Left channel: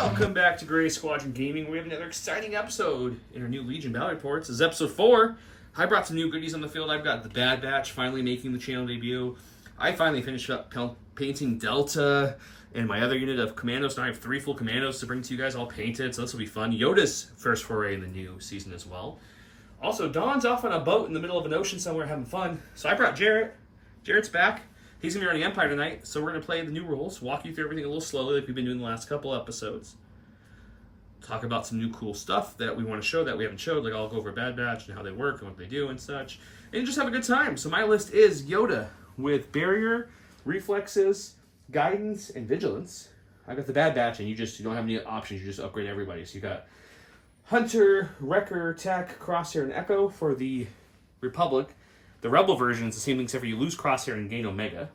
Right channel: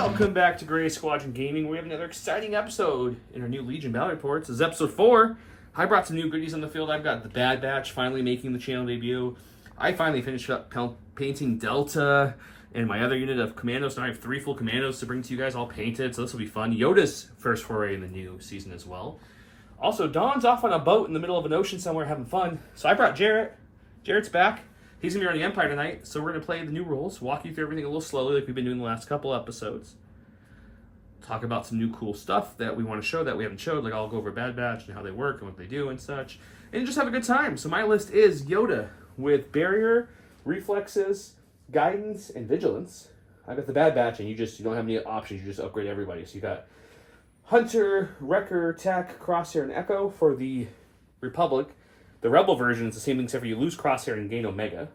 Welcome back to Gray Squadron Gaming. We have another exciting episode in our new Legion Battle Reports. This is episode 4. I brought some new goodies on the field. I've got the Bad Batch finally making the channel debut. I finally finished up painting Delta and my other unit of commandos. Now I have 3 full commandos to bring to you guys all painted, so this will be fun. Yoda's first foray in the new season as well. Also, Dawn's off on a boat in the middle of an ocean somewhere having fun. So I brought Jarrett. Jarrett's back. He's going to be running Empire tonight, so we're going to play the new rules, walk you through everything a little slowly like we've been doing the last couple episodes. Talk about some new cool stuff that we want to show that we haven't showed, like I'll go over Bad Batch and how they work and what they do and such. And just have a good time. So my list is Yoda with Barrier, Reflexes, Guidance, and Vigilance. I got the Bad Batch, and you don't have any options, you just upgrade everybody. So you got Hunter, Wrecker, Tech, Crosshair, and Echo for the Republic. The Rebel version is the same thing except for you lose Crosshair and gain Omega.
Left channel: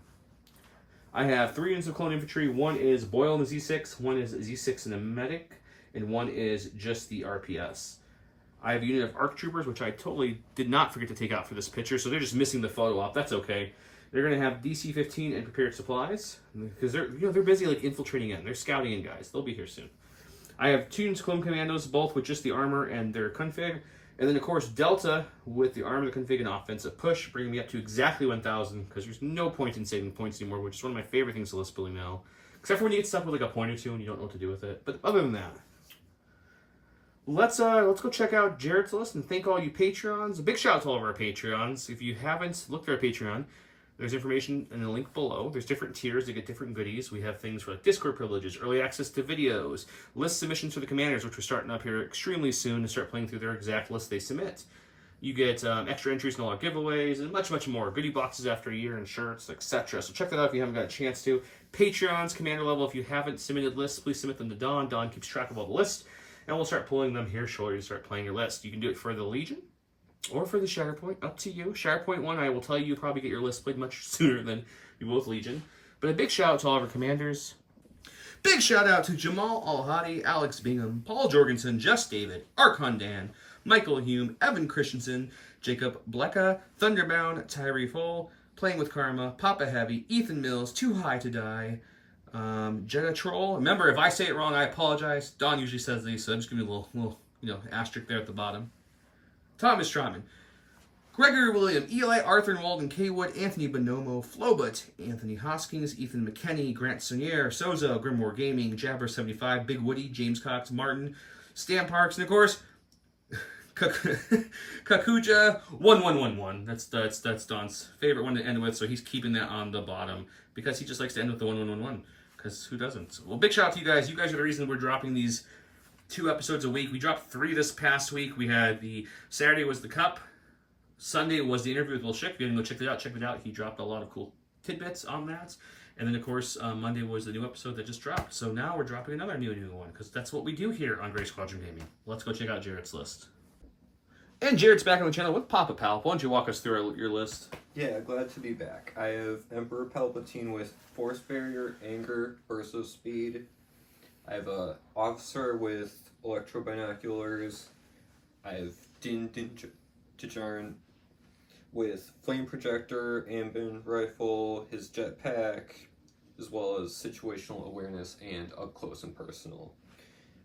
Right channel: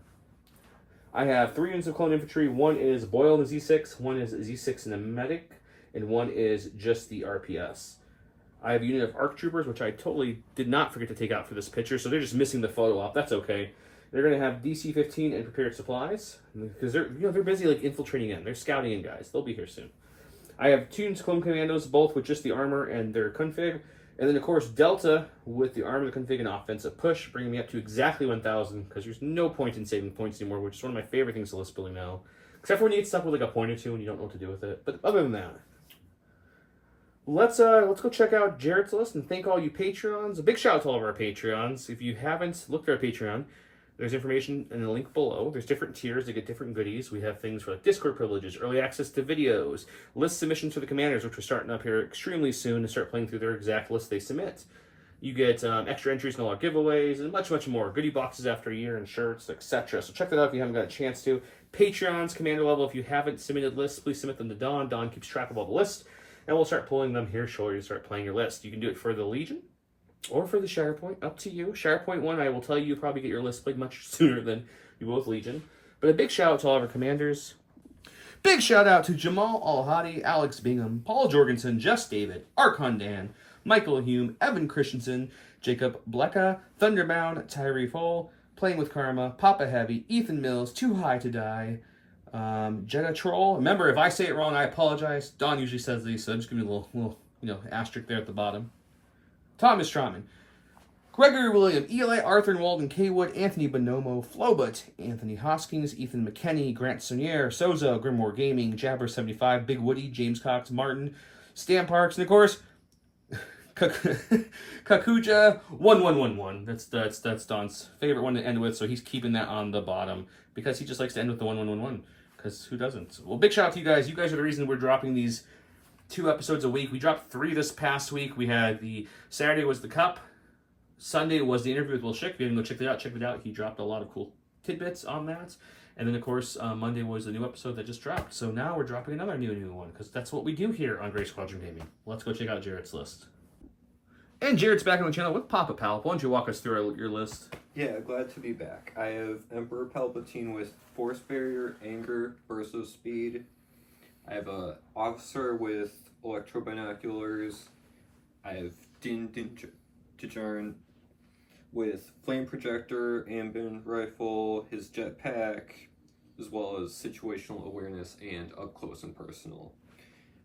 I have 3 units of Clone Infantry. 1 is Boyle and a Z6, 1 is Z6 and a Medic, and 1 is just the RPS. I have a unit of ARC Troopers, which I totally did not forget to take out for this picture, so they're just missing the photo op. That's okay. They're going to have DC-15 and Prepared Supplies, because they're busy like infiltrating in. They're scouting in, guys. They'll be here soon. I have 2 units of Clone Commandos, both with just the armor and their config. And then, of course, Delta with the armor, the config, and offensive push, bringing me up to exactly 1,000, because there's no point in saving points anymore, which is one of my favorite things to list building now. Except for when you get stuck with like a point or two and you don't know what to do with it. But other than that, let's go check out Jarrett's list and thank all you Patreons. A big shout out to all of our Patreons. If you haven't looked at our Patreon, there's information in the link below. There's different tiers to get different goodies. We have things for like Discord privileges, early access to videos, list submissions for the commanders, which we're starting up here extremely soon to start playing through their exact list they submit. You get extra entries in a lot of giveaways and much, much more. Goodie boxes after a year and shirts, etc. So check that out if you haven't got a chance to. Patreons, commander level, if you haven't submitted lists, please submit them to Dawn. Dawn keeps track of all the lists, and we'll start pulling them here shortly to start playing your list. You can do it for the Legion or for the Shatterpoint, up to you. Shatterpoint 1, I will tell you, you'll probably get your list played much sooner than you will with Legion. But a big shout out to all of our commanders. Big shout out to Jamal Al-Hadi, Alex Bingham, Paul Jorgensen, Jess David, Archon Dan, Michael Hume, Evan Christensen, Jacob Blecka, Thunderbound, Tyree Full, Playing with Karma, Papa Heavy, Ethan Mills, Too High to Die, Jetta Troll. Remember, if I say it wrong, I apologize. Don usually says these, so I'm just giving you a little asterisk there at the bottom. Thomas Strauman, Gregory William, Eli Arthur Walden Kaywood, Anthony Bonomo, Flobut, Anthony Hoskins, Ethan McKenney, Grant Sonier, Sozo, Grimoire Gaming, Jabber75, Big Woody, James Cox, Martin, Stan Parks, and of course, Kakuja 1111. That's Don's favorite one to end with, so he's keeping that on the bottom because he just likes to end with the 1111. Because who doesn't? Well, big shout out to you guys. You guys are the reason we're dropping these 2 episodes a week. We dropped 3 this past week. We had the Saturday was the Cup. Sunday was the interview with Will Schick. If you didn't go check it out. He dropped a lot of cool tidbits on that. And then, of course, Monday was the new episode that just dropped. So now we're dropping another new one because that's what we do here on Gray Squadron Gaming. Let's go check out Jarrett's list. And Jarrett's back on the channel with Papa Palp. Why don't you walk us through your list? Yeah, glad to be back. I have Emperor Palpatine with Force Barrier, Anger, Burst of Speed. I have a officer with Electro-Binoculars. I have Din Djarin with Flame Projector, Ambin Rifle, his jetpack, as well as Situational Awareness and Up Close and Personal.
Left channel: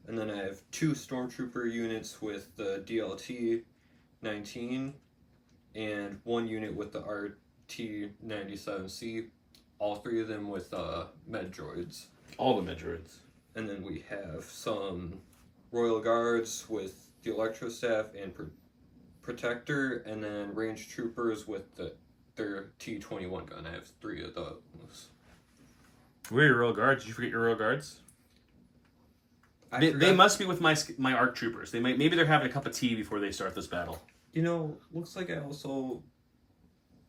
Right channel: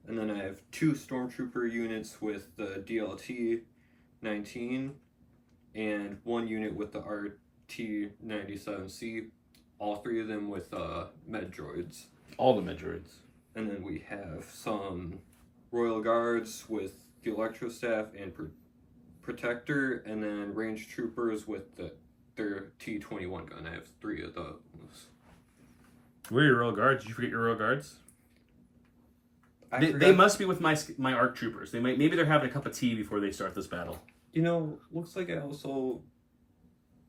And then I have 2 Stormtrooper units with the DLT-19 and 1 unit with the RT-97C, all 3 of them with med droids. All the med droids. And then we have some Royal Guards with the Electro Staff and Protector, and then Range Troopers with their T-21 gun. I have 3 of those. Where are your Royal Guards? Did you forget your Royal Guards? They must be with my ARC Troopers. Maybe they're having a cup of tea before they start this battle. Looks like I also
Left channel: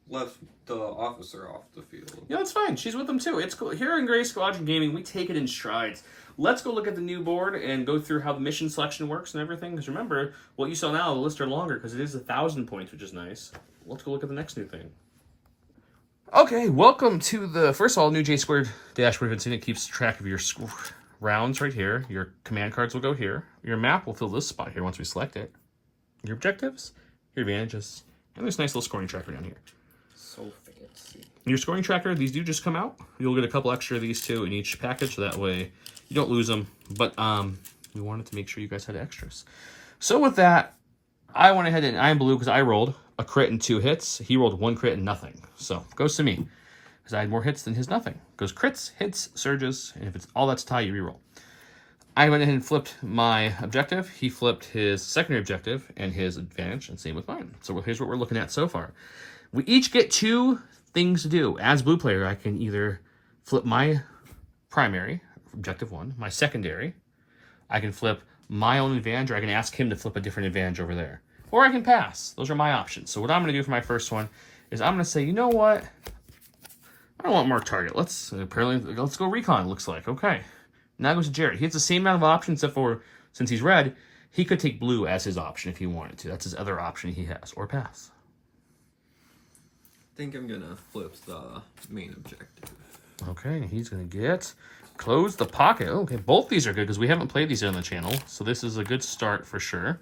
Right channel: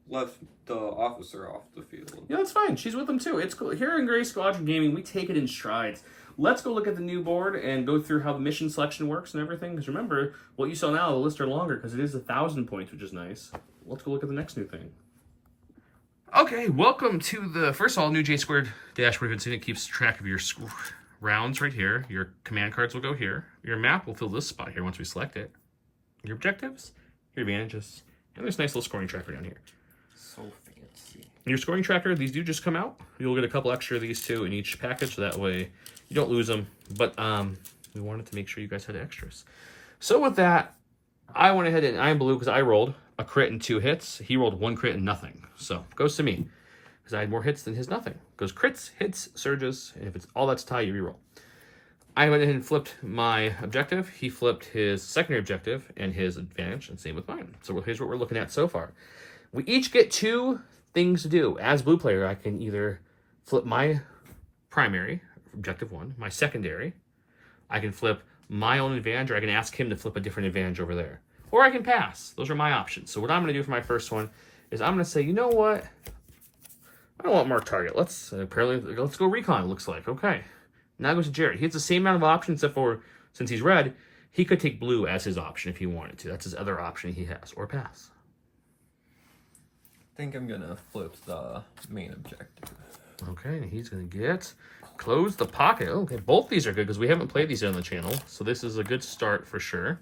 left the officer off the field. Yeah, that's fine. She's with them too. It's cool. Here in Gray Squadron Gaming, we take it in strides. Let's go look at the new board and go through how the mission selection works and everything. Because remember, what you saw now, the lists are longer because it is 1,000 points, which is nice. Let's go look at the next new thing. Okay, welcome to the first of all new J² dashboard. It keeps track of your rounds right here. Your command cards will go here. Your map will fill this spot here once we select it. Your objectives, your advantages, and there's a nice little scoring tracker down here. So fancy. Your scoring tracker, these do just come out. You'll get a couple extra of these two in each package, so that way you don't lose them. But we wanted to make sure you guys had extras. So with that, I went ahead and I'm blue because I rolled a crit and 2 hits. He rolled 1 crit and nothing. So goes to me because I had more hits than his nothing. Goes crits, hits, surges, and if it's all that's tie, you reroll. I went ahead and flipped my objective. He flipped his secondary objective and his advantage, and same with mine. So here's what we're looking at so far. We each get 2 things to do. As blue player, I can either flip my primary, objective 1, my secondary. I can flip my own advantage, or I can ask him to flip a different advantage over there. Or I can pass. Those are my options. So what I'm going to do for my first one is I'm going to say, you know what? I don't want mark target. Let's go recon, it looks like. Okay. Now goes to Jared. He has the same amount of options, except for, since he's red, he could take blue as his option if he wanted to. That's his other option he has. Or pass. I think I'm going to flip the main objective. Okay, he's going to get close the pocket. Okay, both these are good because we haven't played these on the channel. So this is a good start for sure.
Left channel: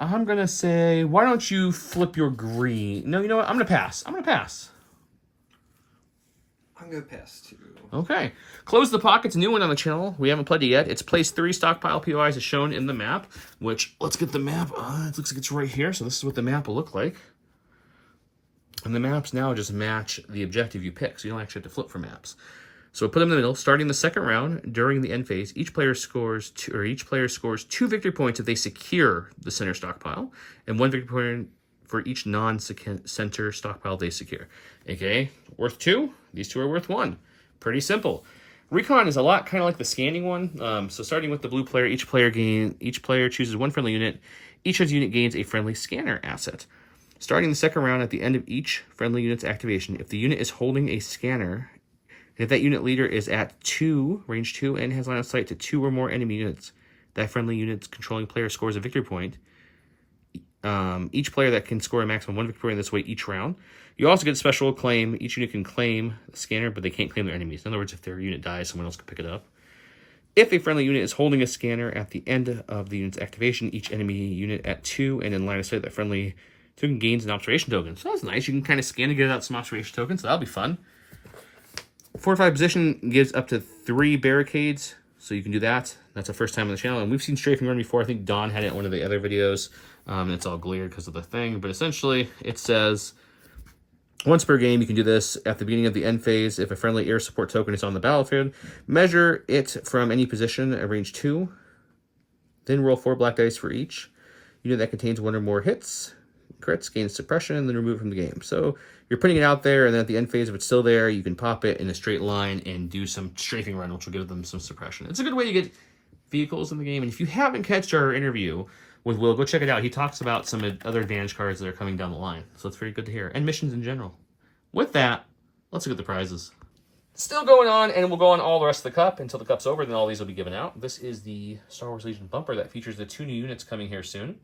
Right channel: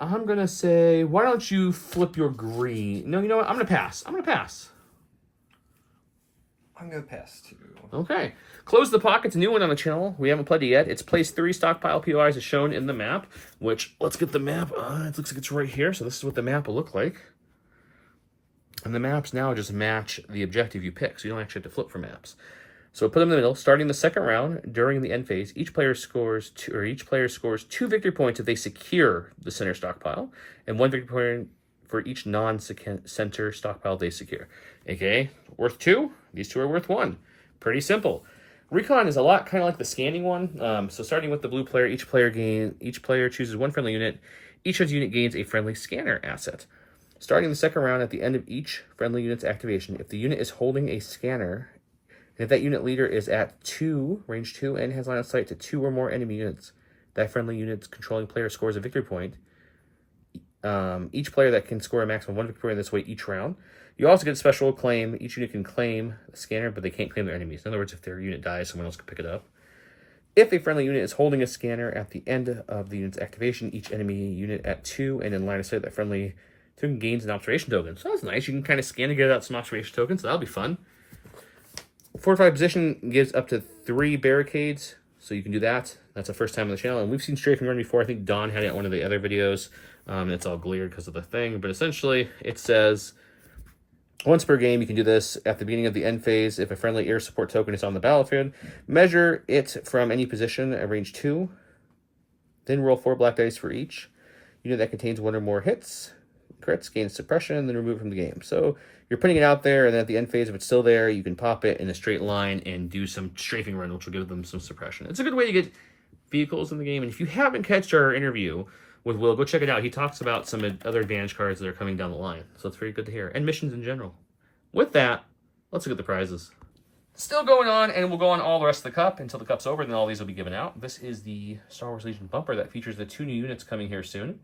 I'm going to say, why don't you flip your green? No, you know what? I'm going to pass. I'm going to pass. I'm going to pass too. Okay. Close the Pocket's a new one on the channel. We haven't played it yet. It's place 3 stockpile POIs as shown in the map, which, let's get the map. It looks like it's right here, so this is what the map will look like. And the maps now just match the objective you pick, so you don't actually have to flip for maps. So put them in the middle. Starting the second round, during the end phase, each player scores 2 victory points if they secure the center stockpile, and 1 victory point for each non-center stockpile they secure. Okay, worth 2. These 2 are worth 1. Pretty simple. Recon is a lot kind of like the scanning one. So starting with the blue player, each player chooses 1 friendly unit. Each of the unit gains a friendly scanner asset. Starting the second round, at the end of each friendly unit's activation, if the unit is holding a scanner, if that unit leader is at range 2, and has line of sight to 2 or more enemy units, that friendly unit's controlling player scores a victory point. Each player that can score a maximum 1 victory point in this way each round. You also get a special claim. Each unit can claim the scanner, but they can't claim their enemies. In other words, if their unit dies, someone else can pick it up. If a friendly unit is holding a scanner at the end of the unit's activation, each enemy unit at 2 and in line of sight, that friendly token gains an observation token. So that's nice. You can kind of scan to get out some observation tokens, so that'll be fun. Fortified position gives up to 3 barricades, so you can do that. That's the first time on the channel, and we've seen strafing run before. I think Don had it in one of the other videos. It's all glared because of the thing, but essentially it says once per game you can do this at the beginning of the end phase. If a friendly air support token is on the battlefield, measure it from any position at range 2, then roll 4 black dice for each unit that contains 1 or more hits, crits, gains suppression, and then remove it from the game. So you're putting it out there, and then at the end phase, if it's still there, you can pop it in a straight line and do some strafing run, which will give them some suppression. It's a good way to get vehicles in the game, and if you haven't catched our interview with Will, go check it out. He talks about some other advantage cards that are coming down the line, so it's very good to hear, and missions in general. With that, let's look at the prizes. Still going on, and we'll go on all the rest of the cup until the cup's over, then all these will be given out. This is the Star Wars Legion bumper that features the 2 new units coming here soon.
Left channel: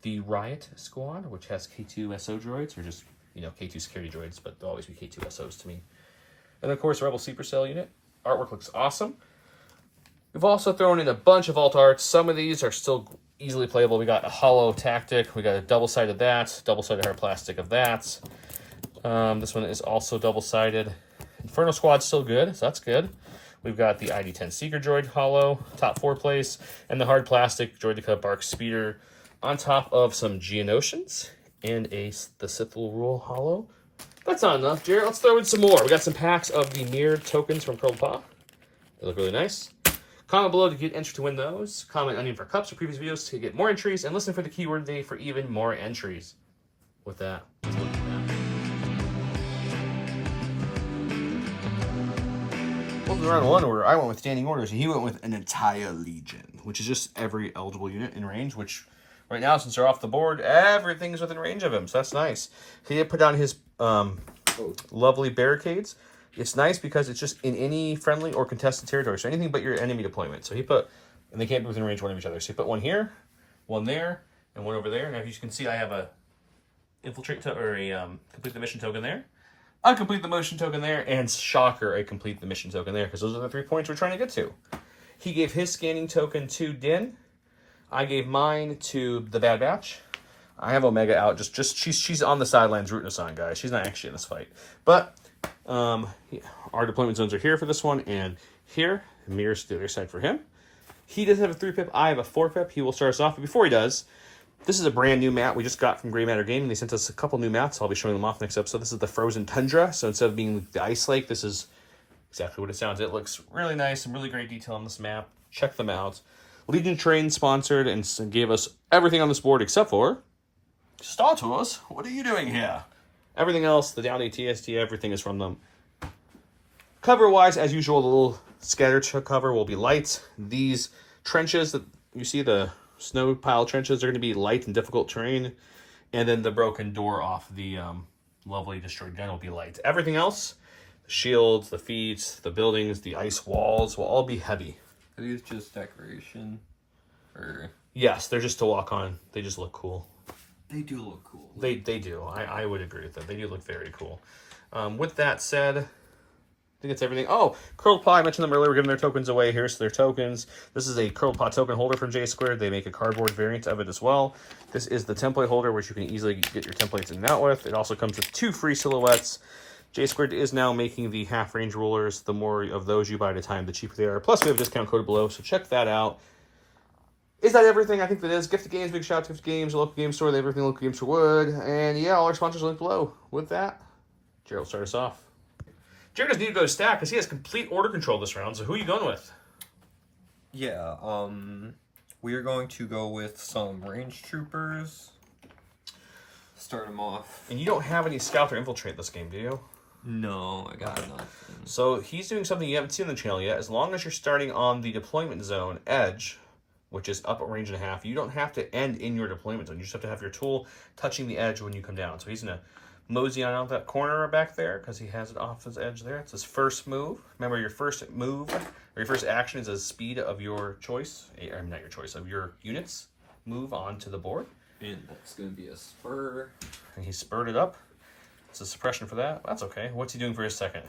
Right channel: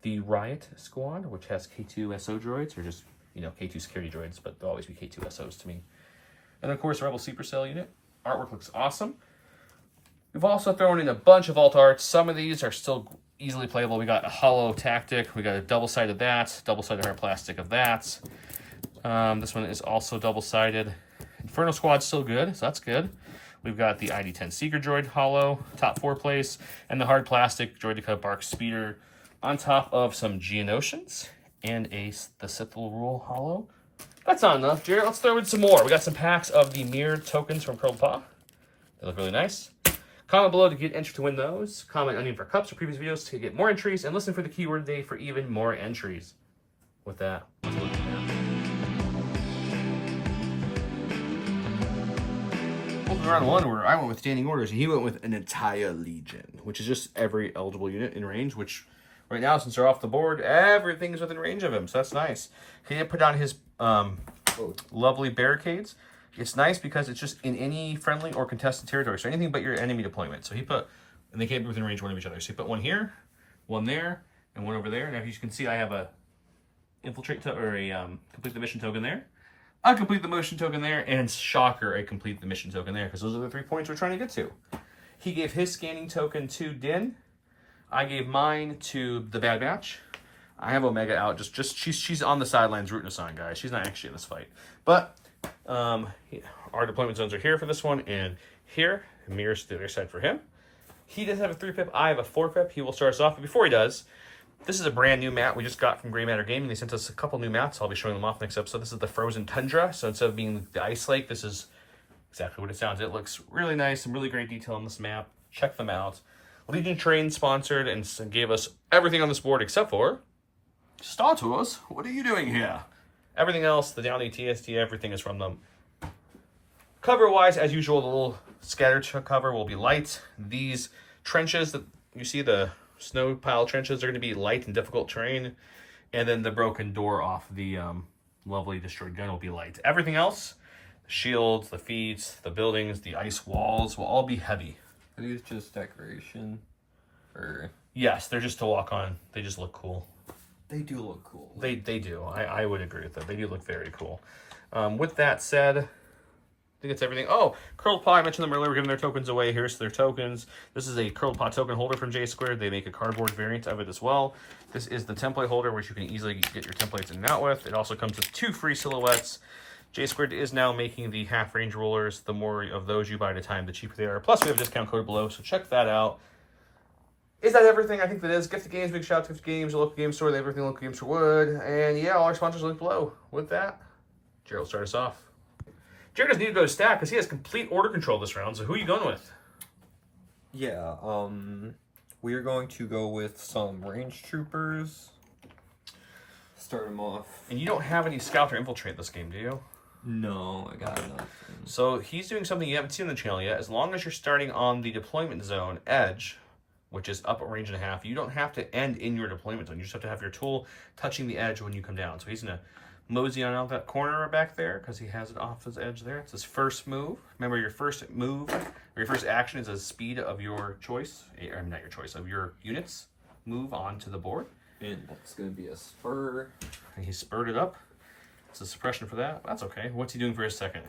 The Riot Squad, which has K2 SO droids, or just, K2 security droids, but they'll always be K2 SOs to me. And of course, Rebel Supercell unit. Artwork looks awesome. We've also thrown in a bunch of alt arts. Some of these are still easily playable. We got a hollow tactic. We got a double-sided that, double-sided hard plastic of that. This one is also double-sided. Inferno Squad's still good, so that's good. We've got the ID-10 Seeker droid hollow, top 4 place, and the hard plastic Droideka Bark Speeder on top of some Geonosians and the Sith Rule hollow. That's not enough, Jared. Let's throw in some more. We got some packs of the mirrored tokens from Curled Paw. They look really nice. Comment below to get entry to win those. Comment onion for cups or previous videos to get more entries, and listen for the keyword day for even more entries. With that, let's look at that. Well, round 1 order, I went with standing orders, and he went with an entire legion, which is just every eligible unit in range, which right now, since they're off the board, everything's within range of him, so that's nice. He put down his lovely barricades. It's nice because it's just in any friendly or contested territory, so anything but your enemy deployment. So he put, and they can't be within range one of each other. So he put 1 here, 1 there, and 1 over there. And as you can see, I have a infiltrate or a complete the mission token there, a complete the motion token there, and shocker, a complete the mission token there, because those are the 3 points we're trying to get to. He gave his scanning token to Din. I gave mine to the Bad Batch. I have Omega out. Just she's on the sidelines rooting us on, guys. She's not actually in this fight. But yeah, our deployment zones are here for this one, and here mirrors the other side for him. He does have a 3-pip. I have a 4-pip. He will start us off. But before he does, this is a brand new map we just got from Gray Matter Gaming. They sent us a couple new maps. I'll be showing them off next episode. This is the Frozen Tundra. So instead of being the Ice Lake, this is exactly what it sounds. It looks really nice. Some really great detail on this map. Check them out. Legion Train sponsored and gave us everything on this board except for Star Tours. What are you doing here? Everything else, the Downey TST, everything is from them. Cover-wise, as usual, the little scatter cover will be light. These trenches that you see, the snow pile trenches, are going to be light and difficult terrain. And then the broken door off the lovely destroyed gun will be light. Everything else, the shields, the feet, the buildings, the ice walls will all be heavy. Are these just decoration? Or yes, they're just to walk on. They just look cool. they do look cool. They do. I would agree with that. They do look very cool. With that said, I think it's everything. Oh, Curled Paw, I mentioned them earlier. We're giving their tokens away. Here's their tokens. This is a Curled Paw token holder from J Squared. They make a cardboard variant of it as well. This is the template holder, which you can easily get your templates in and out with. It also comes with 2 free silhouettes. J Squared is now making the half-range rulers. The more of those you buy at a time, the cheaper they are. Plus, we have a discount code below, so check that out. Is that everything? I think that is. Gift Games, big shout out to Gift Games, your local game store. They have everything local games would. And yeah, all our sponsors are linked below. With that, Jared will start us off. Jared doesn't need to go to stack because he has complete order control this round. So who are you going with? Yeah, we are going to go with some range troopers. Start them off. And you don't have any scout or infiltrate this game, do you? No, I got nothing. So he's doing something you haven't seen on the channel yet. As long as you're starting on the deployment zone edge, which is up a range and a half, you don't have to end in your deployment zone. You just have to have your tool touching the edge when you come down. So he's going to mosey on out that corner back there because he has it off his edge there. It's his first move. Remember, your first move or your first action is a speed of your choice, or not your choice, of your units move onto the board. And that's going to be a spur. And he spurred it up. It's a suppression for that. That's okay. What's he doing for his second?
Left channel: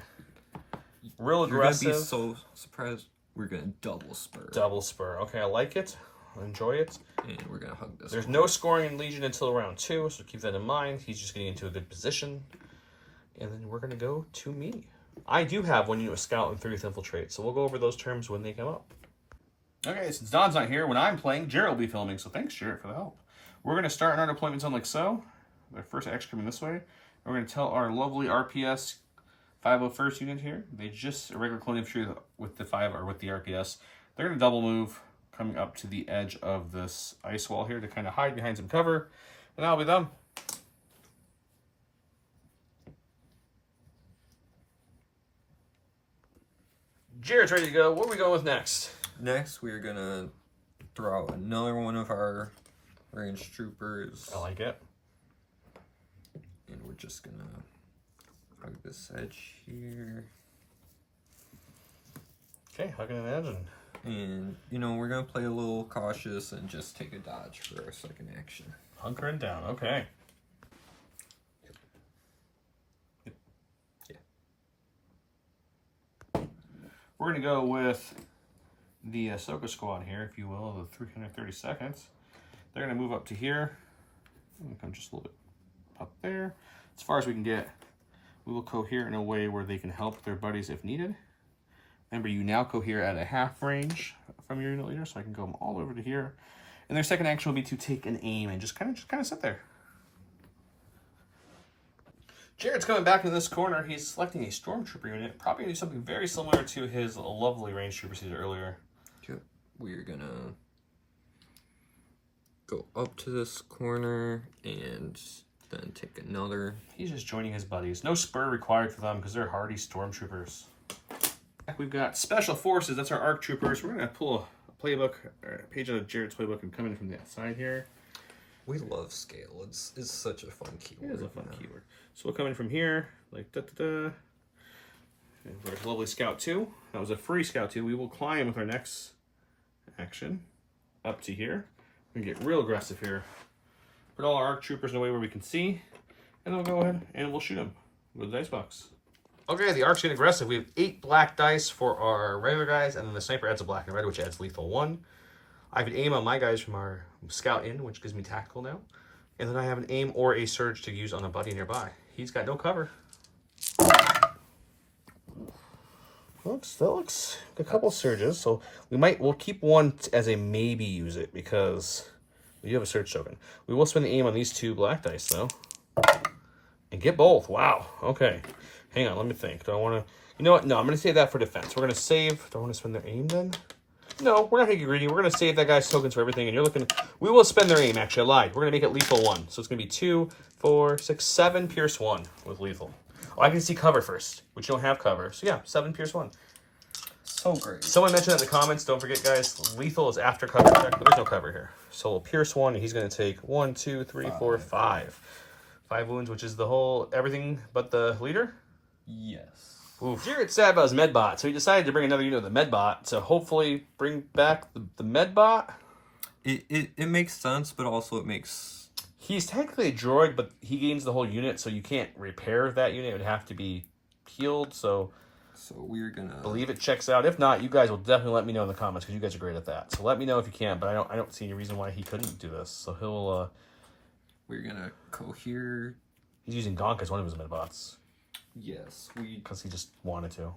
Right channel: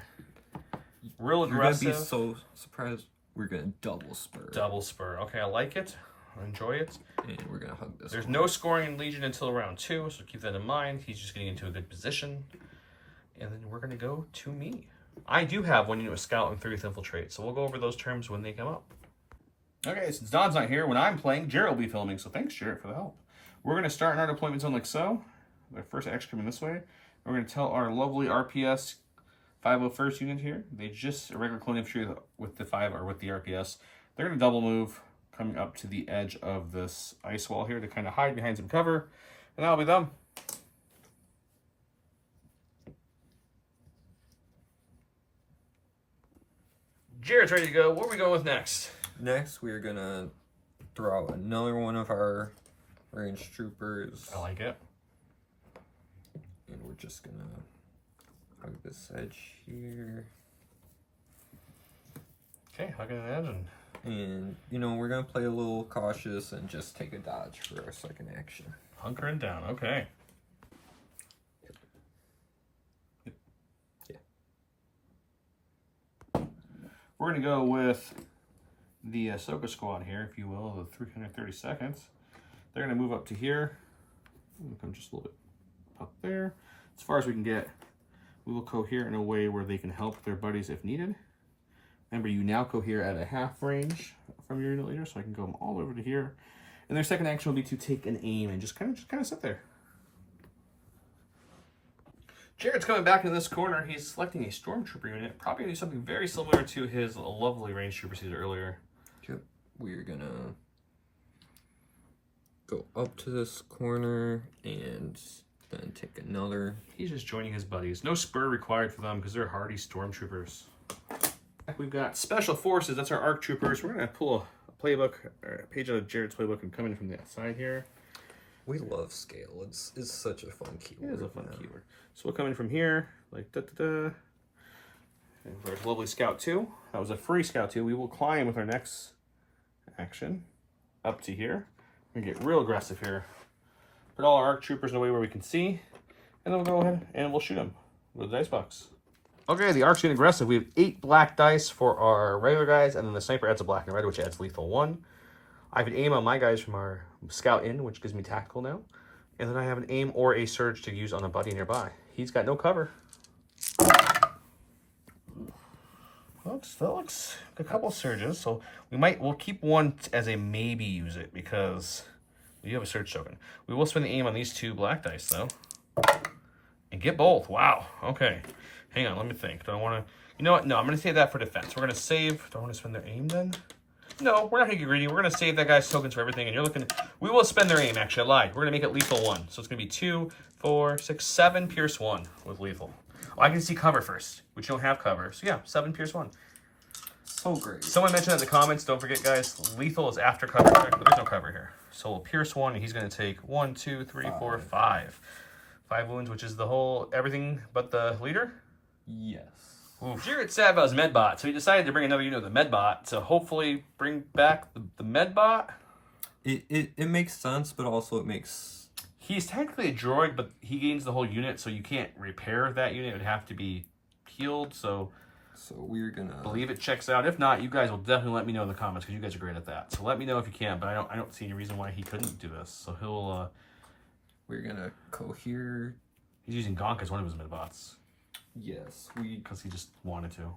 Real aggressive. You're going to be so surprised. We're going to double spur. Double spur. Okay, I like it. Enjoy it. And we're going to hug this There's one. no scoring in Legion until round 2, so keep that in mind. He's just getting into a good position. And then we're going to go to me. I do have 1 unit with Scout and 3 with Infiltrate, so we'll go over those terms when they come up. Okay, since Don's not here, when I'm playing, Jared will be filming, so thanks, Jared, for the help. We're going to start in our deployment zone like so. Our first action coming this way. We're going to tell our lovely RPS 501st unit here. They just, a regular clone infantry with the 5 or with the RPS. They're going to double move coming up to the edge of this ice wall here to kind of hide behind some cover. And that'll be them. Jared's ready to go. What are we going with next? Next, we're going to throw out another one of our range troopers. I like it. And we're just going to hug this edge here. Okay, hugging an edge. And, you know, we're going to play a little cautious and just take a dodge for our second action. Hunkering down, okay. Yeah. We're going to go with the Ahsoka squad here, if you will, the 330 seconds. They're going to move up to here. I'm going to come just a little bit up there. As far as we can get, we will cohere in a way where they can help their buddies if needed. Remember, you now cohere at a half range from your unit leader, so I can go all over to here. And their second action will be to take an aim and just kind of sit there. Jared's coming back into this corner. He's selecting a Stormtrooper unit. Probably going to do something very similar to his lovely range troopers he did earlier. Yep. We're going to go up to this corner and then take another. He's just joining his buddies. No spur required for them because they're hardy Stormtroopers. We've got Special Forces. That's our ARC Troopers. We're going to pull a playbook, or a page out of Jared's playbook and come in from the side here. We love scale. It's such a fun keyword. It is a fun keyword. So we'll come in from here, like da-da-da. And there's lovely Scout 2. That was a free Scout 2. We will climb with our next action up to here. We're going to get real aggressive here. Put all our ARC Troopers in a way where we can see. And then we'll go ahead and we'll shoot them with the dice box. Okay, the ARC's getting aggressive. We have 8 black dice for our regular guys, and then the sniper adds a black and red, which adds lethal 1. I could aim on my guys from our scout in, which gives me tactical now. And then I have an aim or a surge to use on a buddy nearby. He's got no cover. That looks a couple surges, so we'll keep one as a maybe use it because we do have a surge token. We will spend the aim on these 2 black dice though, and get both. Wow. Okay. Hang on. Let me think. Do I want to? You know what? No, I'm going to save that for defense. We're going to save. Do I want to spend their aim then? No, we're not going to get greedy. We're going to save that guy's tokens for everything, and you're looking. We will spend their aim. Actually, I lied. We're going to make it lethal 1, so it's going to be 2, 4, 6, 7 pierce 1 with lethal. Oh, I can see cover first, which you don't have cover. So yeah, 7 pierce 1. So great. Someone mentioned that in the comments. Don't forget, guys. Lethal is after cover check, but there's no cover here. So we'll pierce 1, and he's going to take 1, 2, 3, 4, 5. 5 wounds, which is the whole everything but the leader. Yes. Oof. Jared sad about his medbot, so he decided to bring another unit of the medbot to hopefully bring back the medbot. It makes sense, but also it makes... He's technically a droid, but he gains the whole unit, so you can't repair that unit. It would have to be healed, so we're gonna... believe it checks out. If not, you guys will definitely let me know in the comments, because you guys are great at that. So let me know if you can, but I don't see any reason why he couldn't do this. So he'll... We're gonna cohere... He's using Gonk as one of his medbots. Yes, because he just wanted to.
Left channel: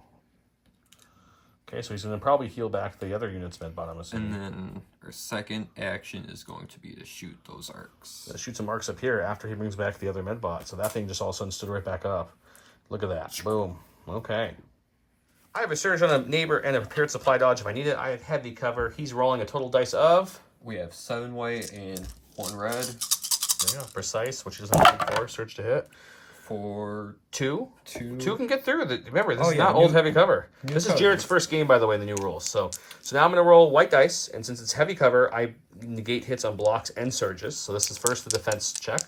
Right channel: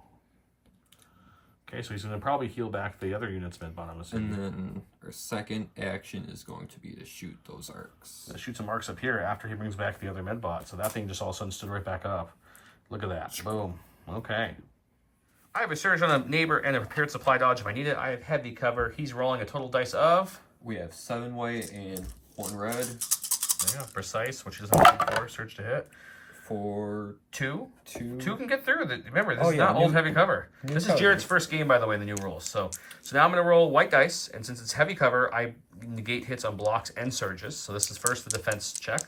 Okay, so he's going to probably heal back the other unit's medbot, I'm assuming. And then our second action is going to be to shoot those arcs. Shoot some arcs up here after he brings back the other medbot. So that thing just all of a sudden stood right back up. Look at that. Boom. Okay. I have a surge on a neighbor and a prepared supply dodge if I need it. I have heavy cover. He's rolling a total dice of... We have 7 white and 1 red. Yeah, precise, which is 104. Surge to hit. For 2. 2. 2 can get through. Remember, this is not old heavy cover. This is Jared's first game, by the way, in the new rules. So now I'm going to roll white dice, and since it's heavy cover, I negate hits on blocks and surges. So this is first the defense check.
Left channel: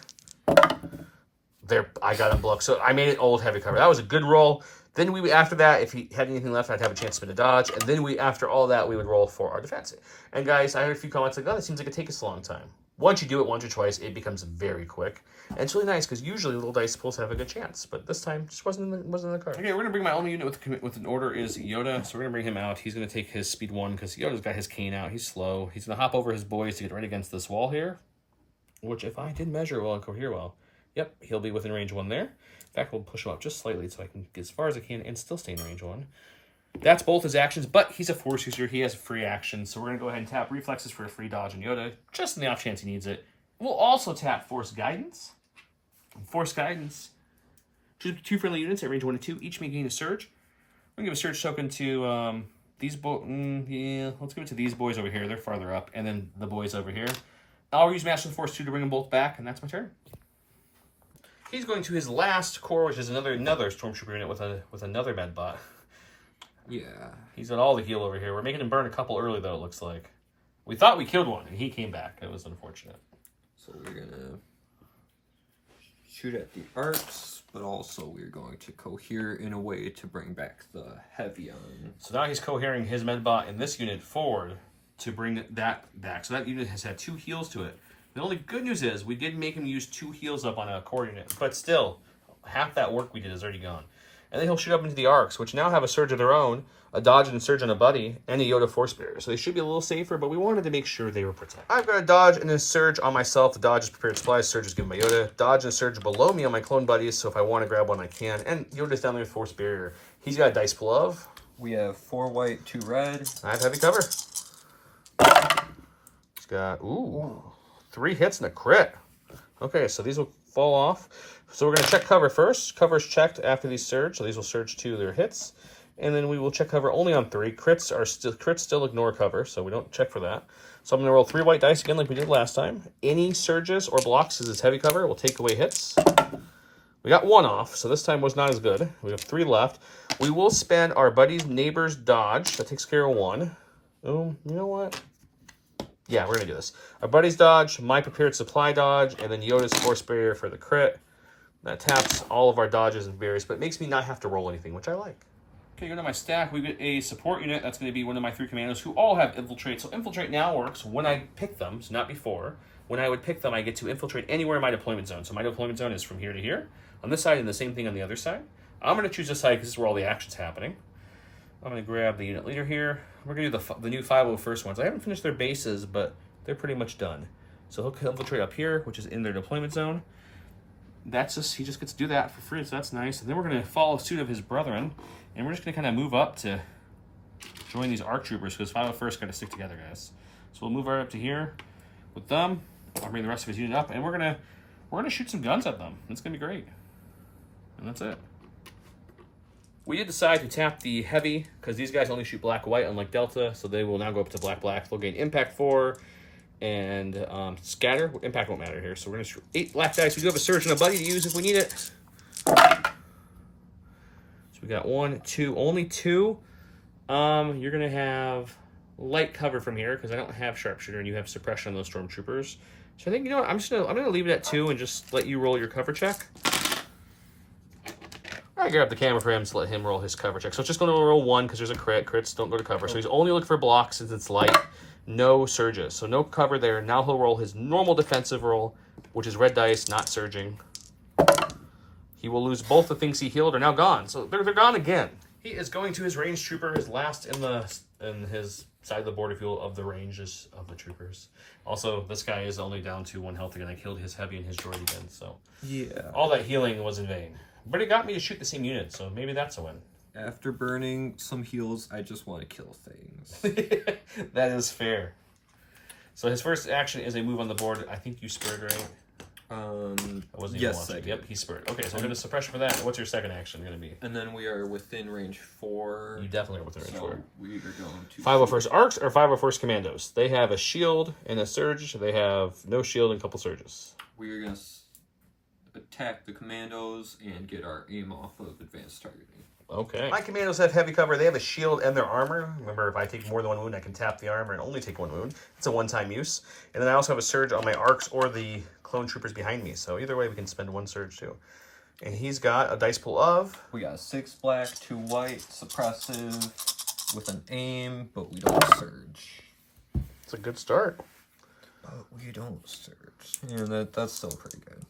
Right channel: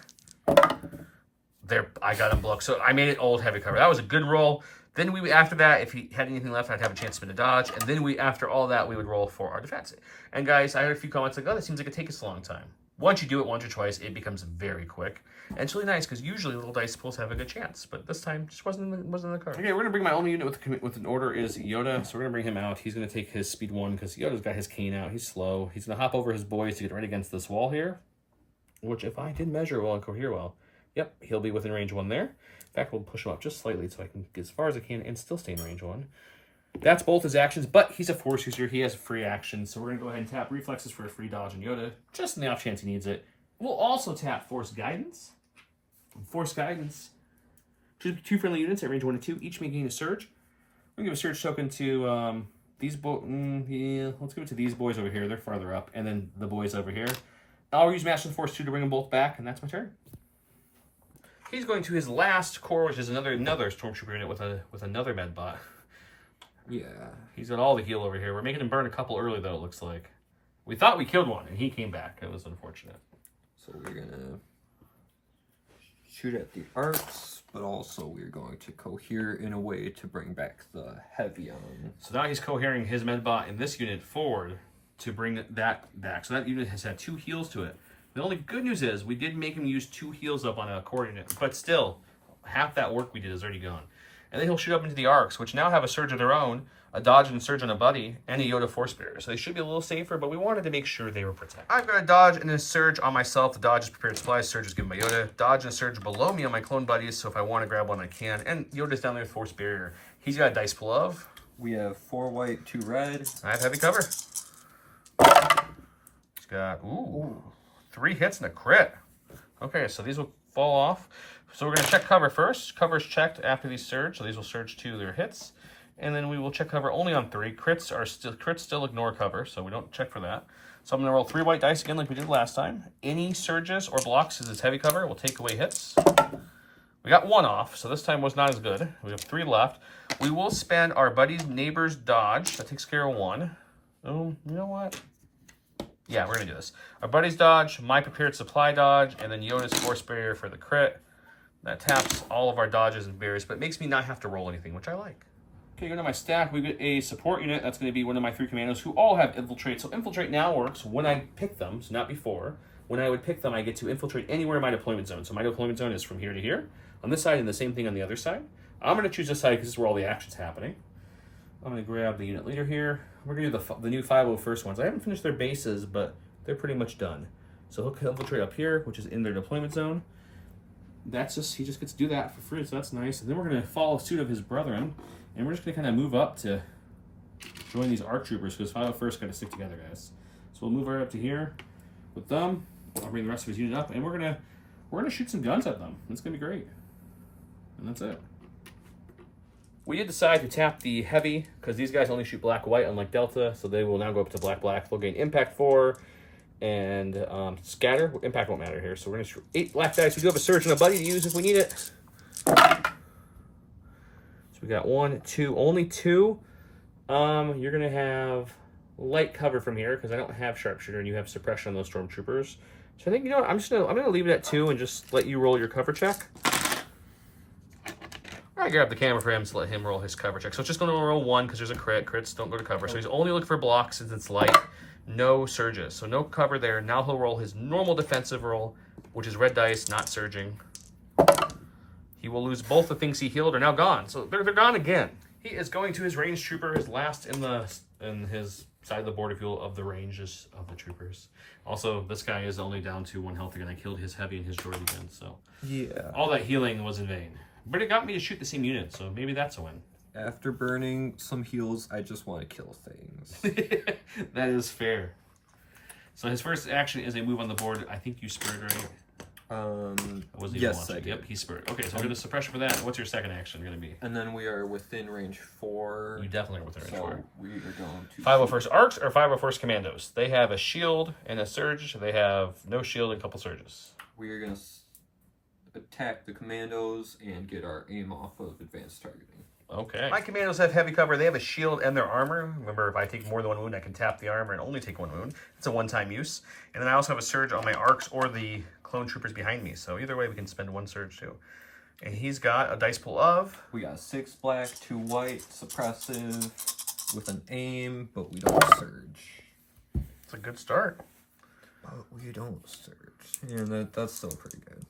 There, I got him blocked. So I made it old heavy cover. That was a good roll. Then after that, if he had anything left, I'd have a chance to spin a dodge. And then after all that, we would roll for our defense. And guys, I heard a few comments like, oh, that seems like it takes us a long time. Once you do it once or twice, it becomes very quick. And it's really nice because usually little dice pulls have a good chance. But this time, just wasn't in the card. Okay, we're going to bring my only unit with an order is Yoda. So we're going to bring him out. He's going to take his speed 1 because Yoda's got his cane out. He's slow. He's going to hop over his boys to get right against this wall here. Which, if I did measure well and cohere well, yep, he'll be within range 1 there. In fact, we'll push him up just slightly so I can get as far as I can and still stay in range 1. That's both his actions, but he's a force user. He has a free action. So we're going to go ahead and tap reflexes for a free dodge on Yoda, just in the off chance he needs it. We'll also tap Force Guidance. Force Guidance. Choose 2 friendly units at range 1 and 2. Each may gain a surge. We're going to give a surge token to these boys. Yeah, let's give it to these boys over here. They're farther up. And then the boys over here. I'll use Master of the Force 2 to bring them both back, and that's my turn. He's going to his last core, which is another Stormtrooper unit with another medbot. Yeah. He's got all the heal over here. We're making him burn a couple early, though, it looks like. We thought we killed one, and he came back. It was unfortunate. So we're going to shoot at the arcs, but also we're going to cohere in a way to bring back the heavy on. So now he's cohering his medbot in this unit forward to bring that back. So that unit has had 2 heals to it. The only good news is we did make him use 2 heals up on a core unit, but still, half that work we did is already gone. And then he'll shoot up into the arcs, which now have a surge of their own, a dodge and surge on a buddy, and a Yoda force barrier. So they should be a little safer, but we wanted to make sure they were protected. I've got a dodge and a surge on myself. The dodge is prepared supplies, surge is given by Yoda. Dodge and surge below me on my clone buddies, so if I want to grab one, I can. And Yoda's down there with force barrier. He's got a dice pull of. We have 4 white, 2 red. I have heavy cover. He's got, 3 hits and a crit. Okay, so these will fall off. So we're going to check cover first. Cover is checked after these surge, so these will surge to their hits. And then we will check cover only on 3. Crits still ignore cover, so we don't check for that. So I'm going to roll 3 white dice again like we did last time. Any surges or blocks as it's heavy cover will take away hits. We got 1 off, so this time was not as good. We have 3 left. We will spend our buddy's neighbor's dodge. That takes care of 1. Oh, you know what? Yeah, we're going to do this. Our buddy's dodge, my prepared supply dodge, and then Yoda's force barrier for the crit. That taps all of our dodges and barriers, but it makes me not have to roll anything, which I like. Okay, go to my stack. We get a support unit. That's going to be one of my 3 commandos who all have infiltrate. So infiltrate now works when I pick them, so not before. When I would pick them, I get to infiltrate anywhere in my deployment zone. So my deployment zone is from here to here on this side and the same thing on the other side. I'm going to choose this side because this is where all the action's happening. I'm going to grab the unit leader here. We're going to do the new 501st ones. I haven't finished their bases, but they're pretty much done. So he'll infiltrate up here, which is in their deployment zone. He just gets to do that for free, so that's nice. And then we're going to follow suit of his brethren, and we're just going to kind of move up to join these ARC troopers, because 501st got to stick together, guys. So we'll move right up to here with them. I'll bring the rest of his unit up, and we're gonna shoot some guns at them. It's gonna be great. And that's it. We did decide to tap the heavy, because these guys only shoot black-white, unlike Delta, so they will now go up to black-black. They'll gain impact 4 and scatter. Impact won't matter here, so we're gonna shoot 8 black dice. We do have a surge and a buddy to use if we need it. So we got 1, 2, only 2. You're gonna have light cover from here because I don't have sharpshooter and you have suppression on those stormtroopers. So I think, you know what, I'm gonna leave it at 2 and just let you roll your cover check. I grab the camera for him to let him roll his cover check. So it's just gonna roll 1 because there's a crit. Crits don't go to cover. So he's only looking for blocks since it's light. No surges. So no cover there. Now he'll roll his normal defensive roll, which is red dice, not surging. He will lose both the things he healed are now gone. So they're gone again. He is going to his ranged trooper, his last in his side of the border field of the ranges of the troopers. Also, this guy is only down to 1 health again. I killed his heavy and his droid again, so yeah, all that healing was in vain. But it got me to shoot the same unit, so maybe that's a win. After burning some heals, I just want to kill things. That is fair. So his first action is a move on the board. I think you spurred, right? Yes, I did. Yep, he spurred. Okay, so we're going to suppression for that. What's your second action going to be? And then we are within range 4. You definitely are within range 4. We are going to 501st Arcs or 501st Commandos. They have a shield and a surge. They have no shield and a couple surges. We are going to attack the commandos and get our aim off of advanced targeting. Okay. My commandos have heavy cover. They have a shield and their armor. Remember, if I take more than 1 wound, I can tap the armor and only take 1 wound. It's a one-time use. And then I also have a surge on my arcs or the clone troopers behind me. So either way, we can spend 1 surge too. And he's got a dice pool of... We got 6 black, 2 white, suppressive, with an aim, but we don't surge. It's a good start. But we don't surge. Yeah, that's still pretty good.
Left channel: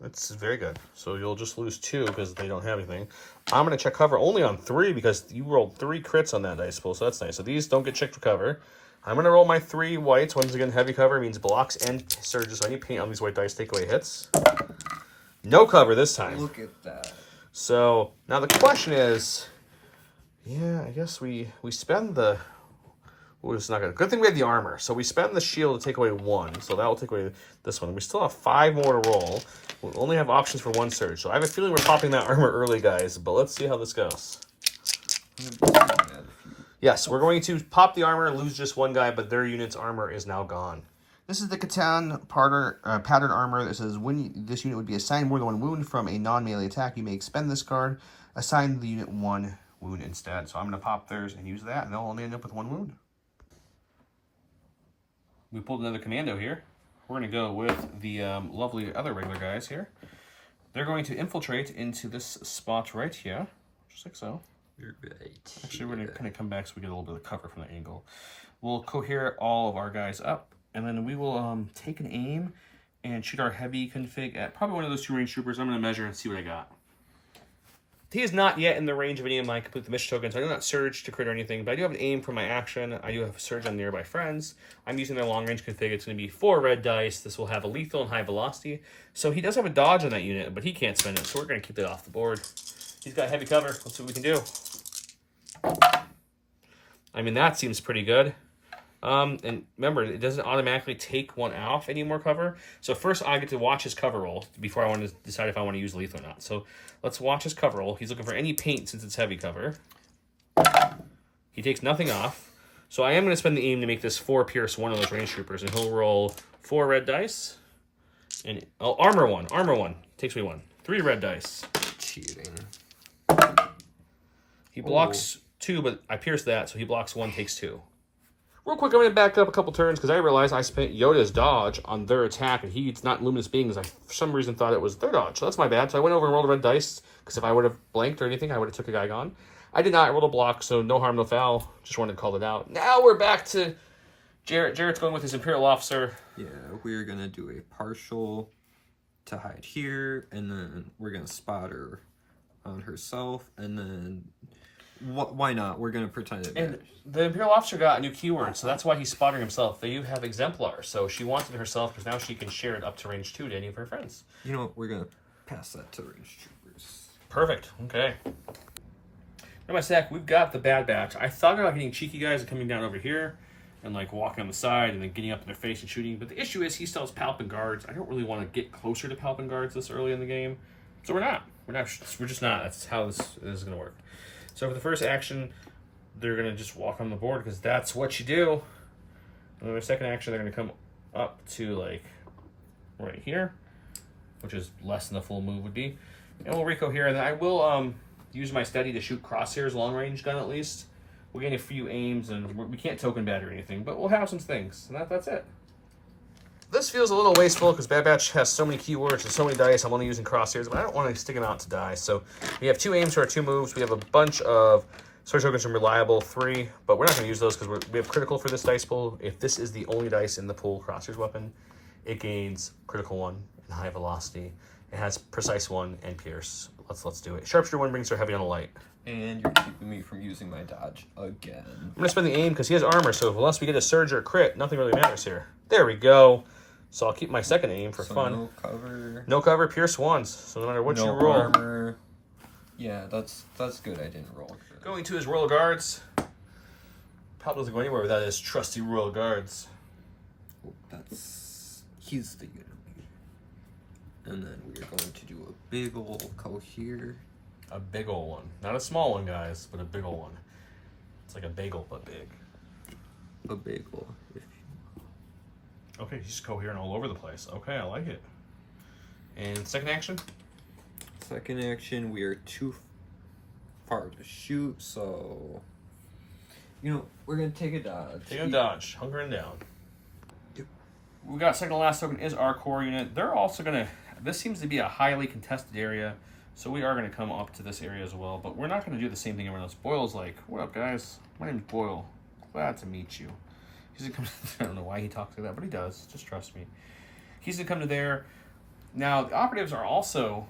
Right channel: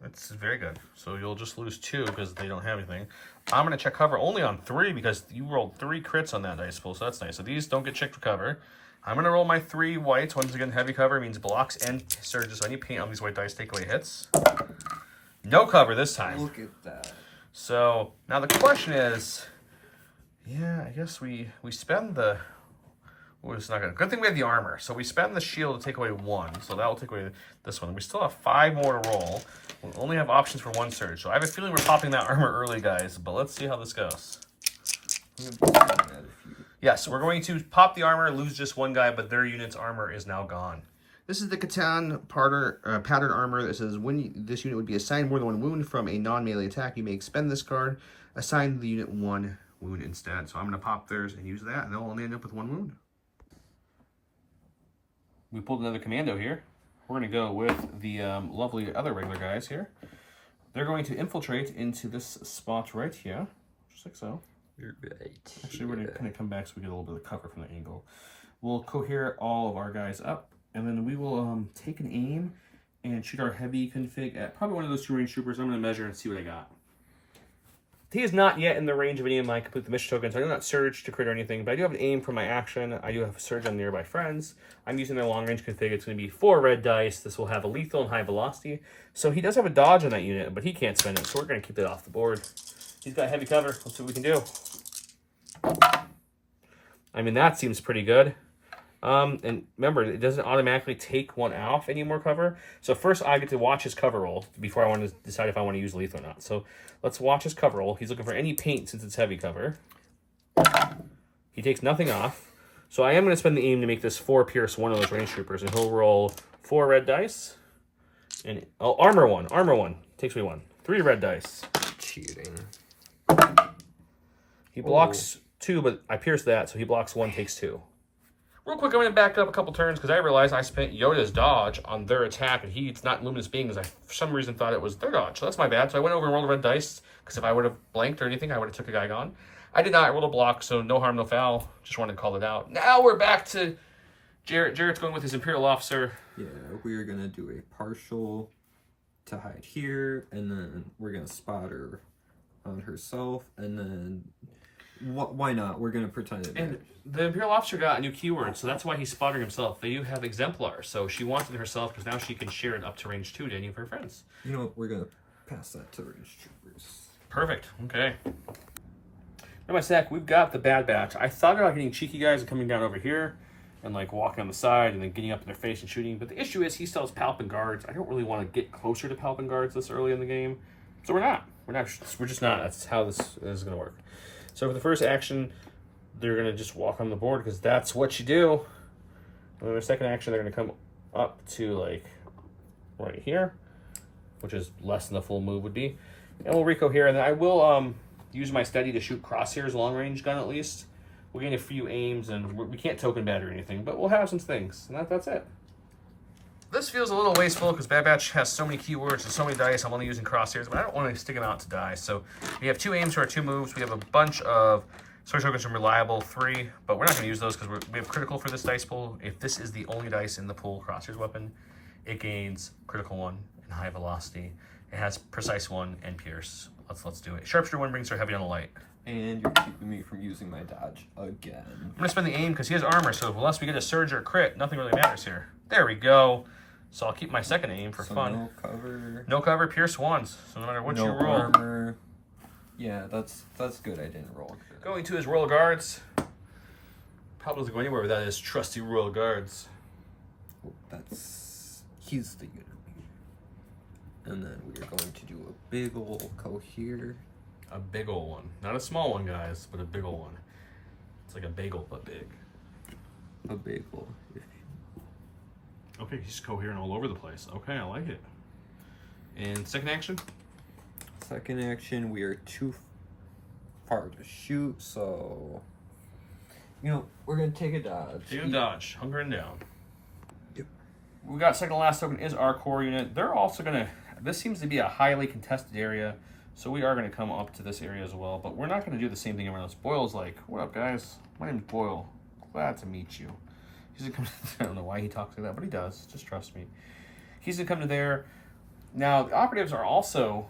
That's very good. So you'll just lose 2 because they don't have anything. I'm going to check cover only on 3 because you rolled 3 crits on that dice pool, so that's nice. So these don't get checked for cover. I'm going to roll my 3 whites. Once again, heavy cover means blocks and surges. So any paint on these white dice take away hits. No cover this time. Look at that. So now the question is, yeah, I guess we spend the... Oh, it's not good. Good thing we have the armor. So we spend the shield to take away 1. So that will take away this one. We still have 5 more to roll. We'll only have options for 1 surge. So I have a feeling we're popping that armor early, guys. But let's see how this goes. Yes, we're going to pop the armor, lose just 1 guy, but their unit's armor is now gone. This is the Catan pattern armor that says when this unit would be assigned more than 1 wound from a non-melee attack, you may expend this card, assign the unit 1 wound instead. So I'm going to pop theirs and use that, and they'll only end up with 1 wound. We pulled another commando here. We're going to go with the lovely other regular guys here. They're going to infiltrate into this spot right here, just like so. You're right. Actually, we're going to kind of come back so we get a little bit of cover from the angle. We'll cohere all of our guys up, and then we will take an aim and shoot our heavy config at probably one of those 2 range troopers. I'm going to measure and see what I got. He is not yet in the range of any of my complete the mission tokens. I do not surge to crit or anything, but I do have an aim for my action. I do have a surge on nearby friends. I'm using their long range config. It's going to be 4 red dice. This will have a lethal and high velocity. So he does have a dodge on that unit, but he can't spend it, so we're going to keep it off the board. He's got heavy cover. Let's see what we can do. I mean, that seems pretty good. And remember, it doesn't automatically take 1 off any more cover. So first I get to watch his cover roll before I want to decide if I want to use lethal or not. So let's watch his cover roll. He's looking for any paint since it's heavy cover. He takes nothing off. So I am going to spend the aim to make this 4 pierce 1 of those range troopers. And he'll roll 4 red dice. And armor 1. Armor 1. Takes me 1. 3 red dice. Cheating. He blocks 2, but I pierce that. So he blocks 1, takes 2. Real quick, I'm going to back up a couple turns because I realized I spent Yoda's dodge on their attack, and he's not luminous beings. I, for some reason, thought it was their dodge, so that's my bad. So I went over and rolled a red dice because if I would have blanked or anything, I would have took a guy gone. I did not. I rolled a block, so no harm, no foul. Just wanted to call it out. Now we're back to Jarrett. Jarrett's going with his Imperial Officer. Yeah, we're going to do a partial to hide here, and then we're going to spot her on herself, and then Why not? We're gonna pretend it. And the Imperial Officer got a new keyword, so that's why he's spotting himself. They do have exemplar, so she wants it herself because now she can share it up to range 2 to any of her friends. You know what? We're gonna pass that to range troopers. Perfect. Okay. In my stack, we've got the Bad Batch. I thought about getting cheeky guys and coming down over here and like walking on the side and then getting up in their face and shooting. But the issue is he still has Palp and guards. I don't really want to get closer to Palp and guards this early in the game, so we're not. We're just not. That's how this is going to work. So for the first action, they're going to just walk on the board because that's what you do. And then their second action, they're going to come up to like right here, which is less than the full move would be. And we'll Rico here, and then I will use my steady to shoot crosshairs, long range gun at least. We'll gain a few aims, and we can't token bat or anything, but we'll have some things, and that's it. This feels a little wasteful because Bad Batch has so many keywords and so many dice. I'm only using crosshairs, but I don't want to stick them out to die. So we have 2 aims for our 2 moves. We have a bunch of sword tokens from Reliable, 3, but we're not going to use those because we have critical for this dice pool. If this is the only dice in the pool crosshairs weapon, it gains critical 1 and high velocity. It has precise 1 and pierce. Let's do it. Sharpshooter 1 brings her heavy on the light. And you're keeping me from using my dodge again. I'm going to spend the aim because he has armor, so unless we get a surge or a crit, nothing really matters here. There we go. So I'll keep my second aim for fun. No cover. No cover, pierce 1s. So no matter what you roll. Armor. Yeah, that's good. I didn't roll. Good. Going to his Royal Guards. Probably doesn't go anywhere without his trusty Royal Guards. Oh, he's the unit. And then we are going to do a big ol' cohere. A big ol' one. Not a small one, guys, but a big ol' one. It's like a bagel, but big. A bagel. Okay, he's coherent all over the place. Okay, I like it. And second action? Second action, we are too far to shoot, so... You know, we're going to take a dodge. Take a dodge. Hunkering down. Yep. We got second to last token is our core unit. They're also going to... This seems to be a highly contested area, so we are going to come up to this area as well, but we're not going to do the same thing everyone else. Boyle's like, what up, guys? My name's Boyle. Glad to meet you. He's going to come... I don't know why he talks like that, but he does. Just trust me. He's going to come to there. Now, the operatives are also...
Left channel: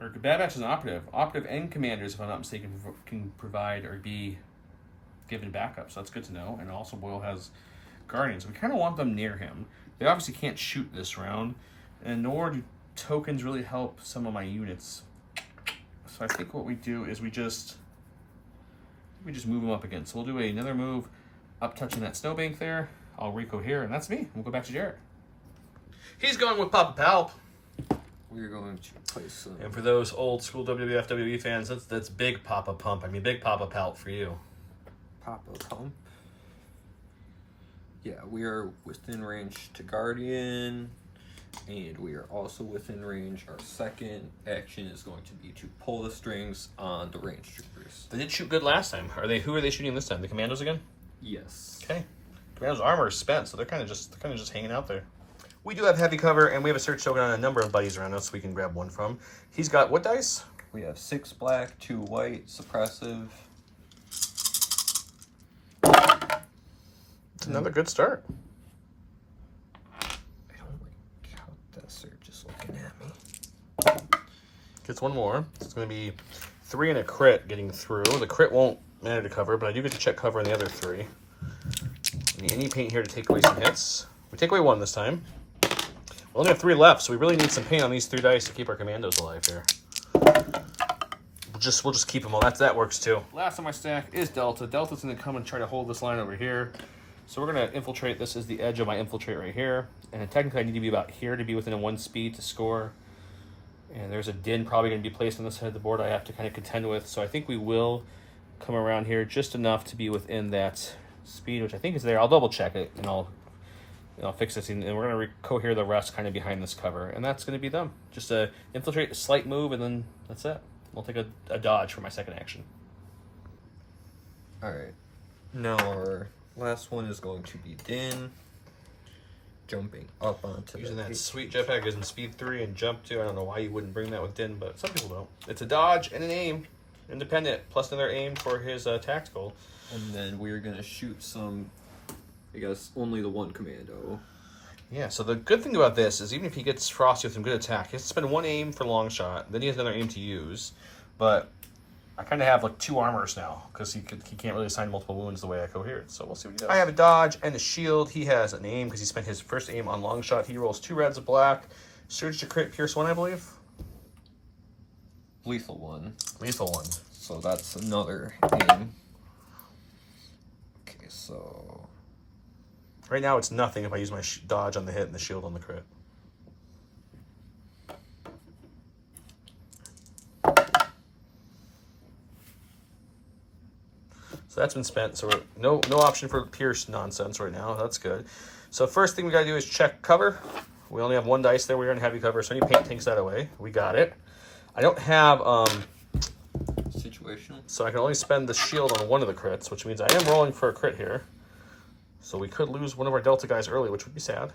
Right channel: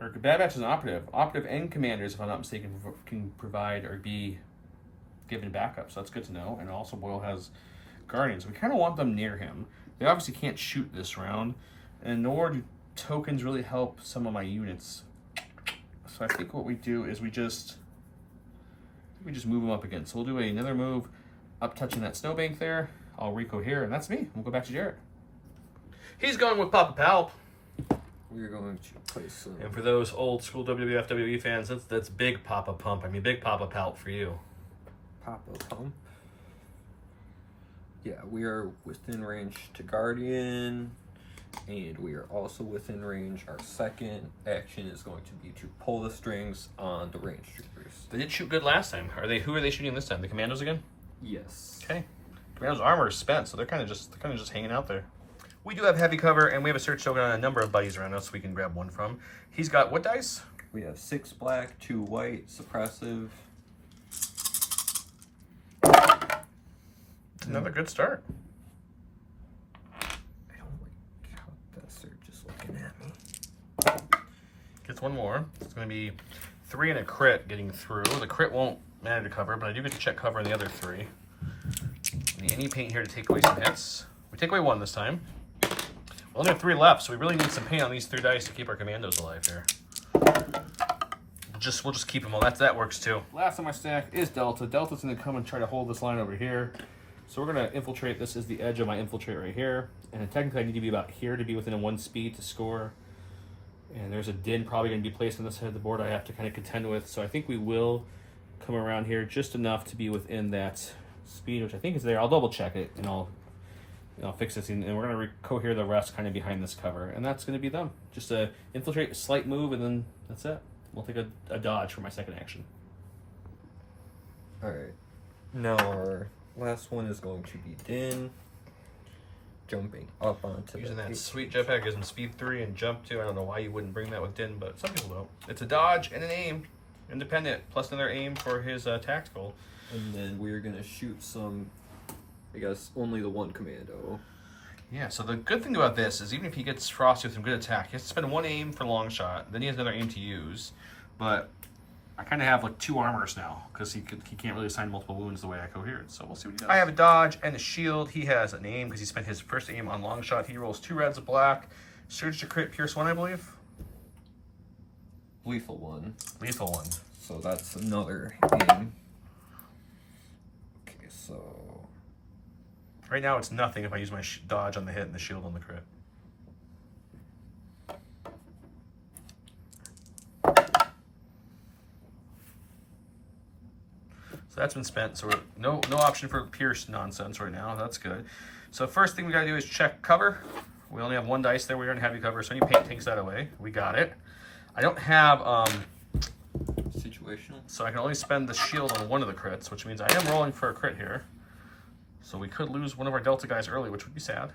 Or Bad Batch is an operative. Operative and commanders, if I'm not mistaken, can provide or be given backup, so that's good to know. And also Boyle has guardians. We kind of want them near him. They obviously can't shoot this round, and nor do tokens really help some of my units. So I think what we do is we just move them up again. So we'll do another move up touching that snowbank there. I'll Rico here, and that's me. We'll go back to Jarrett. He's going with Papa Palp. We're going to place some... And for those old school WWF, WWE fans, that's big Papa Pump. I mean, big Papa Palp for you. Papa Pump. Yeah, we are within range to Guardian, and we are also within range. Our second action is going to be to pull the strings on the range troopers. They did shoot good last time. Who are they shooting this time? The Commandos again? Yes. Okay. Commandos' armor is spent, so they're kind of just hanging out there. We do have heavy cover, and we have a search token on a number of buddies around us we can grab one from. He's got what dice? We have 6 black, 2 white, suppressive. Another good start. I don't like how that search is looking at me. Gets one more. It's going to be 3 and a crit getting through. The crit won't matter to cover, but I do get to check cover on the other 3. Any paint here to take away some hits. We take away 1 this time. We only have 3 left, so we really need some paint on these 3 dice to keep our commandos alive here. We'll just keep them all. That works too. Last on my stack is Delta. Delta's going to come and try to hold this line over here. So we're going to infiltrate. This is the edge of my infiltrate right here. And technically I need to be about here to be within a 1 speed to score. And there's a din probably going to be placed on this side of the board I have to kind of contend with. So I think we will come around here just enough to be within that speed, which I think is there. I'll double check it and I'll fix this, and we're going to cohere the rest kind of behind this cover, and that's going to be them. Just a infiltrate, a slight move, and then that's it. We'll take a dodge for my second action. All right. Now our last one is going to be Din. Jumping up onto using that sweet jetpack gives him speed 3 and jump 2. I don't know why you wouldn't bring that with Din, but some people don't. It's a dodge and an aim, independent, plus another aim for his tactical. And then we're going to shoot some... I guess only the 1 commando. Yeah, so the good thing about this is even if he gets Frosty with some good attack, he has to spend 1 aim for long shot, then he has another aim to use. But I kind of have like 2 armors now because he can't really assign multiple wounds the way I cohered. So we'll see what he does. I have a dodge and a shield. He has an aim because he spent his first aim on long shot. He rolls 2 reds, a black, surge to crit, pierce 1, I believe. Lethal 1. Lethal 1. So that's another aim. Okay, so right now it's nothing if I use my dodge on the hit and the shield on the crit. So that's been spent. So no option for pierce nonsense right now. That's good. So first thing we got to do is check cover. We only have 1 dice there. We're in heavy cover, so any paint takes that away. We got it. I don't have situational, so I can only spend the shield on 1 of the crits, which means I am rolling for a crit here. So we could lose one of our Delta guys early, which would be sad.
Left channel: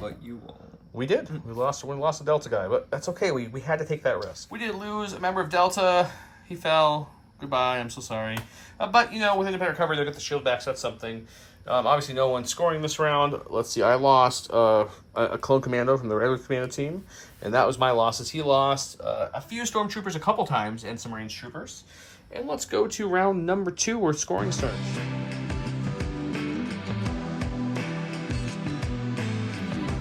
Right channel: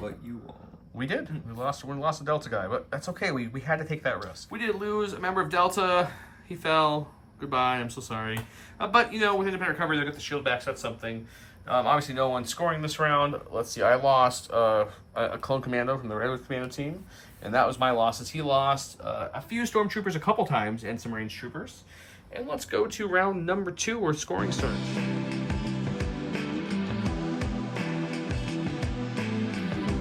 but you won't. We did. We lost a Delta guy, but that's okay. We had to take that risk. We did lose a member of Delta. He fell. Goodbye. I'm so sorry. But, you know, with independent recovery, they get the shield back, so that's something. Obviously, no one's scoring this round. Let's see. I lost a clone commando from the regular commando team, and that was my losses. He lost a few stormtroopers a couple times and some range troopers. And let's go to round number 2 where scoring starts.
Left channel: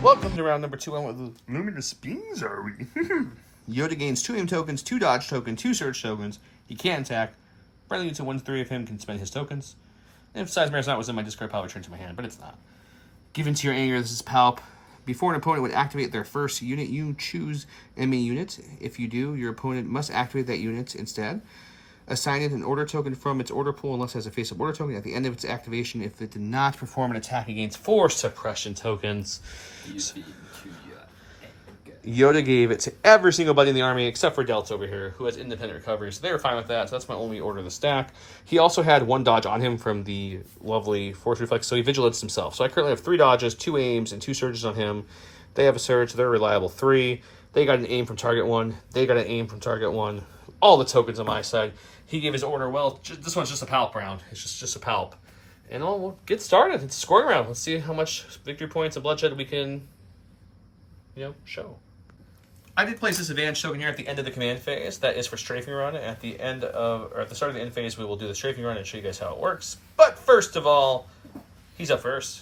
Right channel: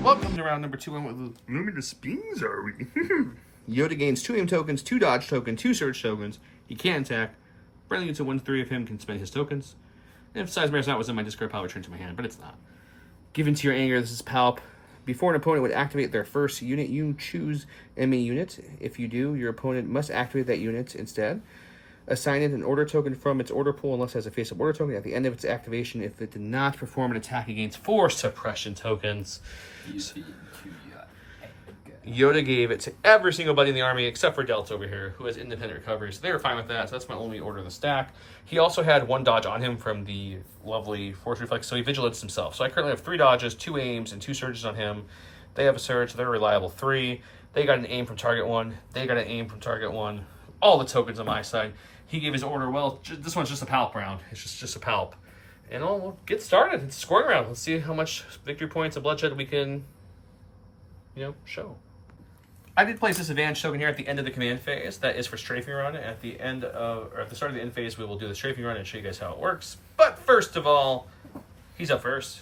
Welcome to round number 2. What the luminous beings are we? Yoda gains 2 aim tokens, 2 dodge tokens, 2 surge tokens. He can attack. Friendly units within 3 of him can spend his tokens. And if Size not was in my discard pile, return to my hand, but it's not. Given to your anger, this is Palp. Before an opponent would activate their first unit, you choose MA unit. If you do, your opponent must activate that unit instead. Assign it an order token from its order pool unless it has a face-up order token at the end of its activation if it did not perform an attack against 4 suppression tokens. Yoda gave it to every single buddy in the army except for Delta over here, who has independent recovery. So they were fine with that. So that's my only order of the stack. He also had 1 dodge on him from the lovely Force Reflex, so he vigilates himself. So I currently have 3 dodges, 2 aims, and 2 surges on him. They have a surge. They're reliable 3. They got an aim from target 1. They got an aim from target 1. All the tokens on my side. He gave his order well. This one's just a Palp round. It's just a Palp. And we'll get started. It's a scoring round. Let's see how much victory points and bloodshed we can, show. I did place this advantage token here at the end of the command phase. That is for strafing run. At the start of the end phase, we will do the strafing run and show you guys how it works. But first of all, he's up first.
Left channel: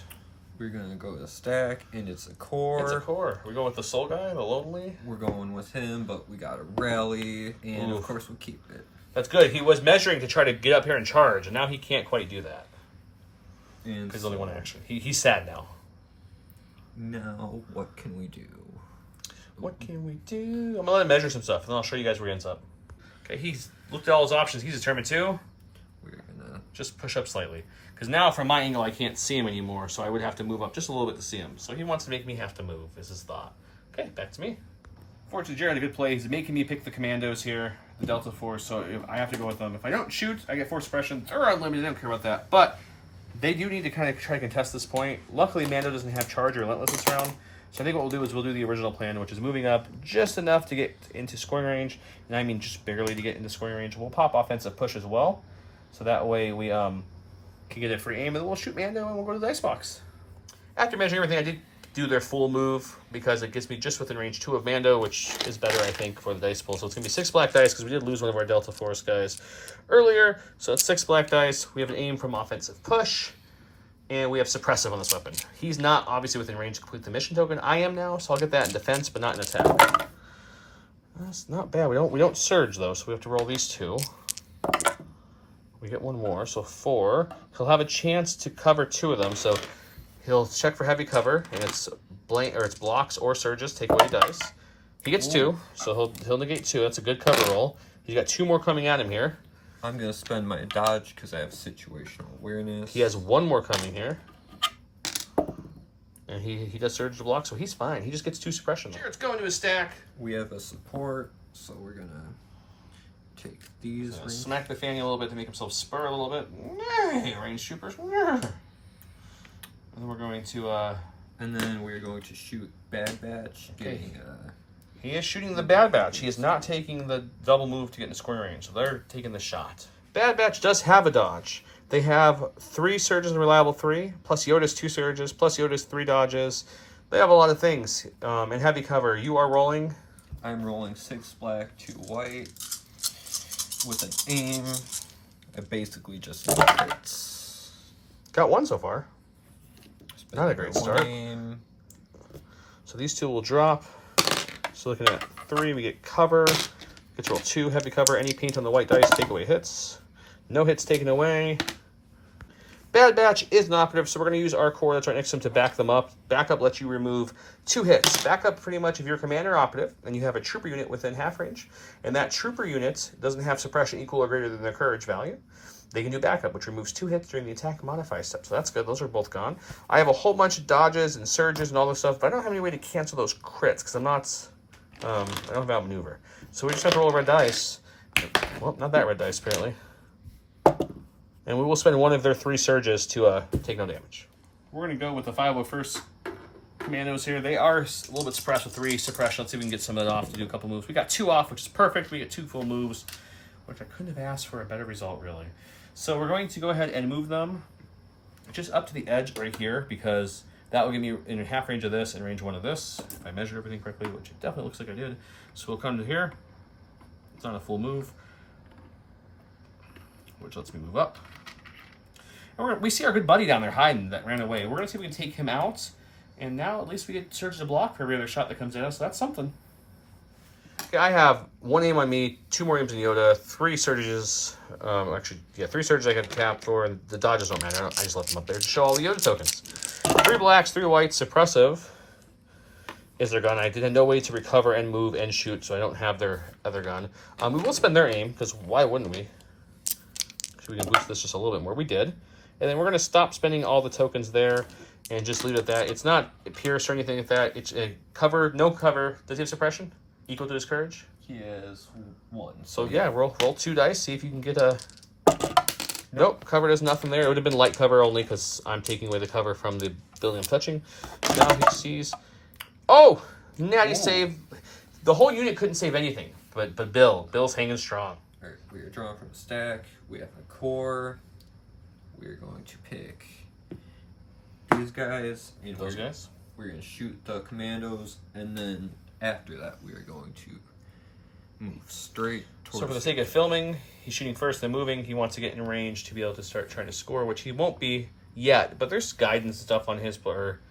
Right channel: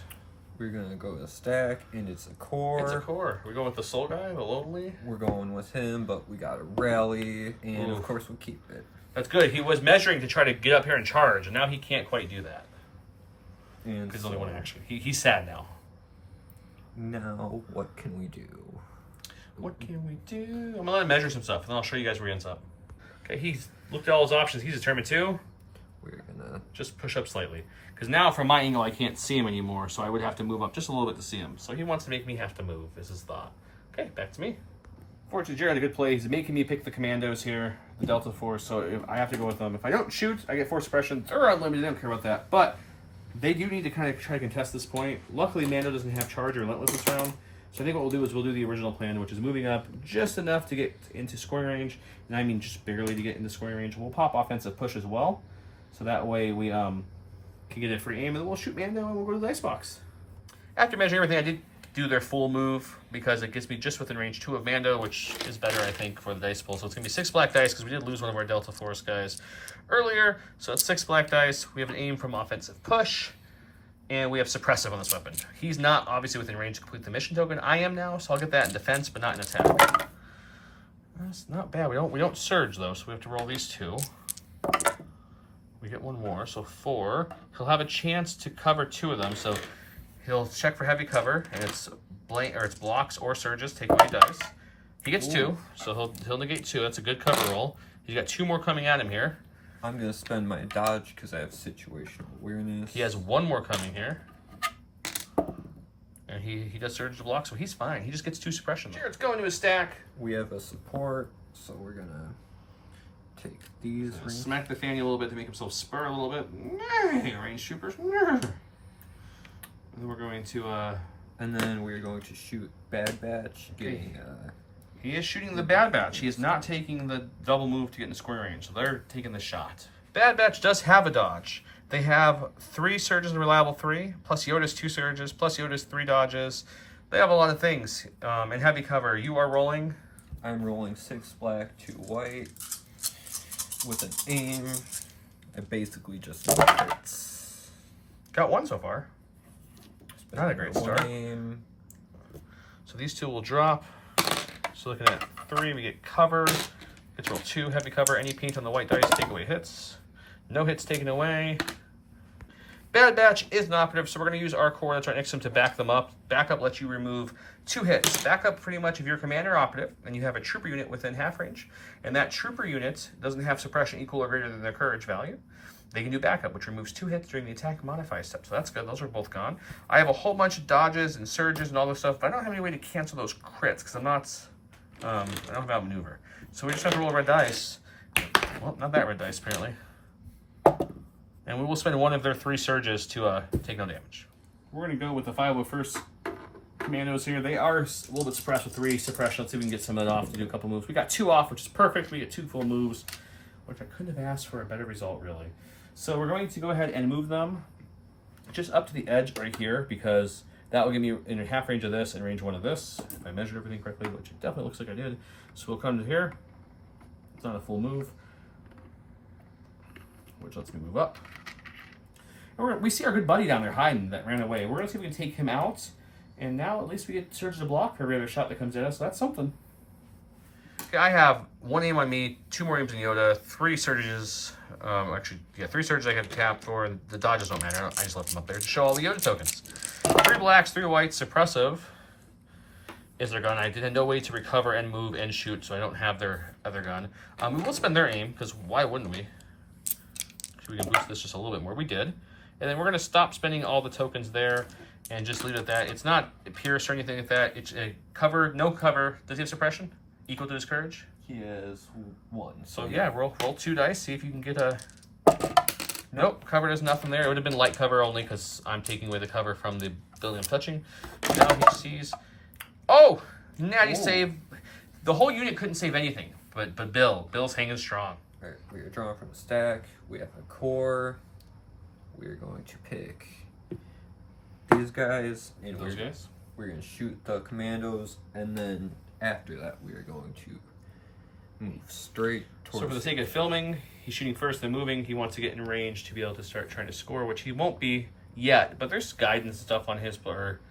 We're gonna go to stack, and it's a core. It's a core. We're going with the soul guy, the lonely. We're going with him, but we got a rally, and of course we'll keep it. That's good. He was measuring to try to get up here and charge, and now he can't quite do that. And because only 1 action. He's sad now. Now, what can we do? What can we do? I'm gonna let him measure some stuff, and then I'll show you guys where he ends up. Okay, he's looked at all his options. He's determined to. We're gonna just push up slightly. Because now from my angle, I can't see him anymore, so I would have to move up just a little bit to see him. So he wants to make me have to move, is his thought. Okay, back to me. Fortunately, Jared had a good play. He's making me pick the commandos here, the Delta Force, so if I have to go with them. If I don't shoot, I get force suppression. They're unlimited, I don't care about that. But they do need to kind of try to contest this point. Luckily, Mando doesn't have Charge or Relentless this round. So I think what we'll do is we'll do the original plan, which is moving up just enough to get into scoring range. And I mean just barely to get into scoring range. We'll pop offensive push as well. So that way we can get a free aim, and then we'll shoot Mando and we'll go to the dice box. After measuring everything, I did do their full move because it gets me just within range 2 of Mando, which is better, I think, for the dice pool. So it's going to be 6 black dice because we did lose one of our Delta Force guys earlier. So it's 6 black dice. We have an aim from offensive push. And we have suppressive on this weapon. He's not obviously within range to complete the mission token. I am now, so I'll get that in defense, but not in attack. That's not bad. We don't surge though, so we have to roll these 2. We get 1 more, so 4. He'll have a chance to cover 2 of them, so he'll check for heavy cover, and it's blocks or surges. Take away dice. He gets 2, so he'll negate 2. That's a good cover roll. He's got 2 more coming at him here. I'm going to spend my dodge because I have situational awareness. He has 1 more coming here. And he does surge to block, so he's fine. He just gets 2 suppressions. Jared's going to his stack. We have a support, so we're going to take these. So smack the fanny a little bit to make himself spur a little bit. Range troopers. And then we're going to... and then we're going to shoot Bad Batch, getting... He is shooting the Bad Batch. He is not taking the double move to get into square range, so they're taking the shot. Bad Batch does have a dodge. They have 3 surges and reliable 3, plus Yoda's 2 surges, plus Yoda's 3 dodges. They have a lot of things. And heavy cover. You are rolling? I'm rolling 6 black, 2 white. with an aim, I basically just need hits. Got one so far. Not a great start. Aim. So these two will drop. So looking at 3, we get cover. Get to roll 2, heavy cover. Any paint on the white dice, take away hits. No hits taken away. Bad Batch is an operative, so we're going to use our core that's right next to him to back them up. Backup lets you remove 2 hits. Backup pretty much if you're commander operative and you have a trooper unit within half range, and that trooper unit doesn't have suppression equal or greater than their courage value, they can do backup, which removes 2 hits during the attack modify step. So that's good. Those are both gone. I have a whole bunch of dodges and surges and all this stuff, but I don't have any way to cancel those crits because I'm not, I don't have outmaneuver. So we just have to roll a red dice. Well, not that red dice apparently. And we will spend one of their 3 surges to take no damage. We're going to go with the 501st Commandos here. They are a little bit suppressed with 3 suppression. Let's see if we can get some of that off to do a couple moves. We got 2 off, which is perfect. We get 2 full moves, which I couldn't have asked for a better result, really. So we're going to go ahead and move them just up to the edge right here, because that will give me in half range of this and range 1 of this, if I measure everything correctly, which it definitely looks like I did. So we'll come to here. It's not a full move, which lets me move up. And we see our good buddy down there hiding that ran away. We're going to see if we can take him out. And now at least we get surge to block for every other shot that comes at us. So that's something. Okay, I have 1 aim on me, 2 more aims in Yoda, 3 surges. Actually, yeah, 3 surges I can tap for, and the dodges don't matter. I just left them up there to show all the Yoda tokens. 3 blacks, 3 whites, suppressive is their gun. I did have no way to recover and move and shoot, so I don't have their other gun. We will spend their aim, because why wouldn't we? We can boost this just a little bit more. We did. And then we're going to stop spending all the tokens there and just leave it at that. It's not pierce or anything like that. It's a cover, no cover. Does he have suppression? Equal to his courage? He has 1. So yeah, roll 2 dice. See if you can get a... Nope, cover does nothing there. It would have been light cover only because I'm taking away the cover from the building I'm touching. Now he sees... Oh! Natty save. The whole unit couldn't save anything, but Bill's hanging strong. All right, we are drawing from a stack. We have a core. We are going to pick these guys. And those guys? We're going to shoot the commandos, and then after that, we are going to move straight towards... So for the sake of filming, he's shooting first, then moving. He wants to get in range to be able to start trying to score, which he won't be yet. But there's guidance and stuff on his, or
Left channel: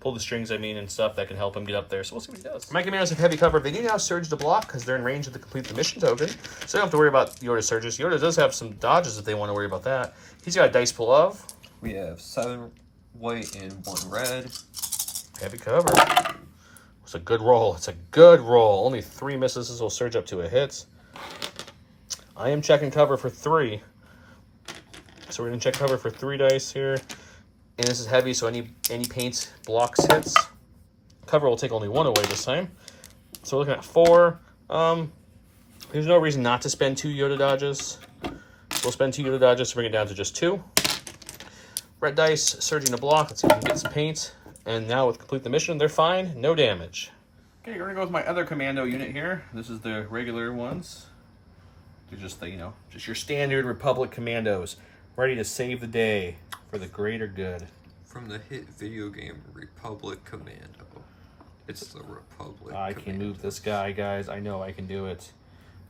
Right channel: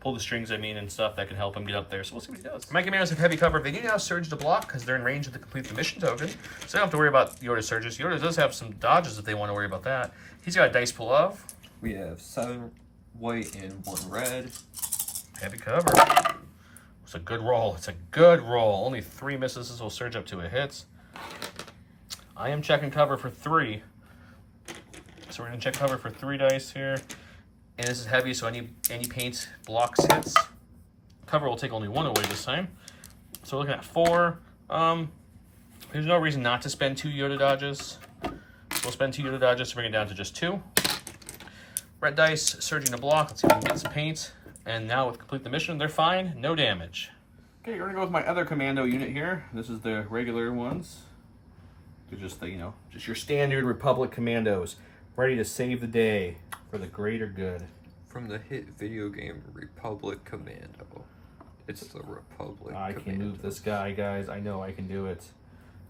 pull the strings, and stuff that can help him get up there. So we'll see what he does. My commandos have heavy cover. They do now surge to block because they're in range of the complete the mission token. So they don't have to worry about Yoda surges. Yoda does have some dodges if they want to worry about that. He's got a dice pool of... We have 7 white and 1 red. Heavy cover. It's a good roll. It's a good roll. Only 3 misses. This will surge up to a hit. I am checking cover for 3. So we're going to check cover for 3 dice here. And this is heavy, so any paint blocks hits. Cover will take only 1 away this time. So we're looking at 4. There's no reason not to spend 2 Yoda dodges. We'll spend 2 Yoda dodges to bring it down to just 2. Red dice, surging to block. Let's see if we can get some paint. And now with complete the mission, they're fine. No damage. Okay, we're going to go with my other commando unit here. This is the regular ones. They're just the, just your standard Republic commandos. Ready to save the day for the greater good. From the hit video game Republic Commando. It's the Republic I can move this guy, guys. I know I can do it.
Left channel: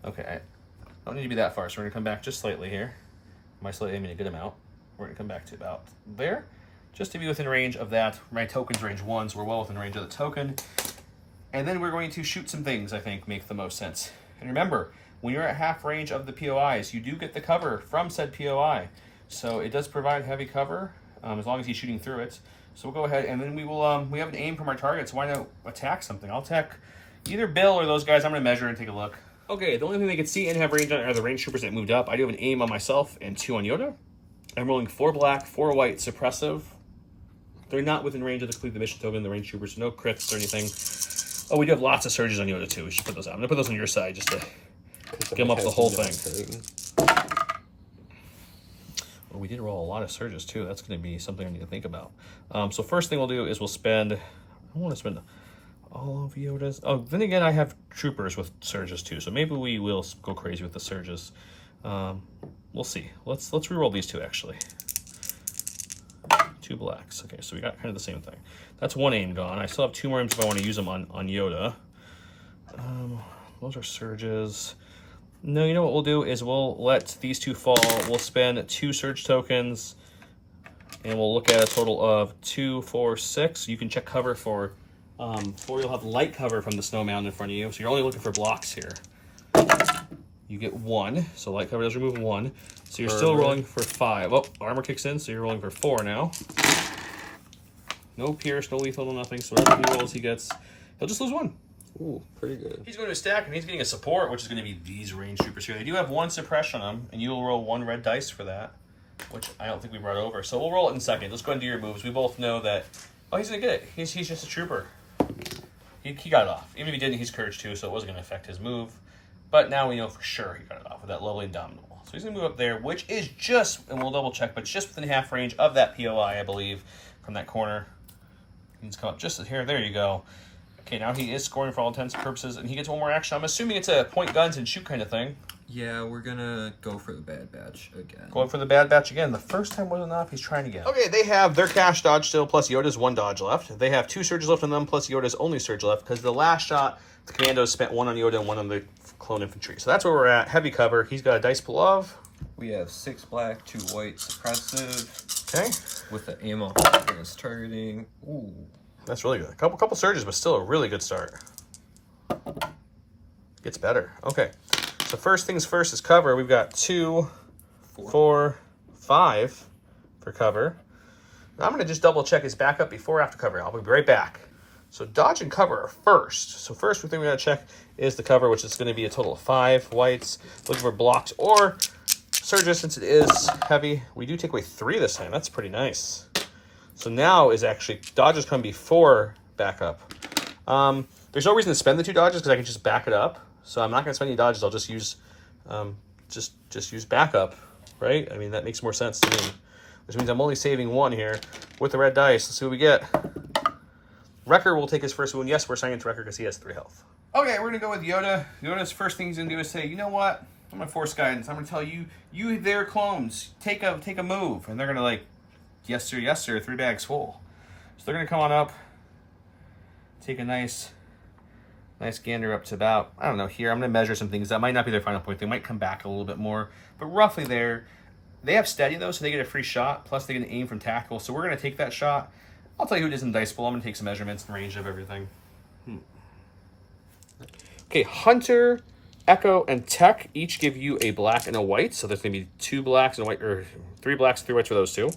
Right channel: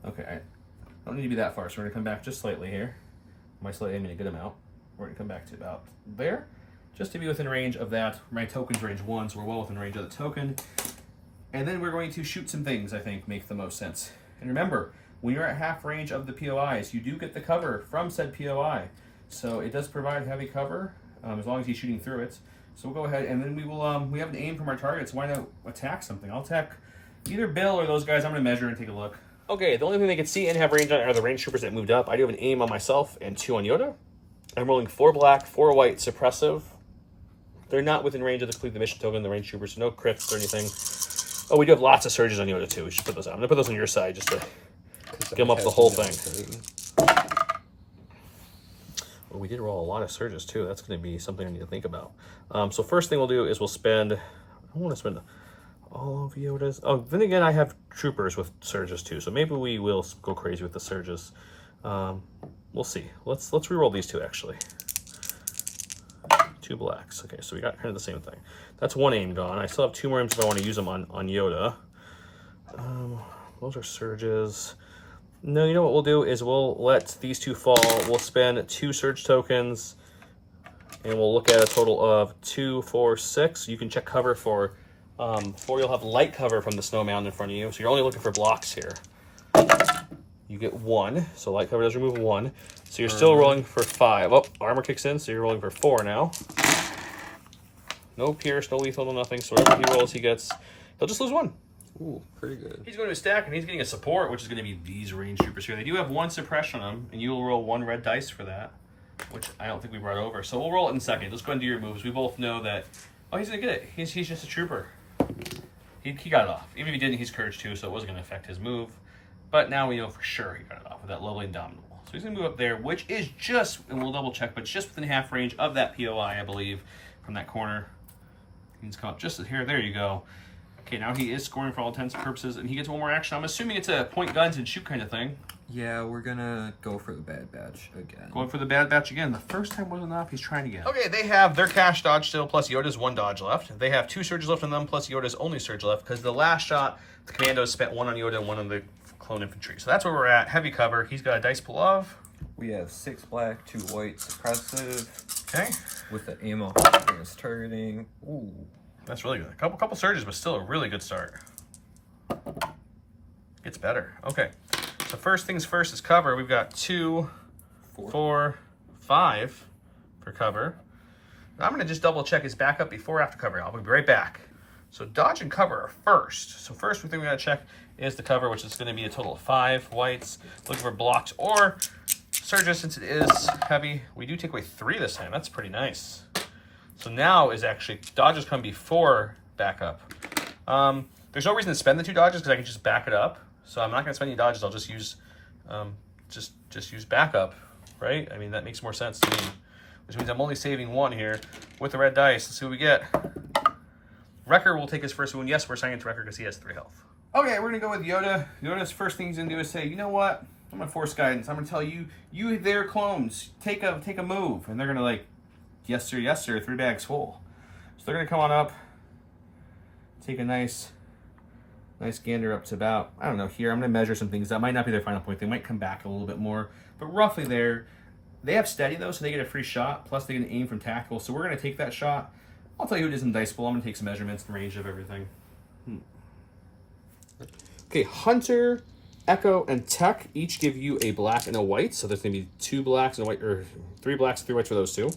Okay, I don't need to be that far, so we're going to come back just slightly here. My slightly aiming a good amount. We're going to come back to about there, just to be within range of that. My token's range 1, so we're well within range of the token. And then we're going to shoot some things I think make the most sense. And remember, when you're at half range of the POIs, you do get the cover from said POI. So it does provide heavy cover, as long as he's shooting through it. So we'll go ahead, and then we will, we have an aim from our target, so why not attack something? I'll attack either Bill or those guys. I'm going to measure and take a look. Okay, the only thing they can see and have range on are the range troopers that moved up. I do have an aim on myself and 2 on Yoda. I'm rolling 4 black, 4 white, suppressive. They're not within range of the complete the mission token, the range troopers, so no crits or anything. Oh, we do have lots of surges on Yoda too. We should put those out. I'm going to put those on your side just to get them up the whole thing. Well, we did roll a lot of surges too. That's going to be something I need to think about. So first thing we'll do is we'll spend... I don't want to spend all of Yoda's... Oh, then again, I have troopers with surges too, so maybe we will go crazy with the surges. We'll see. Let's reroll these 2 actually. 2 blacks. Okay, so we got kind of the same thing. That's 1 aim gone. I still have 2 more aims if I want to use them on Yoda. Those are surges. No, you know what we'll do is we'll let these two fall. We'll spend 2 surge tokens, and we'll look at a total of 2, 4, 6. You can check cover for 4. You'll have light cover from the snow mountain in front of you, so you're only looking for blocks here. You get 1, so light cover does remove 1. So you're still rolling for 5. Oh, armor kicks in, so you're rolling for 4 now. No pierce, no lethal, no nothing. So whatever he rolls, he gets. He'll just lose 1. Ooh, pretty good. He's going to a stack, and he's getting a support, which is going to be these range troopers here. They do have 1 suppression on them, and you'll roll 1 red dice for that, which I don't think we brought over. So we'll roll it in a second. Let's go and do your moves. We both know that. Oh, he's going to get it. He's just a trooper. He got it off. Even if he didn't, he's courage 2, so it wasn't going to affect his move. But now we know for sure he got it off with that lovely Indomitable. So he's going to move up there, which is just, and we'll double check, but just within half range of that POI, I believe, from that corner. He needs to come up just here. There you go. Okay, now he is scoring for all intents and purposes, and he gets 1 more action. I'm assuming it's a point guns and shoot kind of thing. Yeah, we're gonna go for the Bad Batch again. Going for the Bad Batch again. The first time wasn't enough. He's trying again. Okay, they have their cash dodge still, plus Yoda's 1 dodge left. They have 2 surges left on them, plus Yoda's only surge left, because the last shot, the commandos spent 1 on Yoda and 1 on the clone infantry. So that's where we're at. Heavy cover. He's got a dice pool of. We have 6 black, 2 white, suppressive. Okay. With the ammo against targeting. Ooh. That's really good. A couple surges, but still a really good start. Gets better. Okay. So first things first is cover. We've got 2, 4, 5 for cover. Now I'm going to just double check his backup before or after cover. I'll be right back. So dodge and cover are first. So first thing we got to check is the cover, which is going to be a total of 5 whites. Looking for blocks or surges since it is heavy. We do take away 3 this time. That's pretty nice. So now is actually dodges come before backup. There's no reason to spend the 2 dodges because I can just back it up. So I'm not going to spend any dodges. I'll just use just use backup, right? I mean, that makes more sense to me. Which means I'm only saving 1 here with the red dice. Let's see what we get. Wrecker will take his first wound. Yes, we're assigning it to Wrecker because he has 3 health. Okay, we're going to go with Yoda. Yoda's first thing he's going to do is say, you know what? I'm going to force guidance. I'm going to tell you, you their clones, take a move. And they're going to like, yes sir, 3 bags full. So they're going to come on up, take a nice gander up to about, I don't know, here. I'm going to measure some things. That might not be their final point. They might come back a little bit more. But roughly there, they have steady though, so they get a free shot. Plus they get an aim from tactical. So we're going to take that shot. I'll tell you who it is in the dice pool. I'm going to take some measurements and range of everything. Okay, Hunter, Echo, and Tech each give you a black and a white. So there's going to be 2 blacks and a white, or 3 blacks, 3 whites for those 2.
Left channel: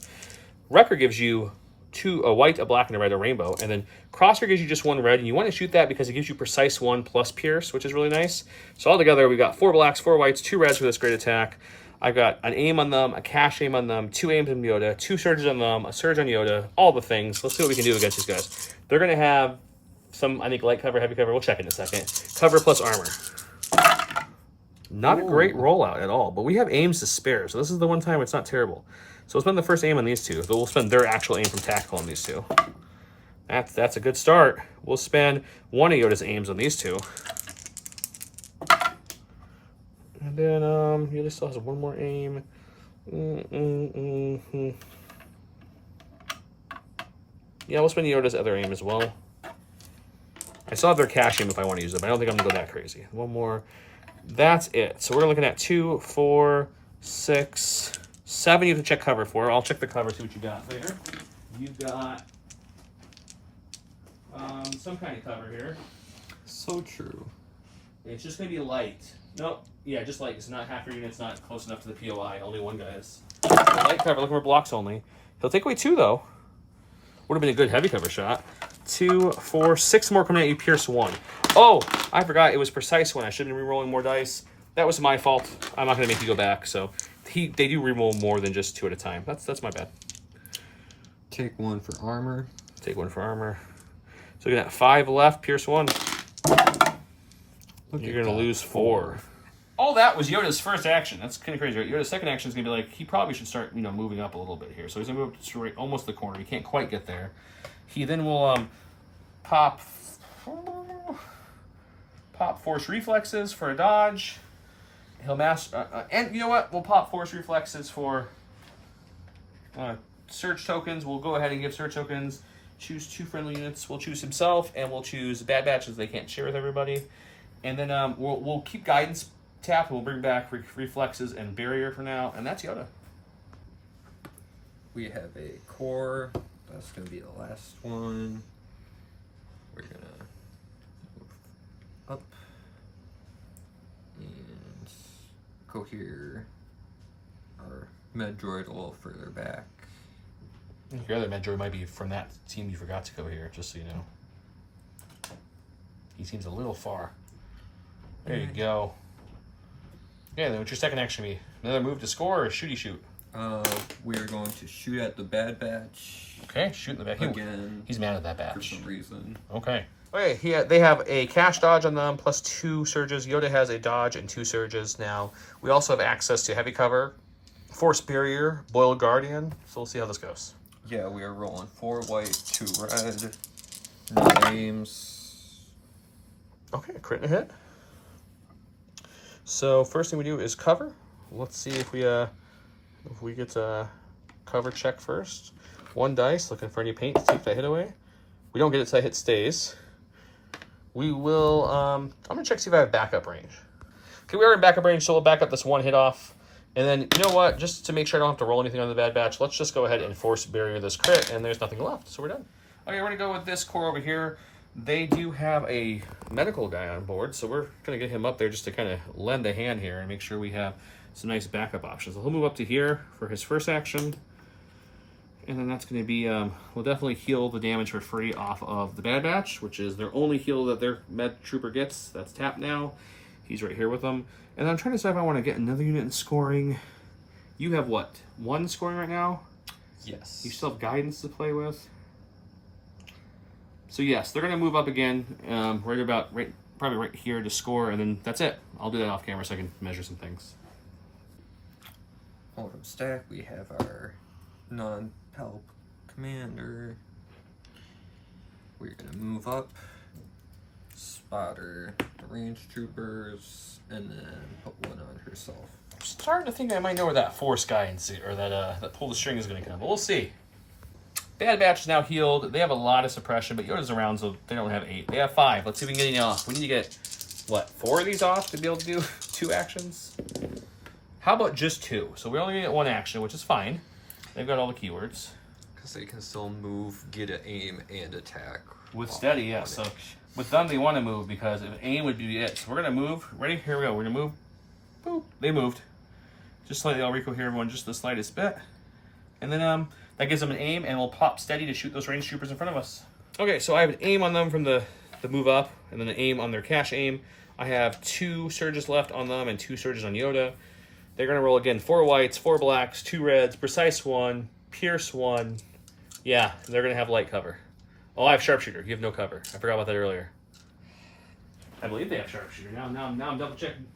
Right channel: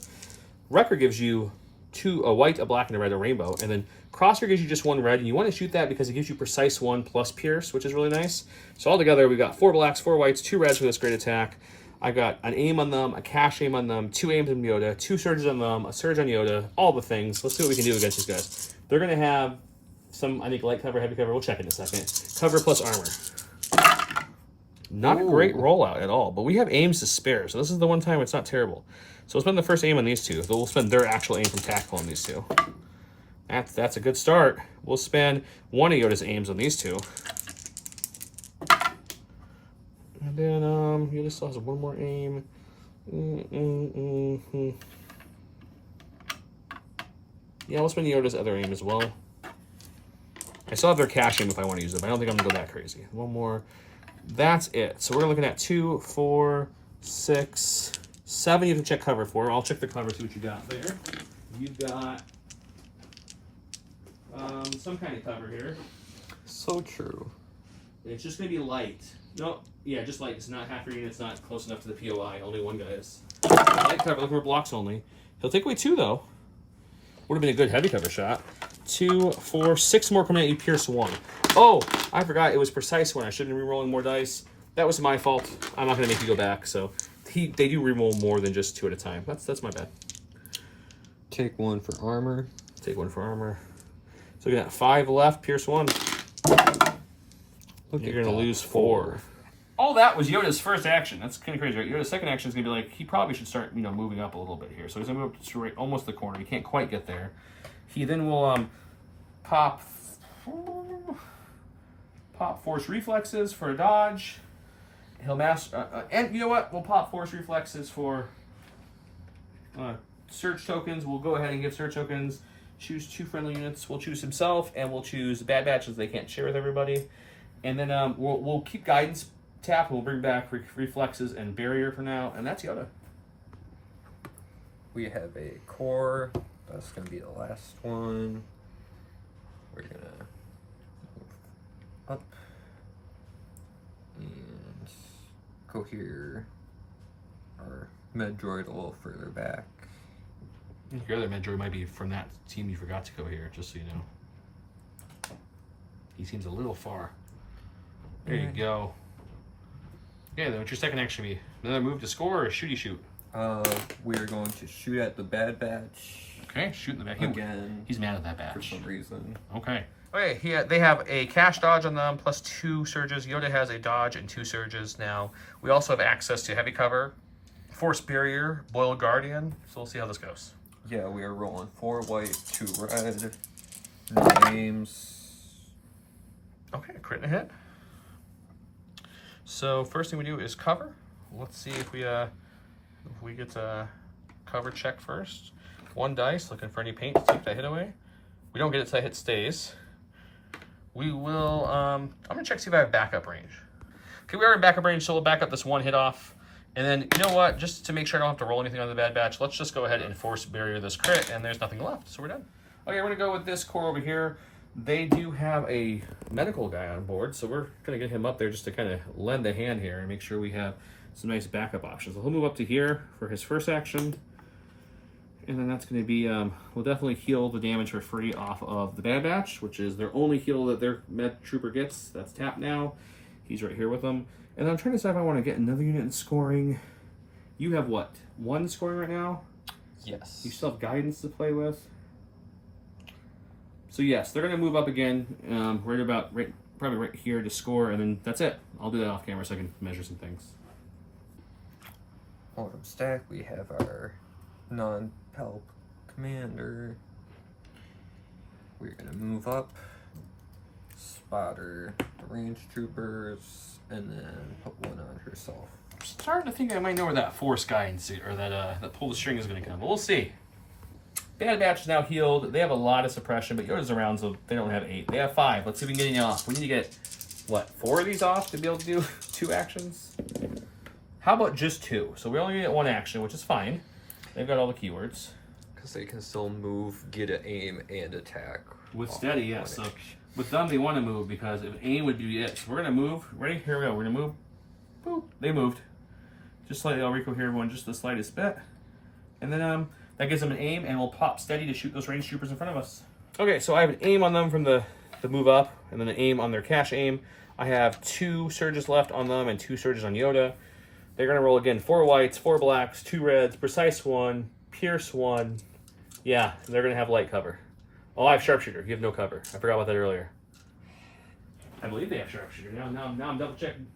Wrecker gives you 2, a white, a black, and a red, a rainbow. And then Crosshair gives you just 1 red. And you want to shoot that because it gives you precise 1 plus pierce, which is really nice. So altogether, we've got 4 blacks, 4 whites, 2 reds for this great attack. I've got an aim on them, a cash aim on them, 2 aims on Yoda, 2 surges on them, a surge on Yoda, all the things. Let's see what we can do against these guys. They're going to have some, I think, light cover, heavy cover. We'll check in a second. Cover plus armor. Not a great rollout at all, but we have aims to spare. So this is the one time it's not terrible. So we'll spend the first aim on these 2. So we'll spend their actual aim from tactical on these 2. That's a good start. We'll spend 1 of Yoda's aims on these 2. And then Yoda still has 1 more aim. Yeah, we'll spend Yoda's other aim as well. I still have their cash aim if I want to use them. I don't think I'm going to go that crazy. 1 more. That's it. So we're looking at 2, 4, 6, 7 you have to check cover for. I'll check the cover, see what you got there. You've got some kind of cover here. So true. It's just going to be light. No, yeah, just light. It's not half your unit's not close enough to the POI. Only 1 guy is. So light cover, looking for blocks only. He'll take away 2, though. Would have been a good heavy cover shot. 2, 4, 6 more coming at you, pierce 1. Oh, I forgot. It was precise 1. I shouldn't be re-rolling more dice. That was my fault. I'm not going to make you go back. So they do re-roll more than just 2 at a time. That's my bad. Take 1 for armor. Take 1 for armor. So you're going to have 5 left, pierce 1. You're going to lose 4. All that was Yoda's first action. That's kind of crazy, right? Yoda's second action is going to be like, he probably should start, moving up a little bit here. So he's going to move up to right, almost the corner. He can't quite get there. He then will pop force reflexes for a dodge. He'll and you know what? We'll pop force reflexes for search tokens. We'll go ahead and give search tokens. Choose 2 friendly units. We'll choose himself, and we'll choose Bad Batches they can't share with everybody. And then we'll keep guidance tap. We'll bring back reflexes and barrier for now, and that's Yoda. We have a core. That's going to be the last one. We're going to move up and go here. Our med droid a little further back. Your other med droid might be from that team you forgot to go here, just so you know. He seems a little far. There you go. Yeah, then what's your second action be? Another move to score or shooty shoot? We are going to shoot at the Bad Batch. Okay, shoot in the back. Again. He's mad at that batch. For some reason. Okay. Okay, they have a cash dodge on them plus 2 surges. Yoda has a dodge and 2 surges now. We also have access to heavy cover, force barrier, boiled guardian. So we'll see how this goes. Yeah, we are rolling 4 white, 2 red. No names. Okay, crit and a hit. So first thing we do is cover. Let's see if we get a cover check first. 1 dice, looking for any paint to take that hit away. We don't get it, so that hit stays. We will, I'm gonna check to see if I have backup range. Okay, we are in backup range, so we'll back up this 1 hit off. And then, you know what, just to make sure I don't have to roll anything on the Bad Batch, let's just go ahead and force barrier this crit, and there's nothing left, so we're done. Okay, we're gonna go with this core over here. They do have a medical guy on board, so we're gonna get him up there just to kind of lend a hand here and make sure we have some nice backup options. So he'll move up to here for his first action. And then that's going to be, we'll definitely heal the damage for free off of the Bad Batch, which is their only heal that their med trooper gets. That's tapped now. He's right here with them. And I'm trying to decide if I want to get another unit in scoring. You have what? 1 scoring right now? Yes. You still have guidance to play with. So yes, they're going to move up again, probably right here to score, and then that's it. I'll do that off camera so I can measure some things. Bottom stack, we have our non-Palp commander. We're gonna move up, spotter the range troopers, and then put 1 on herself. I'm starting to think I might know where that force guidance or that pull the string is going to come, but we'll see. Bad Batch is now healed. They have a lot of suppression, but Yoda's around, so they don't have 8. They have 5. Let's see if we can get any off. We need to get, what, 4 of these off to be able to do 2 actions? How about just 2? So we only get 1 action, which is fine. They've got all the keywords. Because they can still move, get an aim, and attack. With steady, yes. So with them, they want to move because if aim would be it. So we're going to move. Ready? Here we go. We're going to move. Boop. They moved. Just slightly. I'll recoil here, everyone, just the slightest bit. And then that gives them an aim, and we'll pop steady to shoot those range troopers in front of us. Okay, so I have an aim on them from the move up, and then an aim on their cash aim. I have 2 surges left on them and 2 surges on Yoda. They're going to roll again 4 whites, 4 blacks, 2 reds, precise 1, pierce 1. Yeah, they're going to have light cover. Oh, I have sharpshooter. You have no cover. I forgot about that earlier. I believe they have sharpshooter. Now I'm double checking.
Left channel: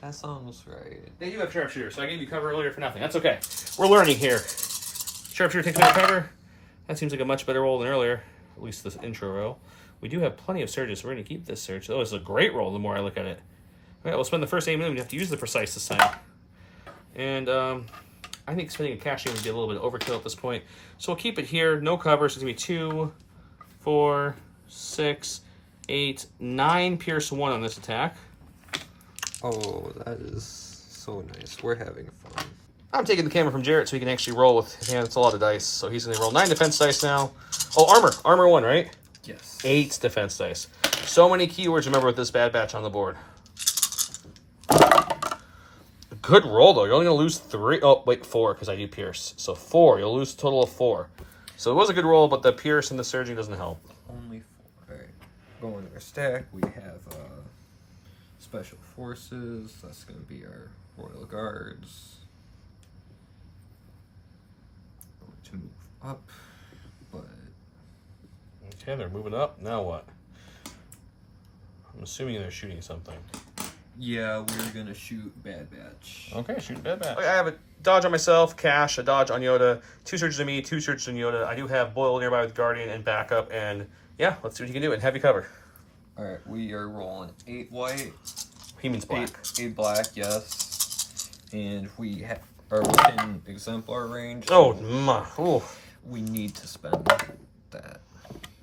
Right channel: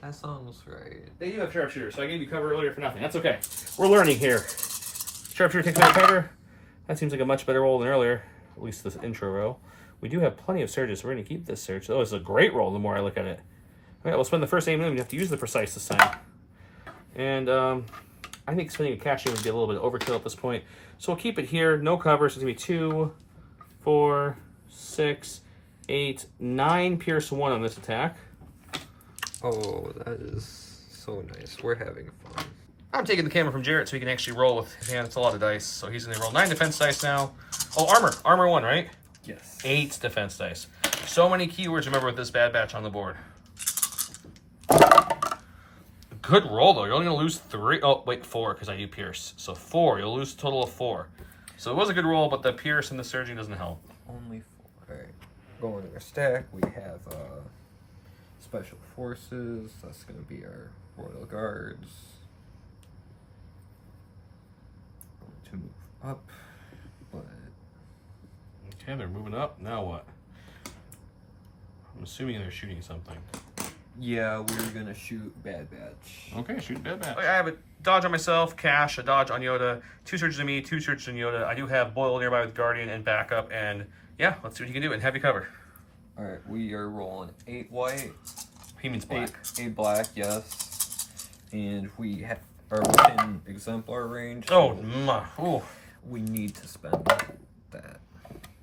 That sounds right. They do have sharpshooter, so I gave you cover earlier for nothing. That's okay. We're learning here. Sharpshooter takes my cover. That seems like a much better roll than earlier, at least this intro roll. We do have plenty of surges, so we're going to keep this surge. Oh, it's a great roll the more I look at it. All right, we'll spend the first aim, and then we have to use the precise this time. And I think spending a cash aim would be a little bit of overkill at this point. So we'll keep it here. No cover. So it's going to be 2, 4, 6, 8, 9 pierce 1 on this attack. Oh, that is so nice. We're having fun. I'm taking the camera from Jarrett so he can actually roll with his hand. It's a lot of dice. So he's going to roll 9 defense dice now. Oh, armor. Armor 1, right? Yes. 8 defense dice. So many keywords, remember, with this Bad Batch on the board. Good roll, though. You're only going to lose 3. Oh, wait, 4, because I do pierce. So 4. You'll lose a total of 4. So it was a good roll, but the pierce and the surging doesn't help. Only 4. All right. Going to our stack, we have Special Forces. That's going to be our Royal Guards. Going to move up, but... Okay, they're moving up. Now what? I'm assuming they're shooting something. Yeah, we're gonna shoot Bad Batch. Okay, shoot Bad Batch. I have a dodge on myself, cash, a dodge on Yoda, 2 surges on me, 2 surges on Yoda. I do have Boyle nearby with Guardian and backup, and yeah, let's see what you can do and heavy cover. All right, we are rolling 8 white. He means black. 8 black, yes. And we are within exemplar range. Oh, so we need to spend that.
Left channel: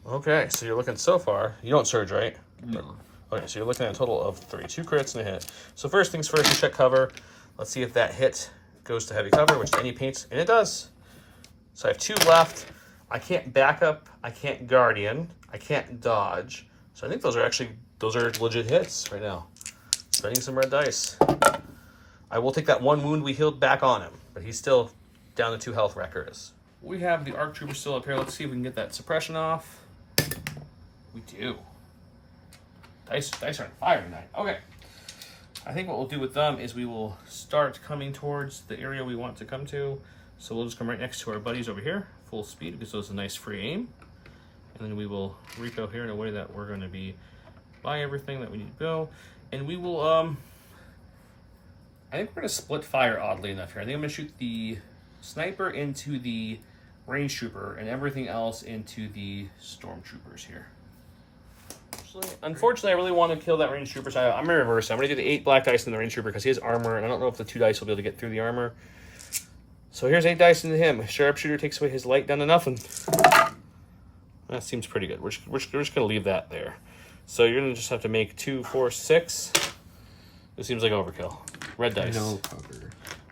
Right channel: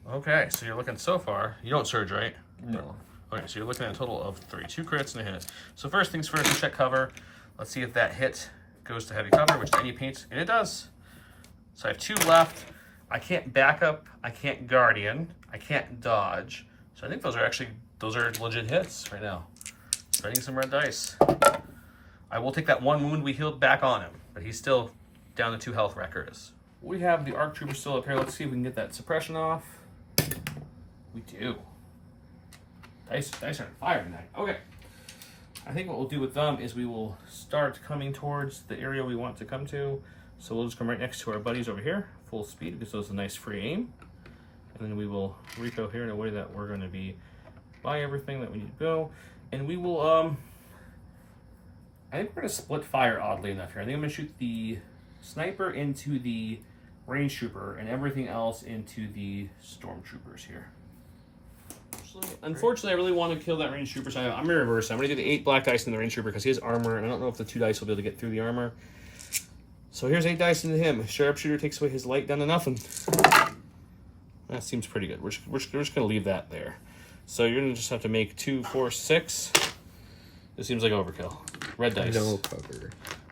Okay, so you're looking so far. You don't surge, right? No. Okay, so you're looking at a total of 3. 2 crits and a hit. So first things first, we check cover. Let's see if that hit goes to heavy cover, which any paints, and it does. So I have 2 left. I can't back up. I can't guardian. I can't dodge. So I think those are legit hits right now. Spending some red dice. I will take that 1 wound we healed back on him, but he's still down to 2 health, Wrecker is. We have the ARC Trooper still up here. Let's see if we can get that suppression off. We do. Dice are on fire tonight. Okay. I think what we'll do with them is we will start coming towards the area we want to come to. So we'll just come right next to our buddies over here, full speed, because those are a nice free aim. And then we will repo here in a way that we're going to be by everything that we need to go. And we will, I think we're going to split fire oddly enough here. I think I'm going to shoot the sniper into the range trooper and everything else into the stormtroopers here. Unfortunately, I really want to kill that range trooper, so I'm going to reverse it. I'm going to do the 8 black dice in the range trooper because he has armor, and I don't know if the 2 dice will be able to get through the armor. So here's 8 dice into him. Sharpshooter takes away his light down to nothing. That seems pretty good. We're just going to leave that there. So you're going to just have to make 2, 4, 6. This seems like overkill. Red dice. No cover.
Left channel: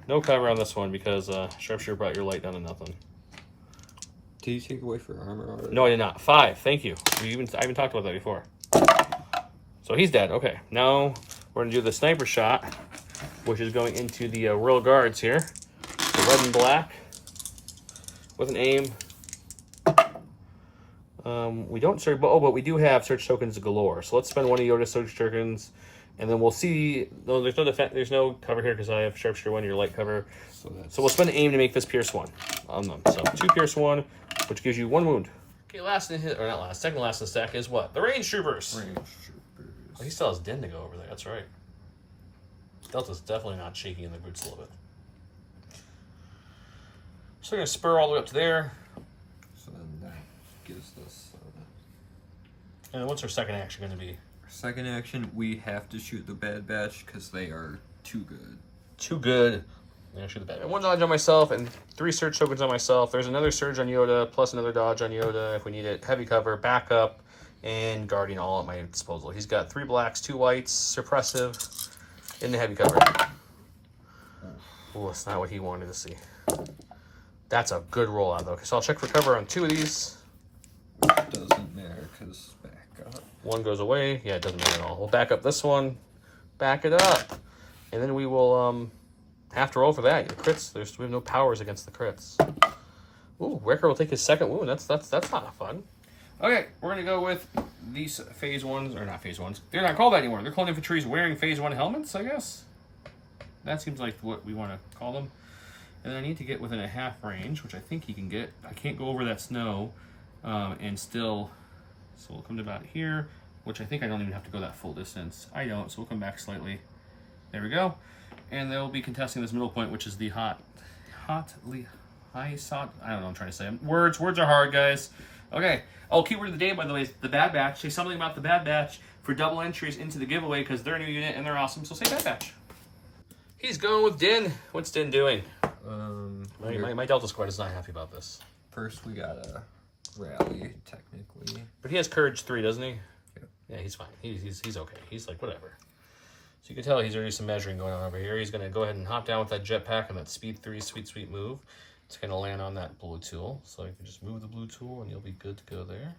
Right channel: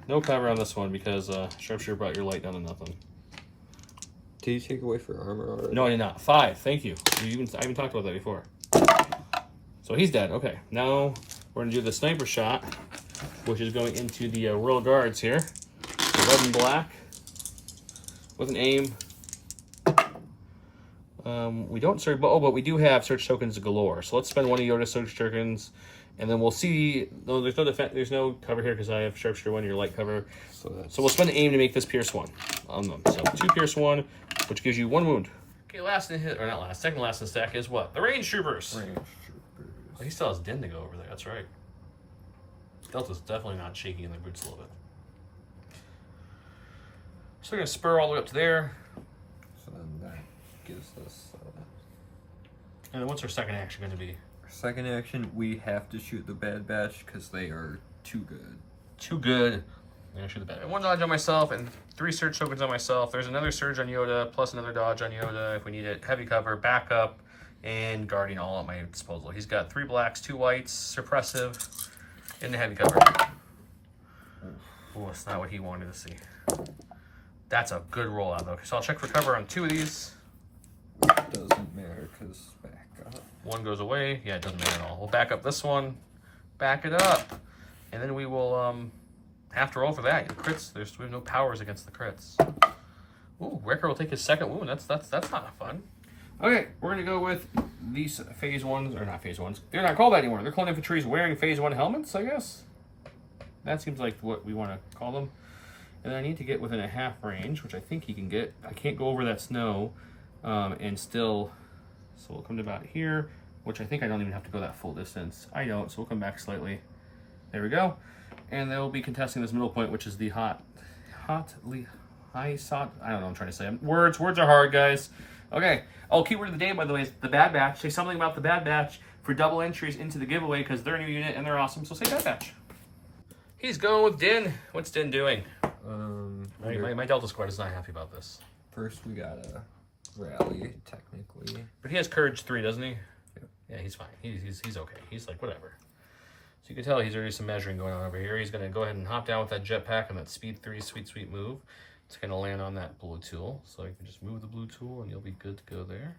No cover on this one because Sharpshooter brought your light down to nothing. Did you take away for armor already? No, I did not. 5. Thank you. I even talked about that before. So he's dead. Okay. Now we're going to do the sniper shot, which is going into the royal guards here. So red and black with an aim. We don't search, but we do have search tokens galore. So let's spend 1 of Yoda's search tokens, and then we'll see. No, there's no cover here because I have Sharpshooter 1, your light cover. So we'll spend an aim to make this Pierce 1 on them. So 2 Pierce 1, which gives you 1 wound. Okay, second last in the stack is what? The range troopers. Range troopers. Oh, he still has Din to go over there. That's right. Delta's definitely not shaking in the boots a little bit. So we're gonna spur all the way up to there. So then that gives us. And then what's our second action going to be? Our second action, we have to shoot the Bad Batch because they are too good. Too good. I'm going to shoot the Bad Batch. 1 dodge on myself and 3 surge tokens on myself. There's another surge on Yoda, plus another dodge on Yoda if we need it. Heavy cover, backup, and guardian all at my disposal. He's got 3 blacks, 2 whites, suppressive, and the heavy cover. Oh, that's not what he wanted to see. That's a good rollout, though. Okay, so I'll check for cover on 2 of these. Which doesn't matter because back up. 1 goes away. Yeah, it doesn't matter at all. We'll back up this one. Back it up. And then we will have to roll for that. Your crits, we have no powers against the crits. Ooh, Wrecker will take his 2nd wound. That's not fun. Okay, we're going to go with these phase 1s, or not phase 1s. They're not called that anymore. They're clone infantries wearing phase 1 helmets, I guess. That seems like what we want to call them. And I need to get within a half range, which I think he can get. I can't go over that snow. And still, so we'll come to about here, which I think I don't even have to go that full distance. I don't, so we'll come back slightly. There we go. And they'll be contesting this middle point, which is the I don't know what I'm trying to say. Words are hard, guys. Okay. Oh, keyword of the day, by the way, is the Bad Batch. Say something about the Bad Batch for double entries into the giveaway because they're a new unit and they're awesome, so say Bad Batch. He's going with Din. What's Din doing? My Delta squad is not happy about this. First, we gotta rally, technically. But he has courage 3, doesn't he? Yep. Yeah, he's fine. He's okay. He's like, whatever. So you can tell he's already some measuring going on over here. He's going to go ahead and hop down with that jetpack and that speed 3 sweet move. It's going to land on that blue tool. So you can just move the blue tool and you'll be good to go there.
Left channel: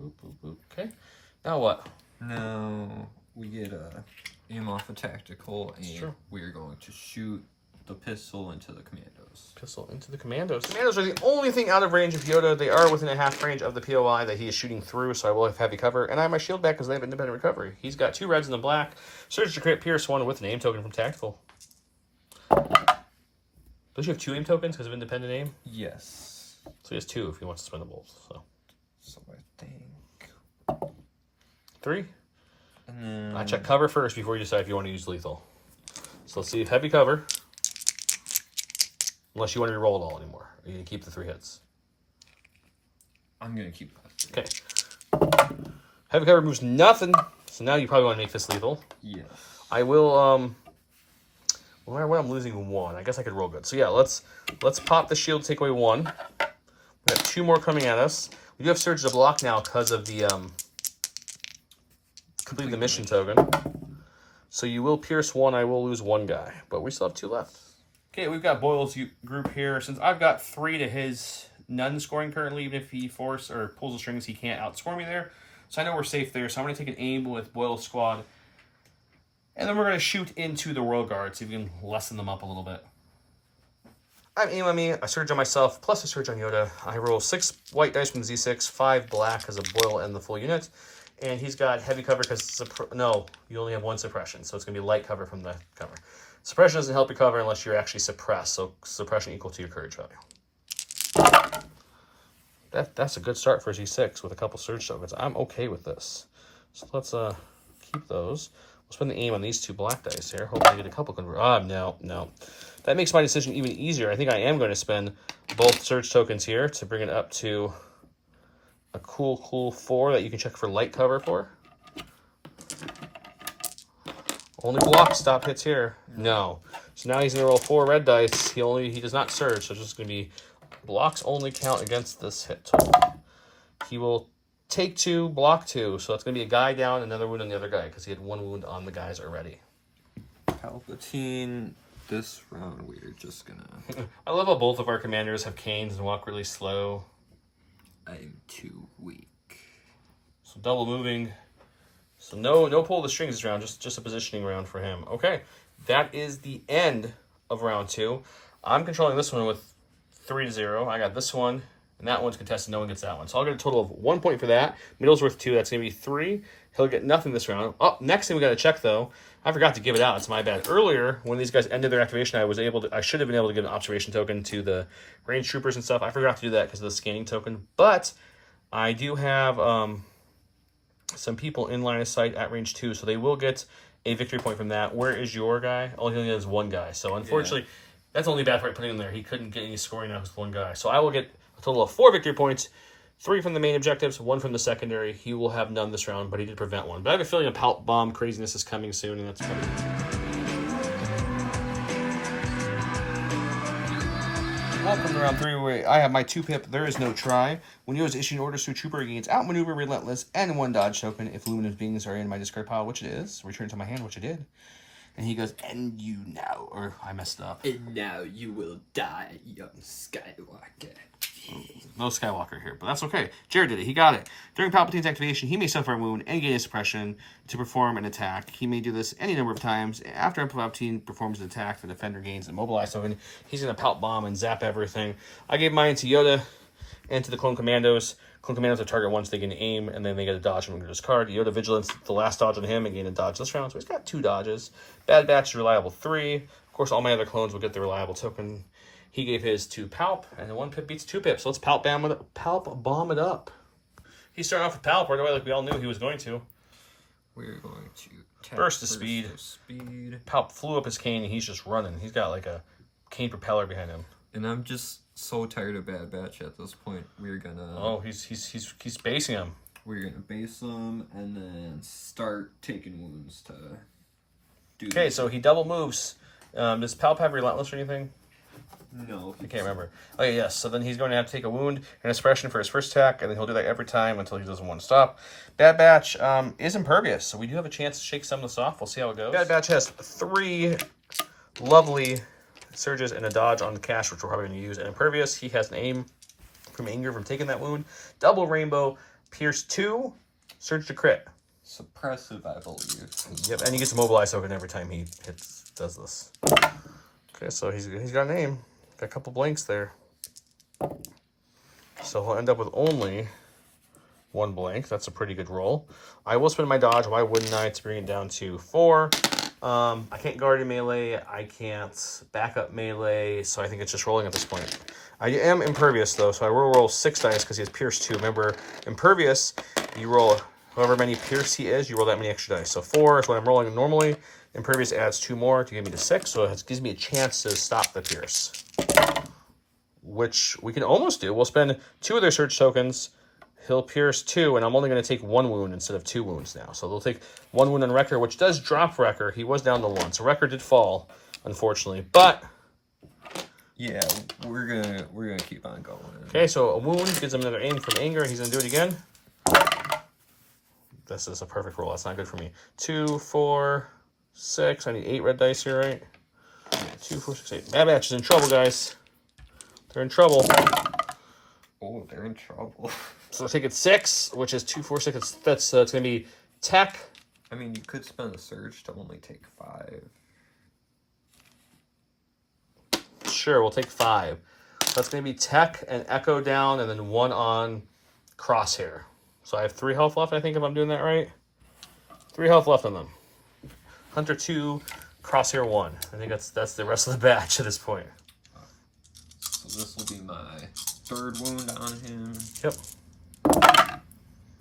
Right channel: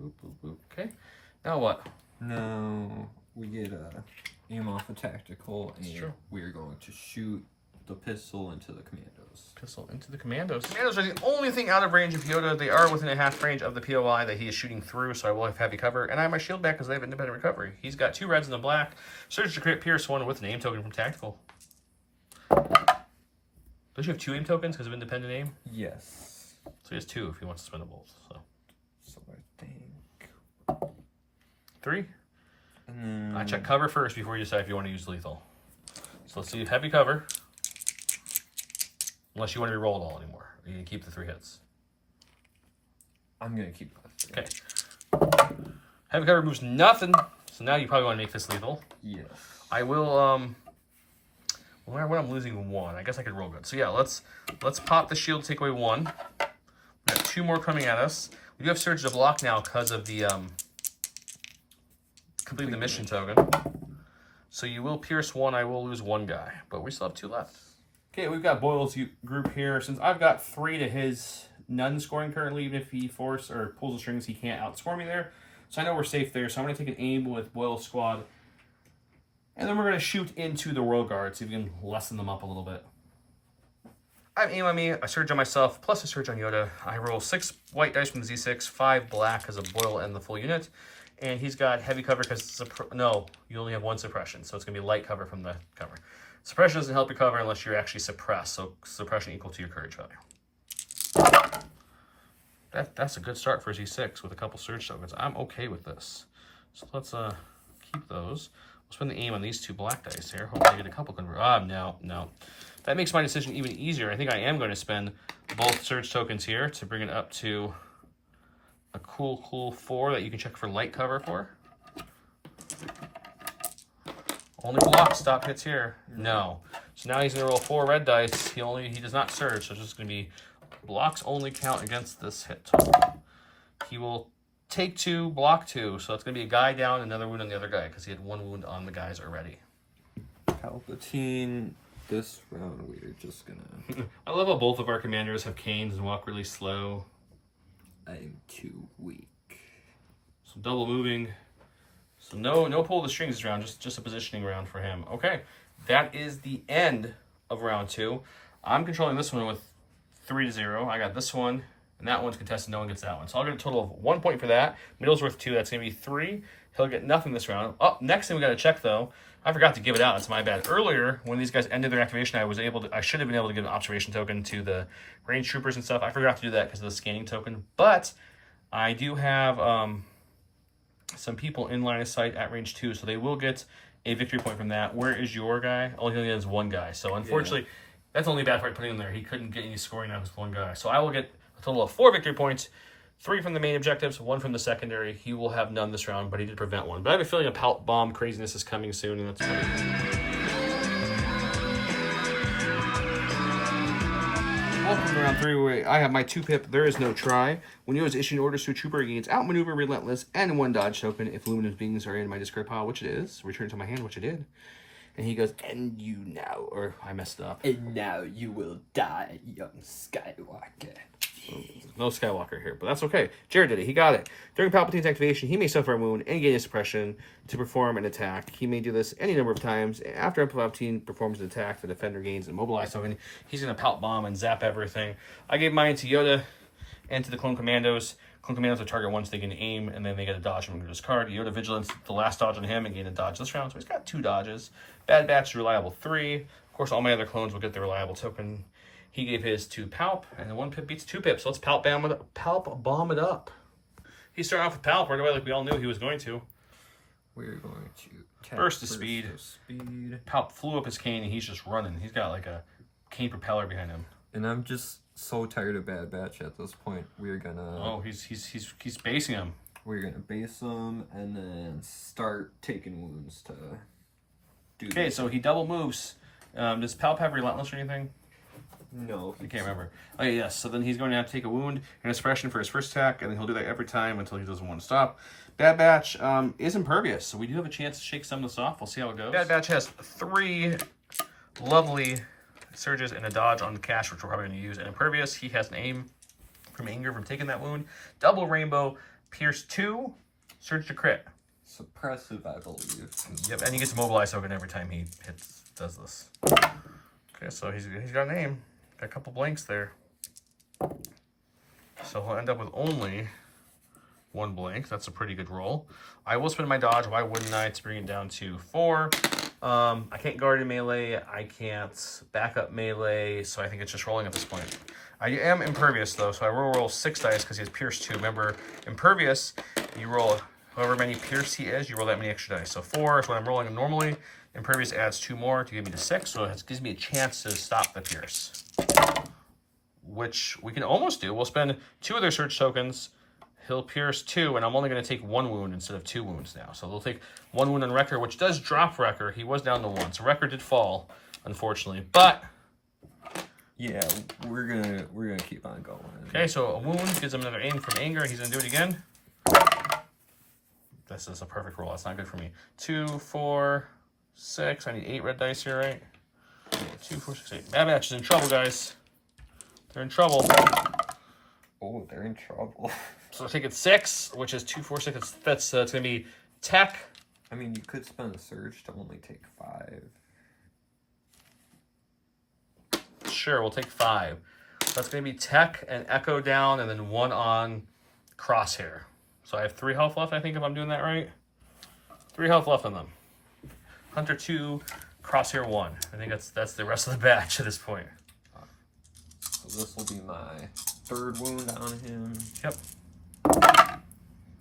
Boop, boop, boop. Okay. Now what? Now we get aim off a tactical and we are going to shoot the pistol into the commandos. Pistol into the commandos. Commandos are the only thing out of range of Yoda. They are within a half range of the POI that he is shooting through, so I will have heavy cover. And I have my shield back because they have independent recovery. He's got 2 reds and a black. Surge to crit Pierce 1 with an aim token from Tactical. Does he have 2 aim tokens because of independent aim? Yes. So he has 2 if he wants to spend the bolt. So I think 3. I check cover first before you decide if you want to use lethal. So let's see if heavy cover. Unless you want to re-roll it all anymore. Or you can keep the 3 hits. I'm going to keep that. Okay. Heavy cover moves nothing. So now you probably want to make this lethal. Yes. I will, well, when I'm losing 1, I guess I could roll good. So yeah, let's pop the shield, take away 1. We have 2 more coming at us. We do have surge to block now because of the complete the mission token. So you will pierce one, I will lose one guy. But we still have 2 left. Okay, we've got Boyle's group here. Since I've got 3 to his none scoring currently, even if he pulls the strings, he can't outscore me there. So I know we're safe there. So I'm going to take an aim with Boyle's squad. And then we're going to shoot into the Royal Guard, see if we can lessen them up a little bit. I have aim on me, I surge on myself, plus a surge on Yoda. I roll 6 white dice from the Z6, 5 black because of Boyle and the full unit. And he's got heavy cover because no, you only have 1 suppression, so it's going to be light cover from the cover. Suppression doesn't help your cover unless you're actually suppressed, so suppression equal to your courage value. That's a good start for Z6 with a couple surge tokens. I'm okay with this. So let's keep those. We'll spend the aim on these 2 black dice here. Hopefully get a couple no. That makes my decision even easier. I think I am going to spend both surge tokens here to bring it up to a cool 4 that you can check for light cover for. Only block stop hits here. No. So now he's going to roll 4 red dice. He does not surge, so it's just going to be blocks only count against this hit total. He will take 2, block 2. So that's going to be a guy down, another wound on the other guy because he had 1 wound on the guys already. Palpatine, this round we're just gonna... I love how both of our commanders have canes and walk really slow. I'm too weak. So double moving. So no pull the strings this round, just a positioning round for him. Okay, that is the end of round 2. I'm controlling this one with 3-0. I got this one, and that one's contested. No one gets that one. So I'll get a total of 1 point for that. Middle's worth 2. That's going to be 3. He'll get nothing this round. Oh, next thing we got to check, though. I forgot to give it out. It's my bad. Earlier, when these guys ended their activation, I should have been able to give an observation token to the range troopers and stuff. I forgot to do that because of the scanning token. But I do have some people in line of sight at range 2, so they will get a victory point from that. Where is your guy? Oh, he only has 1 guy. So unfortunately, that's the only bad part putting him there. He couldn't get any scoring out of 1 guy. So I will get a total of 4 victory points. 3 from the main objectives, 1 from the secondary. He will have none this round, but he did prevent 1. But I have a feeling a Palp bomb craziness is coming soon, and that's funny. Welcome to round 3, where I have my 2-pip, There Is No Try. When Yoda is issuing orders to a trooper, he gains Outmaneuver, Relentless, and 1 dodge token. If luminous beings are in my discard pile, which it is, return it to my hand, which I did. And he goes, and you now, or I messed up. And now you will die, young Skywalker. No Skywalker here, but that's okay. Jared did it. He got it. During Palpatine's activation, he may suffer a wound and gain a suppression to perform an attack. He may do this any number of times. After Palpatine performs an attack, the defender gains an immobilize token. He's going to Palp bomb and zap everything. I gave mine to Yoda and to the Clone Commandos. Clone Commandos are target once they gain aim, and then they get a dodge and discard. Yoda Vigilance, the last dodge on him, and gain a dodge this round. So he's got 2 dodges. Bad Batch is reliable 3. Of course, all my other clones will get the reliable token. He gave his to Palp, and the 1 pip beats 2 pips. So let's Palp bomb it up. He started off with Palp right away like we all knew he was going to. We're going to burst of speed. Palp flew up his cane, and he's just running. He's got like a cane propeller behind him. And I'm just so tired of Bad Batch at this point. We're gonna... Oh, he's basing him. We're gonna base him, and then start taking wounds to do Okay, so he double moves. Does Palp have Relentless or anything? No. I can't remember. Okay, yes. So then he's going to have to take a wound and a suppression for his first attack, and then he'll do that every time until he doesn't want to stop. Bad Batch is impervious, so we do have a chance to shake some of this off. We'll see how it goes. Bad Batch has 3 lovely surges and a dodge on the cash, which we're probably going to use. And impervious, he has an aim from anger from taking that wound. Double rainbow, pierce 2, surge to crit. Suppressive, I believe. Yep, and he gets a mobilize token every time he does this. Okay, so he's got an aim. Got a couple blanks there. So he'll end up with only 1 blank. That's a pretty good roll. I will spend my dodge. Why wouldn't I? To bring it down to 4. I can't guard in melee. I can't back up melee. So I think it's just rolling at this point. I am impervious, though. So I will roll 6 dice because he has pierce 2. Remember, impervious, you roll however many pierce he is, you roll that many extra dice. So 4 is what I'm rolling normally. Impervious adds 2 more to give me to 6, so it gives me a chance to stop the pierce. Which we can almost do. We'll spend 2 of their search tokens. He'll pierce 2, and I'm only going to take 1 wound instead of 2 wounds now. So they'll take 1 wound on Wrecker, which does drop Wrecker. He was down to 1, so Wrecker did fall, unfortunately. But yeah, we're gonna keep on going. Okay, so a wound gives him another aim from anger. He's gonna do it again. This is a perfect roll. That's not good for me. 2, 4, 6. I need 8 red dice here, right? 2, 4, 6, 8. Bad Batch is in trouble, guys. They're in trouble. Oh, they're in trouble. So we'll take it 6, which is 2, 4, 6. It's going to be tech. I mean, you could spend a surge to only take 5. Sure, we'll take 5. That's going to be tech and echo down, and then 1 on crosshair. So I have 3 health left, I think, if I'm doing that right. 3 health left on them. Hunter 2, crosshair 1. I think that's the rest of the batch at this point. So this will be my 3rd wound on him. Yep.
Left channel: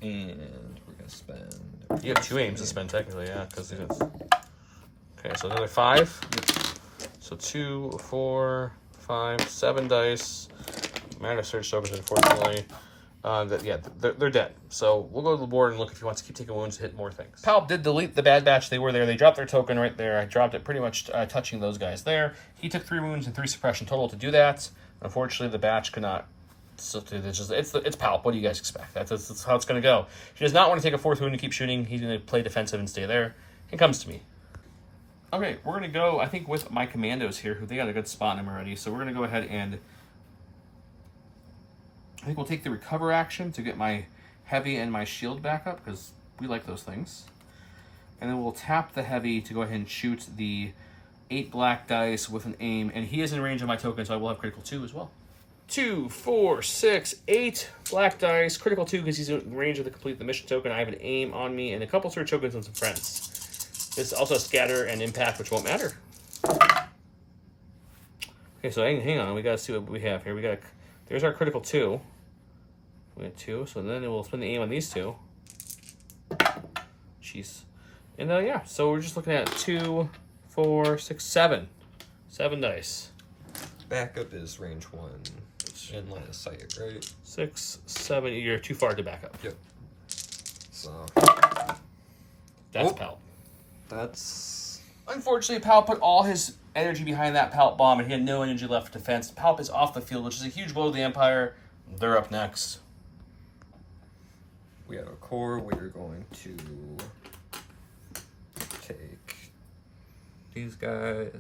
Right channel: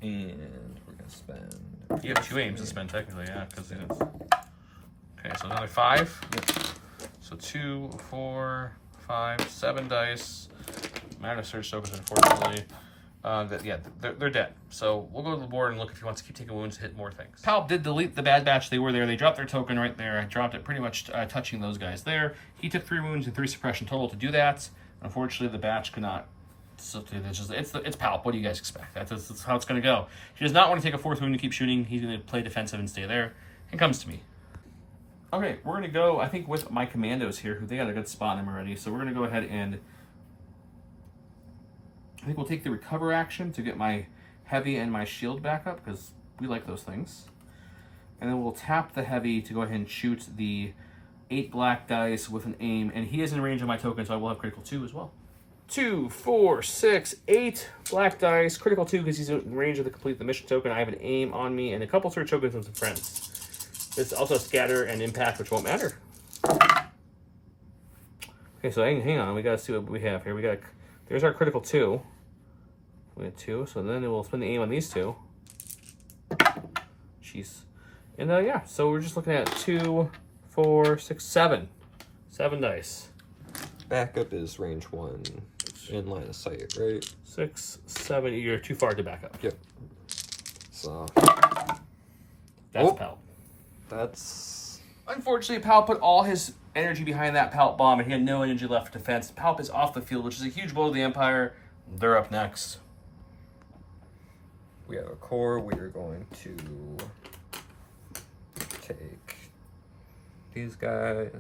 And we're going to spend... You have 2 aims to spend, technically, yeah. Okay, so another 5. Yep. So 2, 4, 5, 7 dice. Mana surge tokens, unfortunately. They're dead. So we'll go to the board and look if he wants to keep taking wounds to hit more things. Palp did delete the Bad Batch. They were there. They dropped their token right there. I dropped it pretty much touching those guys there. He took 3 wounds and 3 suppression total to do that. Unfortunately, the Batch could not. So it's Palp. What do you guys expect? That's how it's going to go. He does not want to take a 4th wound and keep shooting. He's going to play defensive and stay there. It comes to me. Okay, we're going to go, I think, with my commandos here, who they got a good spot on them already. So we're going to go ahead and I think we'll take the recover action to get my heavy and my shield back up, because we like those things. And then we'll tap the heavy to go ahead and shoot the 8 black dice with an aim. And he is in range of my token, so I will have critical 2 as well. 2, 4, 6, 8 black dice. Critical 2 because he's in range of the complete the mission token. I have an aim on me and a couple surge tokens and some friends. There's also scatter and impact, which won't matter. Okay, so hang on. We got to see what we have here. There's our critical 2. We have 2, so then we'll spend the aim on these 2. Jeez. And yeah, so we're just looking at 2, 4, 6, 7. 7 dice. Backup is range 1 in line of sight, right? 6, 7. You're too far to back up. Yep. So that's Palp. That's... Unfortunately, Palp put all his energy behind that Palp bomb, and he had no energy left for defense. Palp is off the field, which is a huge blow to the Empire. They're up next. We have a core. We are going to take these guys.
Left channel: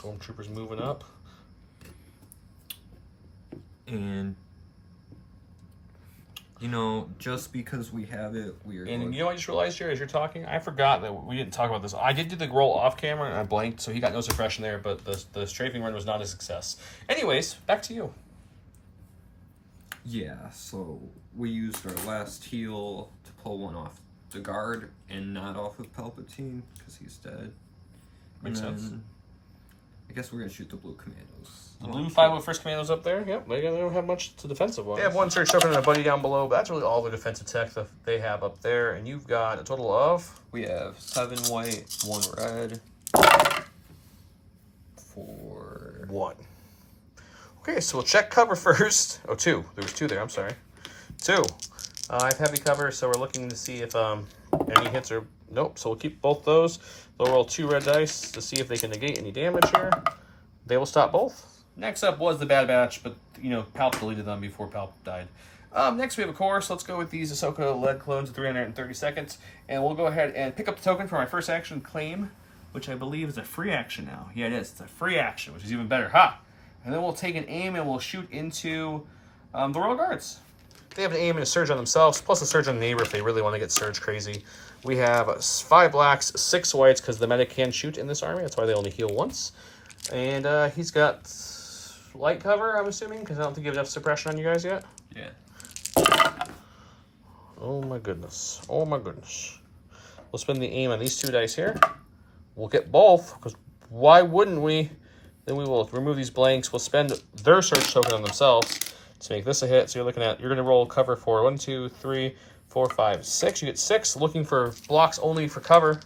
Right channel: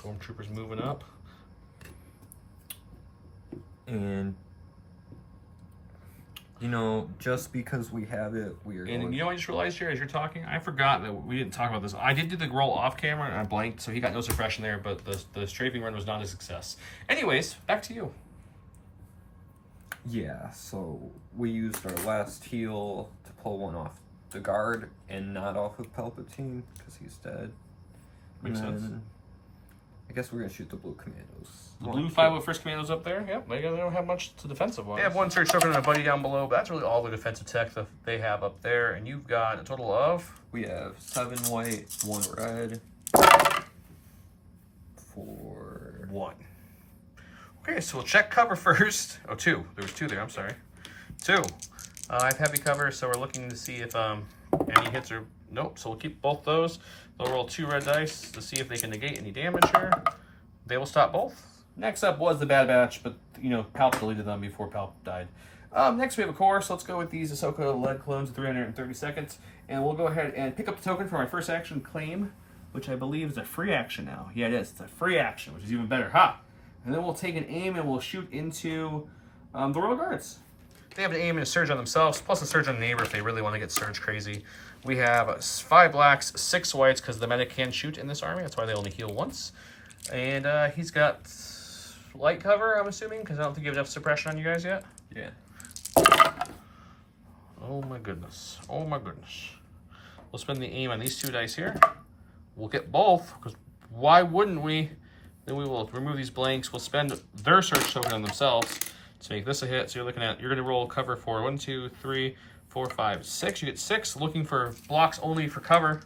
Stormtroopers moving up. And, you know, just because we have it, we are And going... you know what I just realized here as you're talking? I forgot that we didn't talk about this. I did do the roll off camera, and I blanked, so he got no suppression there, but the strafing run was not a success. Anyways, back to you. Yeah, so we used our last heal to pull one off the guard and not off of Palpatine, because he's dead. Makes sense. I guess we're going to shoot the blue commandos. The blue 501st Commandos up there, yep, they don't have much to defensive wise. They have 1 surge token and a buddy down below, but that's really all the defensive tech that they have up there. And you've got a total of... We have 7 white, 1 red, 4... 1. Okay, so we'll check cover first. Oh, 2. There was 2 there, I'm sorry. 2. I have heavy cover, so we're looking to see if any hits are... Nope, so we'll keep both those. They'll roll 2 red dice to see if they can negate any damage here. They will stop both. Next up was the Bad Batch, but, you know, Palp deleted them before Palp died. Next we have a core, so let's go with these Ahsoka lead clones at 330 seconds. And we'll go ahead and pick up the token for my first action claim, which I believe is a free action now. Yeah, it is. It's a free action, which is even better. Ha! And then we'll take an aim and we'll shoot into the Royal Guards. They have an aim and a surge on themselves, plus a surge on the neighbor if they really want to get surge crazy. We have 5 blacks, 6 whites, because the medic can shoot in this army. That's why they only heal once. And he's got light cover, I'm assuming, because I don't think you have enough suppression on you guys yet. Yeah. Oh my goodness. Oh my goodness. We'll spend the aim on these 2 dice here. We'll get both, because why wouldn't we? Then we will remove these blanks. We'll spend their surge token on themselves to make this a hit. So you're going to roll cover for 1, 2, 3, 4, 5, 6. You get 6. Looking for blocks only for cover.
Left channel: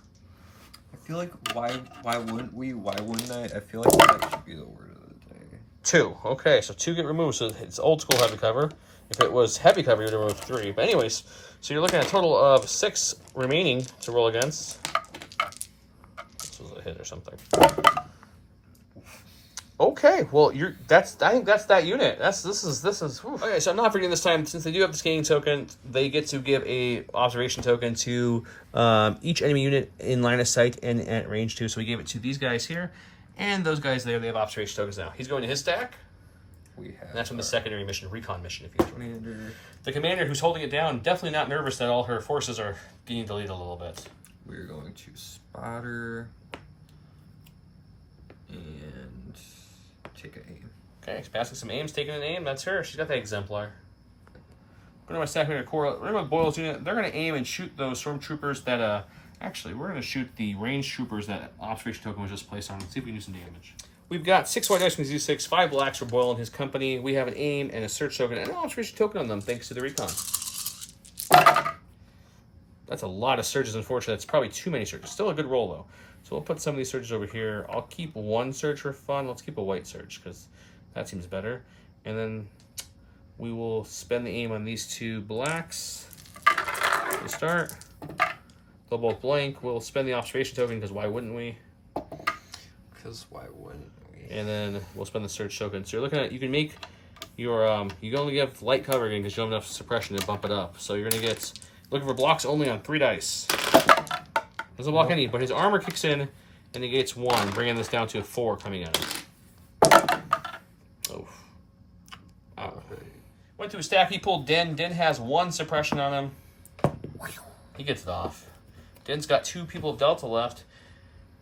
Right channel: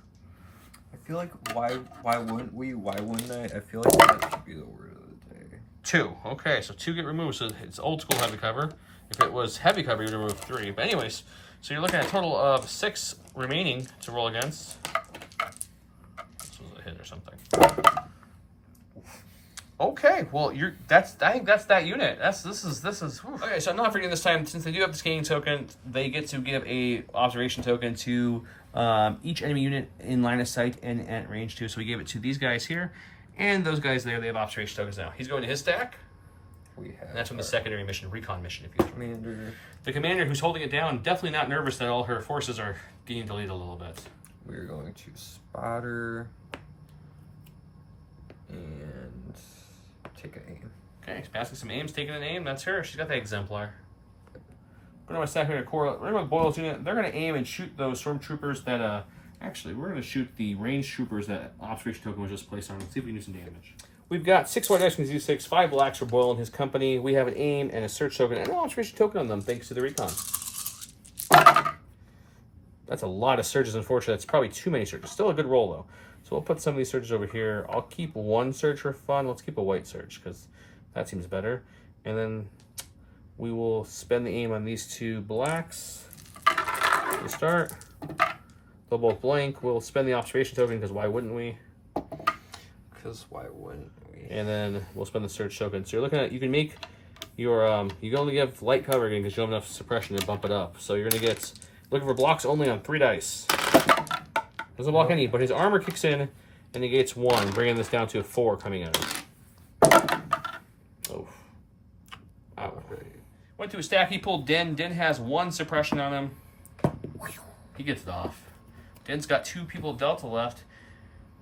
I feel like why wouldn't we? Why wouldn't I? I feel like that should be the word of the day. 2. Okay, so 2 get removed. So it's old school heavy cover. If it was heavy cover, you'd remove 3. But anyways, so you're looking at a total of 6 remaining to roll against. This was a hit or something. Okay, well, I think that's that unit. This is. Whew. Okay, so I'm not forgetting this time, since they do have the scanning token, they get to give a observation token to each enemy unit in line of sight and at range too. So we give it to these guys here, and those guys there. They have observation tokens now. He's going to his stack. We have. And that's from the secondary mission, recon mission, if you commander. The commander who's holding it down, definitely not nervous that all her forces are getting deleted a little bit. We're going to spotter and take an aim. Okay, she's passing some aims, taking an aim. That's her. She's got that exemplar. Going to my second core. We're going to Boyle's unit. They're going to aim and shoot those stormtroopers that. Actually, we're going to shoot the ranged troopers that observation token was just placed on. Let's see if we can do some damage. We've got 6 white dice from Z6, 5 blacks for Boyle and his company. We have an aim and a search token and an observation token on them, thanks to the recon. That's a lot of surges, unfortunately. That's probably too many surges. Still a good roll, though. So we'll put some of these surges over here. I'll keep one surge for fun. Let's keep a white surge, because that seems better. And then we will spend the aim on these 2 blacks to start. They'll both blank. We'll spend the observation token, because why wouldn't we? Because why wouldn't we? And then we'll spend the search token. So you're looking at, you can make your, you can only give light cover again because you don't have enough suppression to bump it up. So you're going to get, looking for blocks only on 3 dice. Doesn't block any, but his armor kicks in and negates 1, bringing this down to a 4 coming at him. Oh. Ow. Went to a stack, he pulled Din. Din has 1 suppression on him. He gets it off. Din's got 2 people of Delta left.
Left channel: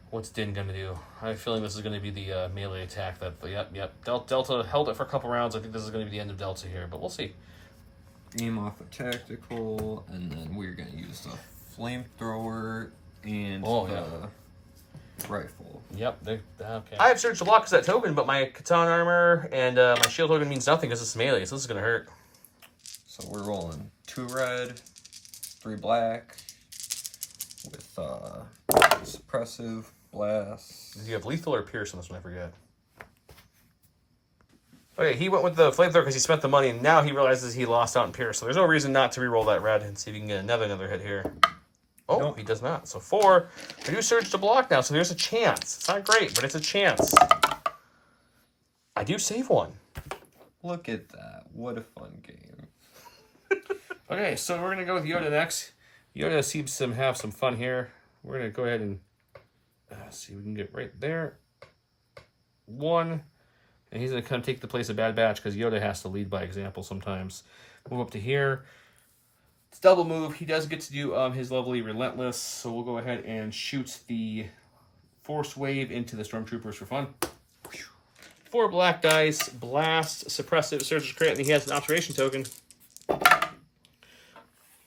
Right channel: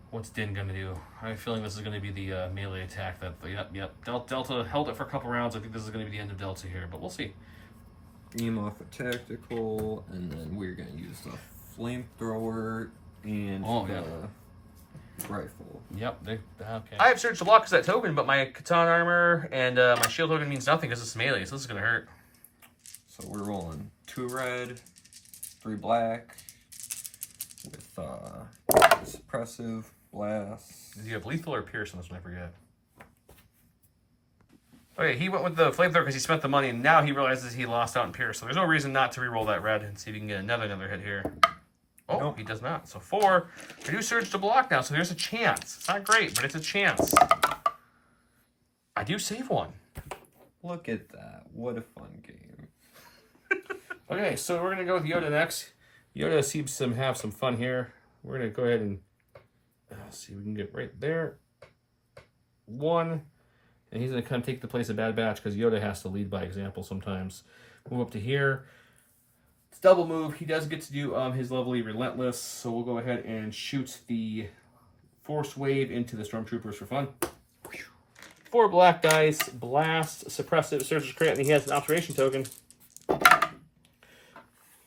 What's Din gonna do? I have a feeling this is gonna be the melee attack. Yep. Delta held it for a couple rounds. I think this is gonna be the end of Delta here, but we'll see. Aim off a tactical, and then we're gonna use the flamethrower and the rifle. Yep. Okay. I have searched the block as that token, but my Catan armor and my shield token means nothing because it's melee, so this is gonna hurt. So we're rolling 2 red, 3 black, with suppressive, blast. Did you have lethal or pierce on this one? I forget. Okay, he went with the flamethrower because he spent the money, and now he realizes he lost out in pierce. So there's no reason not to re-roll that red and see if he can get another hit here. Oh, nope. He does not. So 4. I do surge to block now, so there's a chance. It's not great, but it's a chance. I do save 1. Look at that. What a fun game. Okay, so we're going to go with Yoda next. Yoda seems to have some fun here. We're going to go ahead and see if we can get right there. 1. And he's going to come take the place of Bad Batch because Yoda has to lead by example sometimes. Move up to here. It's double move. He does get to do his lovely Relentless. So we'll go ahead and shoot the Force Wave into the Stormtroopers for fun. 4 black dice. Blast. Suppressive. Surge's Crit. And he has an observation token.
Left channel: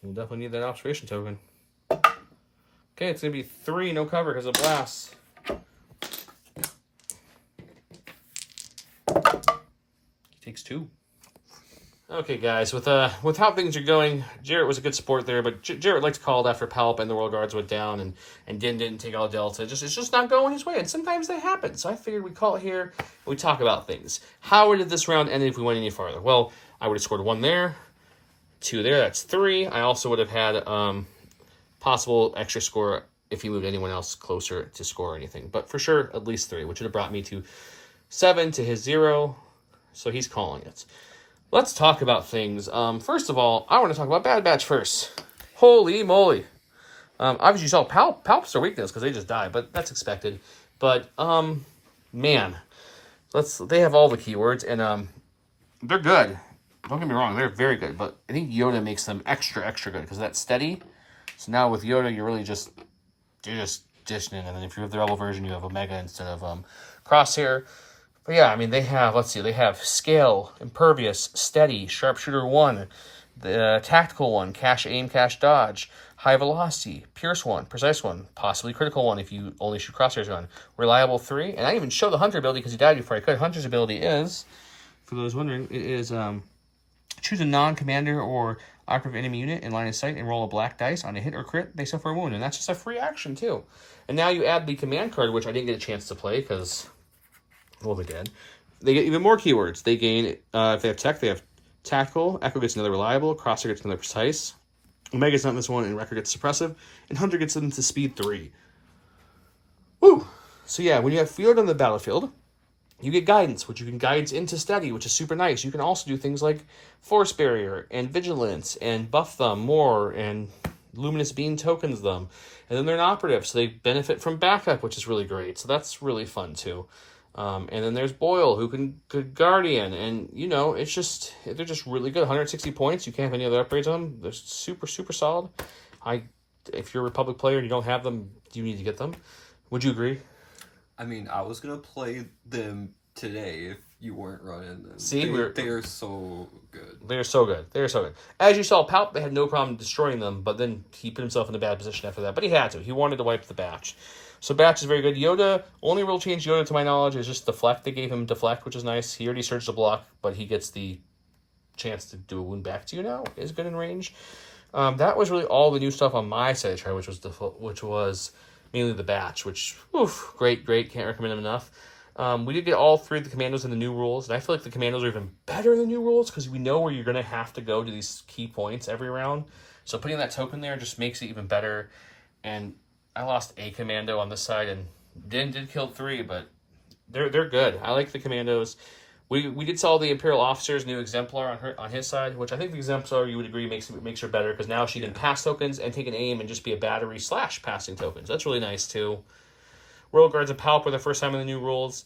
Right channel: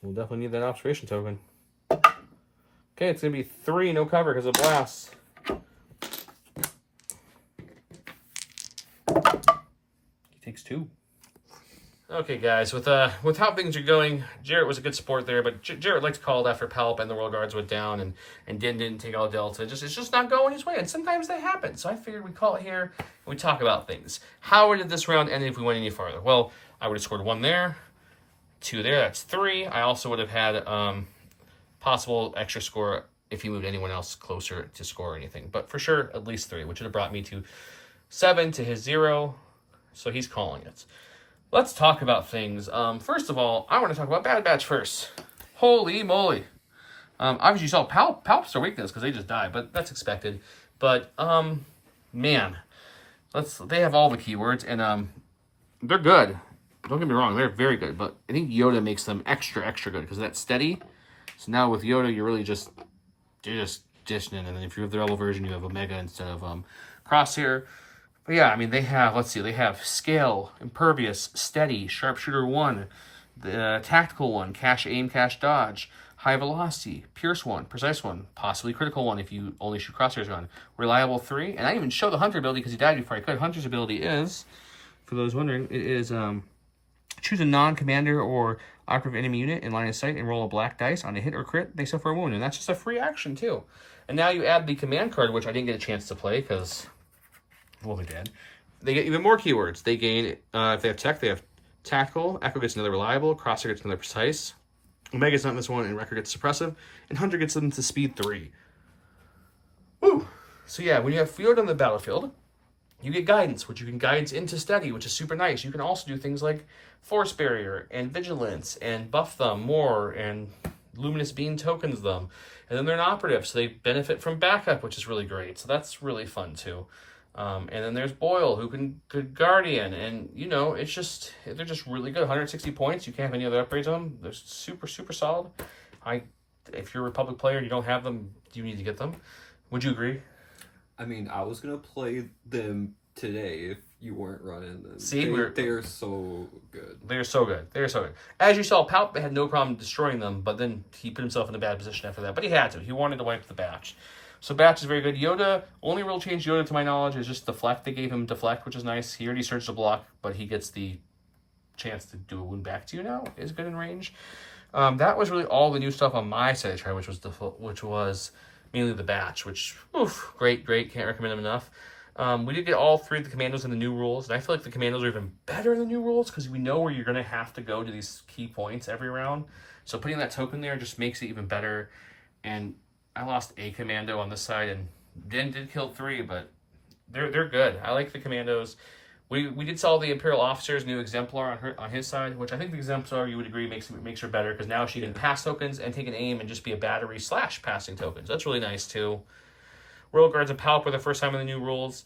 We'll definitely need that observation token. Okay, it's going to be 3, no cover because of blast. He takes 2. Okay, guys, with how things are going, Jarrett was a good sport there, but Jarrett likes called after Palp and the World Guards went down and Din didn't take all Delta. It's just not going his way, and sometimes that happens. So I figured we'd call it here and we talk about things. How did this round end if we went any farther? Well, I would have scored 1 there. 2 there, that's 3. I also would have had possible extra score if he moved anyone else closer to score or anything. But for sure, at least 3, which would have brought me to 7 to his 0. So he's calling it. Let's talk about things. First of all, I want to talk about Bad Batch first. Holy moly. Obviously you saw Palp's their weakness because they just died, but that's expected. But, man, they have all the keywords, and they're good. Don't get me wrong, they're very good, but I think Yoda makes them extra good because that's steady. So now with Yoda, you're just dishing it, and then if you have the rebel version, you have Omega instead of Crosshair. But yeah, I mean, they have Scale, Impervious, Steady, Sharpshooter 1, the Tactical 1, Cash Aim, Cash Dodge, High Velocity, Pierce 1, Precise 1, possibly Critical 1 if you only shoot Crosshairs on, Reliable 3, and I even show the Hunter ability because he died before I could. Hunter's ability is, for those wondering, it is choose a non-commander or operative enemy unit in line of sight and roll a black dice. On a hit or crit, they suffer a wound, and that's just a free action too. And now you add the command card, which I didn't get a chance to play because, well, they did. They get even more keywords. They gain, if they have tech, they have Tactical, Echo gets another Reliable, Crosshair gets another Precise, Omega's not in this one, and Wrecker gets Suppressive, and Hunter gets them to Speed 3. Woo! So yeah, when you have Field on the battlefield, You get guidance, which you can guidance into steady, which is super nice. You can also do things like force barrier and vigilance and buff them more, and luminous beam tokens them. And then they're an operative, so they benefit from backup, which is really great. So that's really fun too. And then there's Boyle, who can Guardian, and you know, they're just really good. 160 points. You can't have any other upgrades on them. They're super solid. If you're a Republic player and you don't have them, you need to get them. Would you agree? I mean, I was gonna play them today if you weren't running them. See, they're so good. They're so good. As you saw, Palp had no problem destroying them, but then he put himself in a bad position after that. But he had to. He wanted to wipe the batch. So batch is very good. Yoda, only real change Yoda to my knowledge is just deflect. They gave him deflect, which is nice. He already surged the block, but he gets the chance to do a wound back to you now. Is good in range. That was really all the new stuff on my side of try, which was mainly the batch, which, great, can't recommend them enough. We did get all 3 of the commandos in the new rules, and I feel like the commandos are even better in the new rules, because we know where you're going to have to go to these key points every round. So putting that token there just makes it even better. And I lost a commando on this side, and did kill 3, but they're good. I like the commandos. We did sell the Imperial Officer's new Exemplar on his side, which I think the Exemplar, you would agree, makes her better, because now she can pass tokens and take an aim and just be a battery / passing tokens. That's really nice, too. Royal Guards and Palp were the first time in the new rules.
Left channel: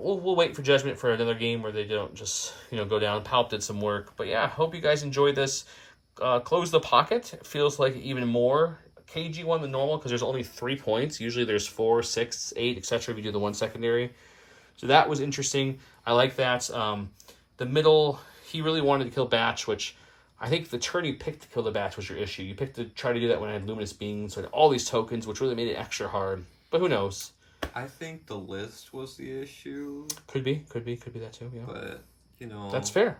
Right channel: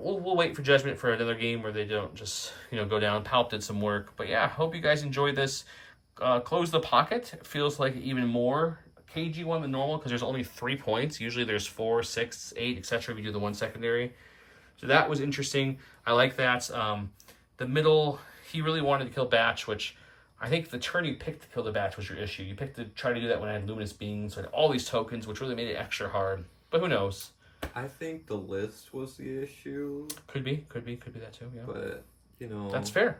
We'll wait for Judgment for another game where they don't just, go down. Palp did some work. But yeah, hope you guys enjoyed this. Close the Pocket. It feels like even more KG one than normal, because there's only 3 points. Usually there's 4, 6, 8, etc. if you do the one secondary. So that was interesting. I like that. The middle, he really wanted to kill Batch, which I think the turn you picked to kill the Batch was your issue. You picked to try to do that when I had Luminous Beams, so I had all these tokens, which really made it extra hard. But who knows? I think the list was the issue. Could be that too, yeah. But, That's fair.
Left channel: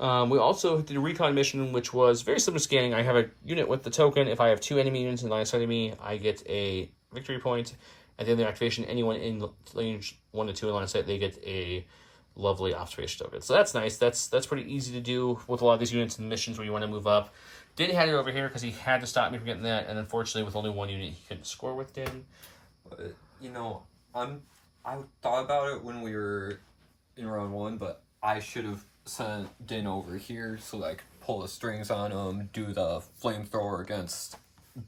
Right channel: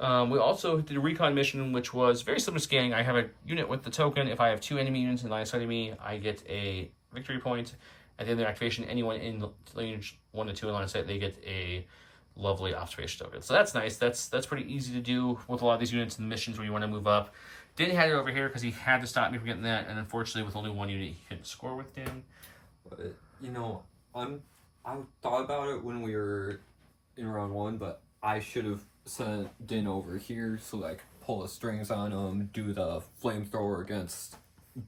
We also did a recon mission, which was very similar to scanning. I have a unit with the token. If I have 2 enemy units in line of sight of me, I get a victory point. At the end of the activation, anyone in range 1 to 2 in line of sight, they get a lovely observation token. So that's nice. That's pretty easy to do with a lot of these units and missions where you want to move up. Din had it over here because he had to stop me from getting that, and unfortunately with only 1 unit, he couldn't score with Din. But, I thought about it when we were in round 1, but I should have sent Din over here so that I could pull the strings on him, do the flamethrower against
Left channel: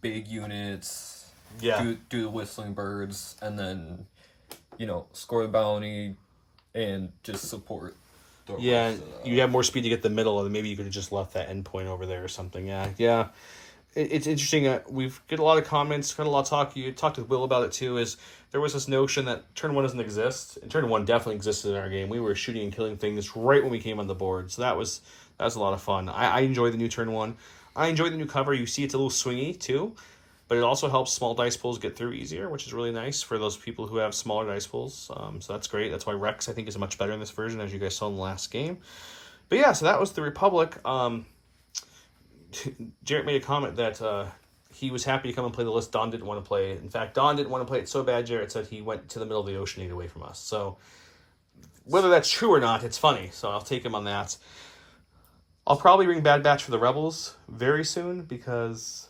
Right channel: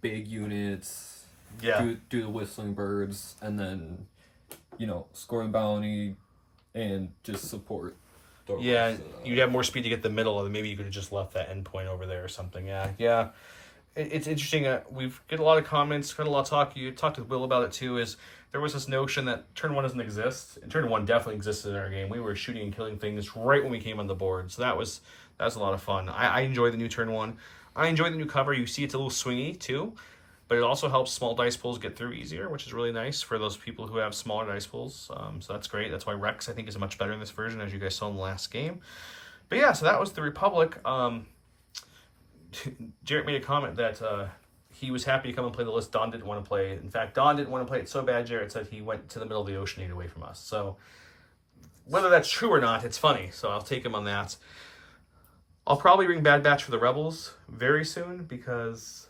big units, do the whistling birds, and then, score the bounty and just support. Yeah, you have more speed to get the middle, and maybe you could have just left that endpoint over there or something. Yeah. It's interesting. We've get a lot of comments, got a lot of talk. You talked with Will about it too. Is there was this notion that turn 1 doesn't exist, and turn 1 definitely existed in our game. We were shooting and killing things right when we came on the board, so that was a lot of fun. I enjoy the new turn 1. I enjoy the new cover. You see, it's a little swingy too, but it also helps small dice pools get through easier, which is really nice for those people who have smaller dice pools. So that's great. That's why Rex, I think, is much better in this version, as you guys saw in the last game. But yeah, so that was the Republic. Jarrett made a comment that he was happy to come and play the list Don didn't want to play. In fact, Don didn't want to play it so bad, Jarrett said he went to the middle of the ocean to get away from us. So whether that's true or not, it's funny. So I'll take him on that. I'll probably bring Bad Batch for the Rebels very soon, because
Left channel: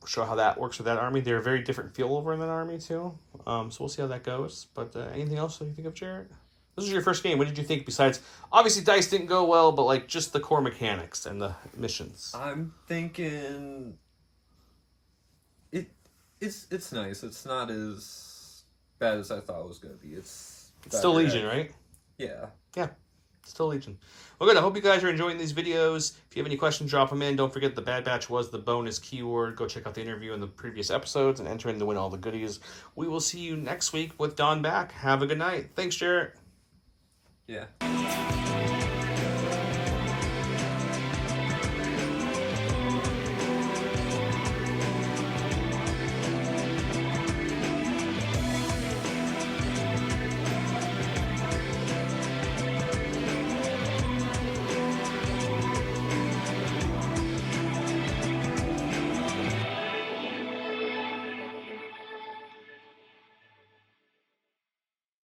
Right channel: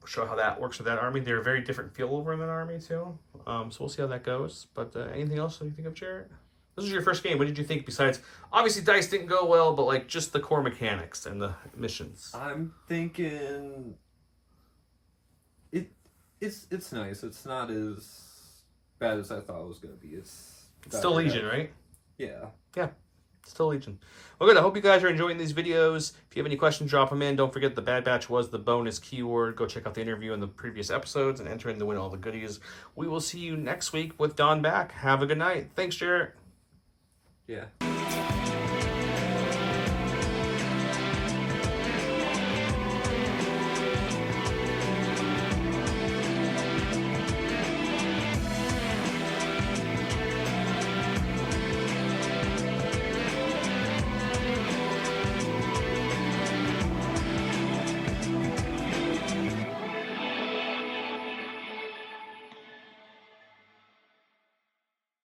we'll show how that works with that army. They're a very different feel over in that army too. So we'll see how that goes. But anything else that you think of, Jarrett? This is your first game. What did you think? Besides, obviously, dice didn't go well, but like just the core mechanics and the missions. I'm thinking it's nice. It's not as bad as I thought it was gonna be. It's still Legion, right? Yeah. Still Legion. Well, good. I hope you guys are enjoying these videos. If you have any questions, drop them in. Don't forget the Bad Batch was the bonus keyword. Go check out the interview in the previous episodes and enter in to win all the goodies. We will see you next week with Don back. Have a good night. Thanks, Jarrett. Yeah.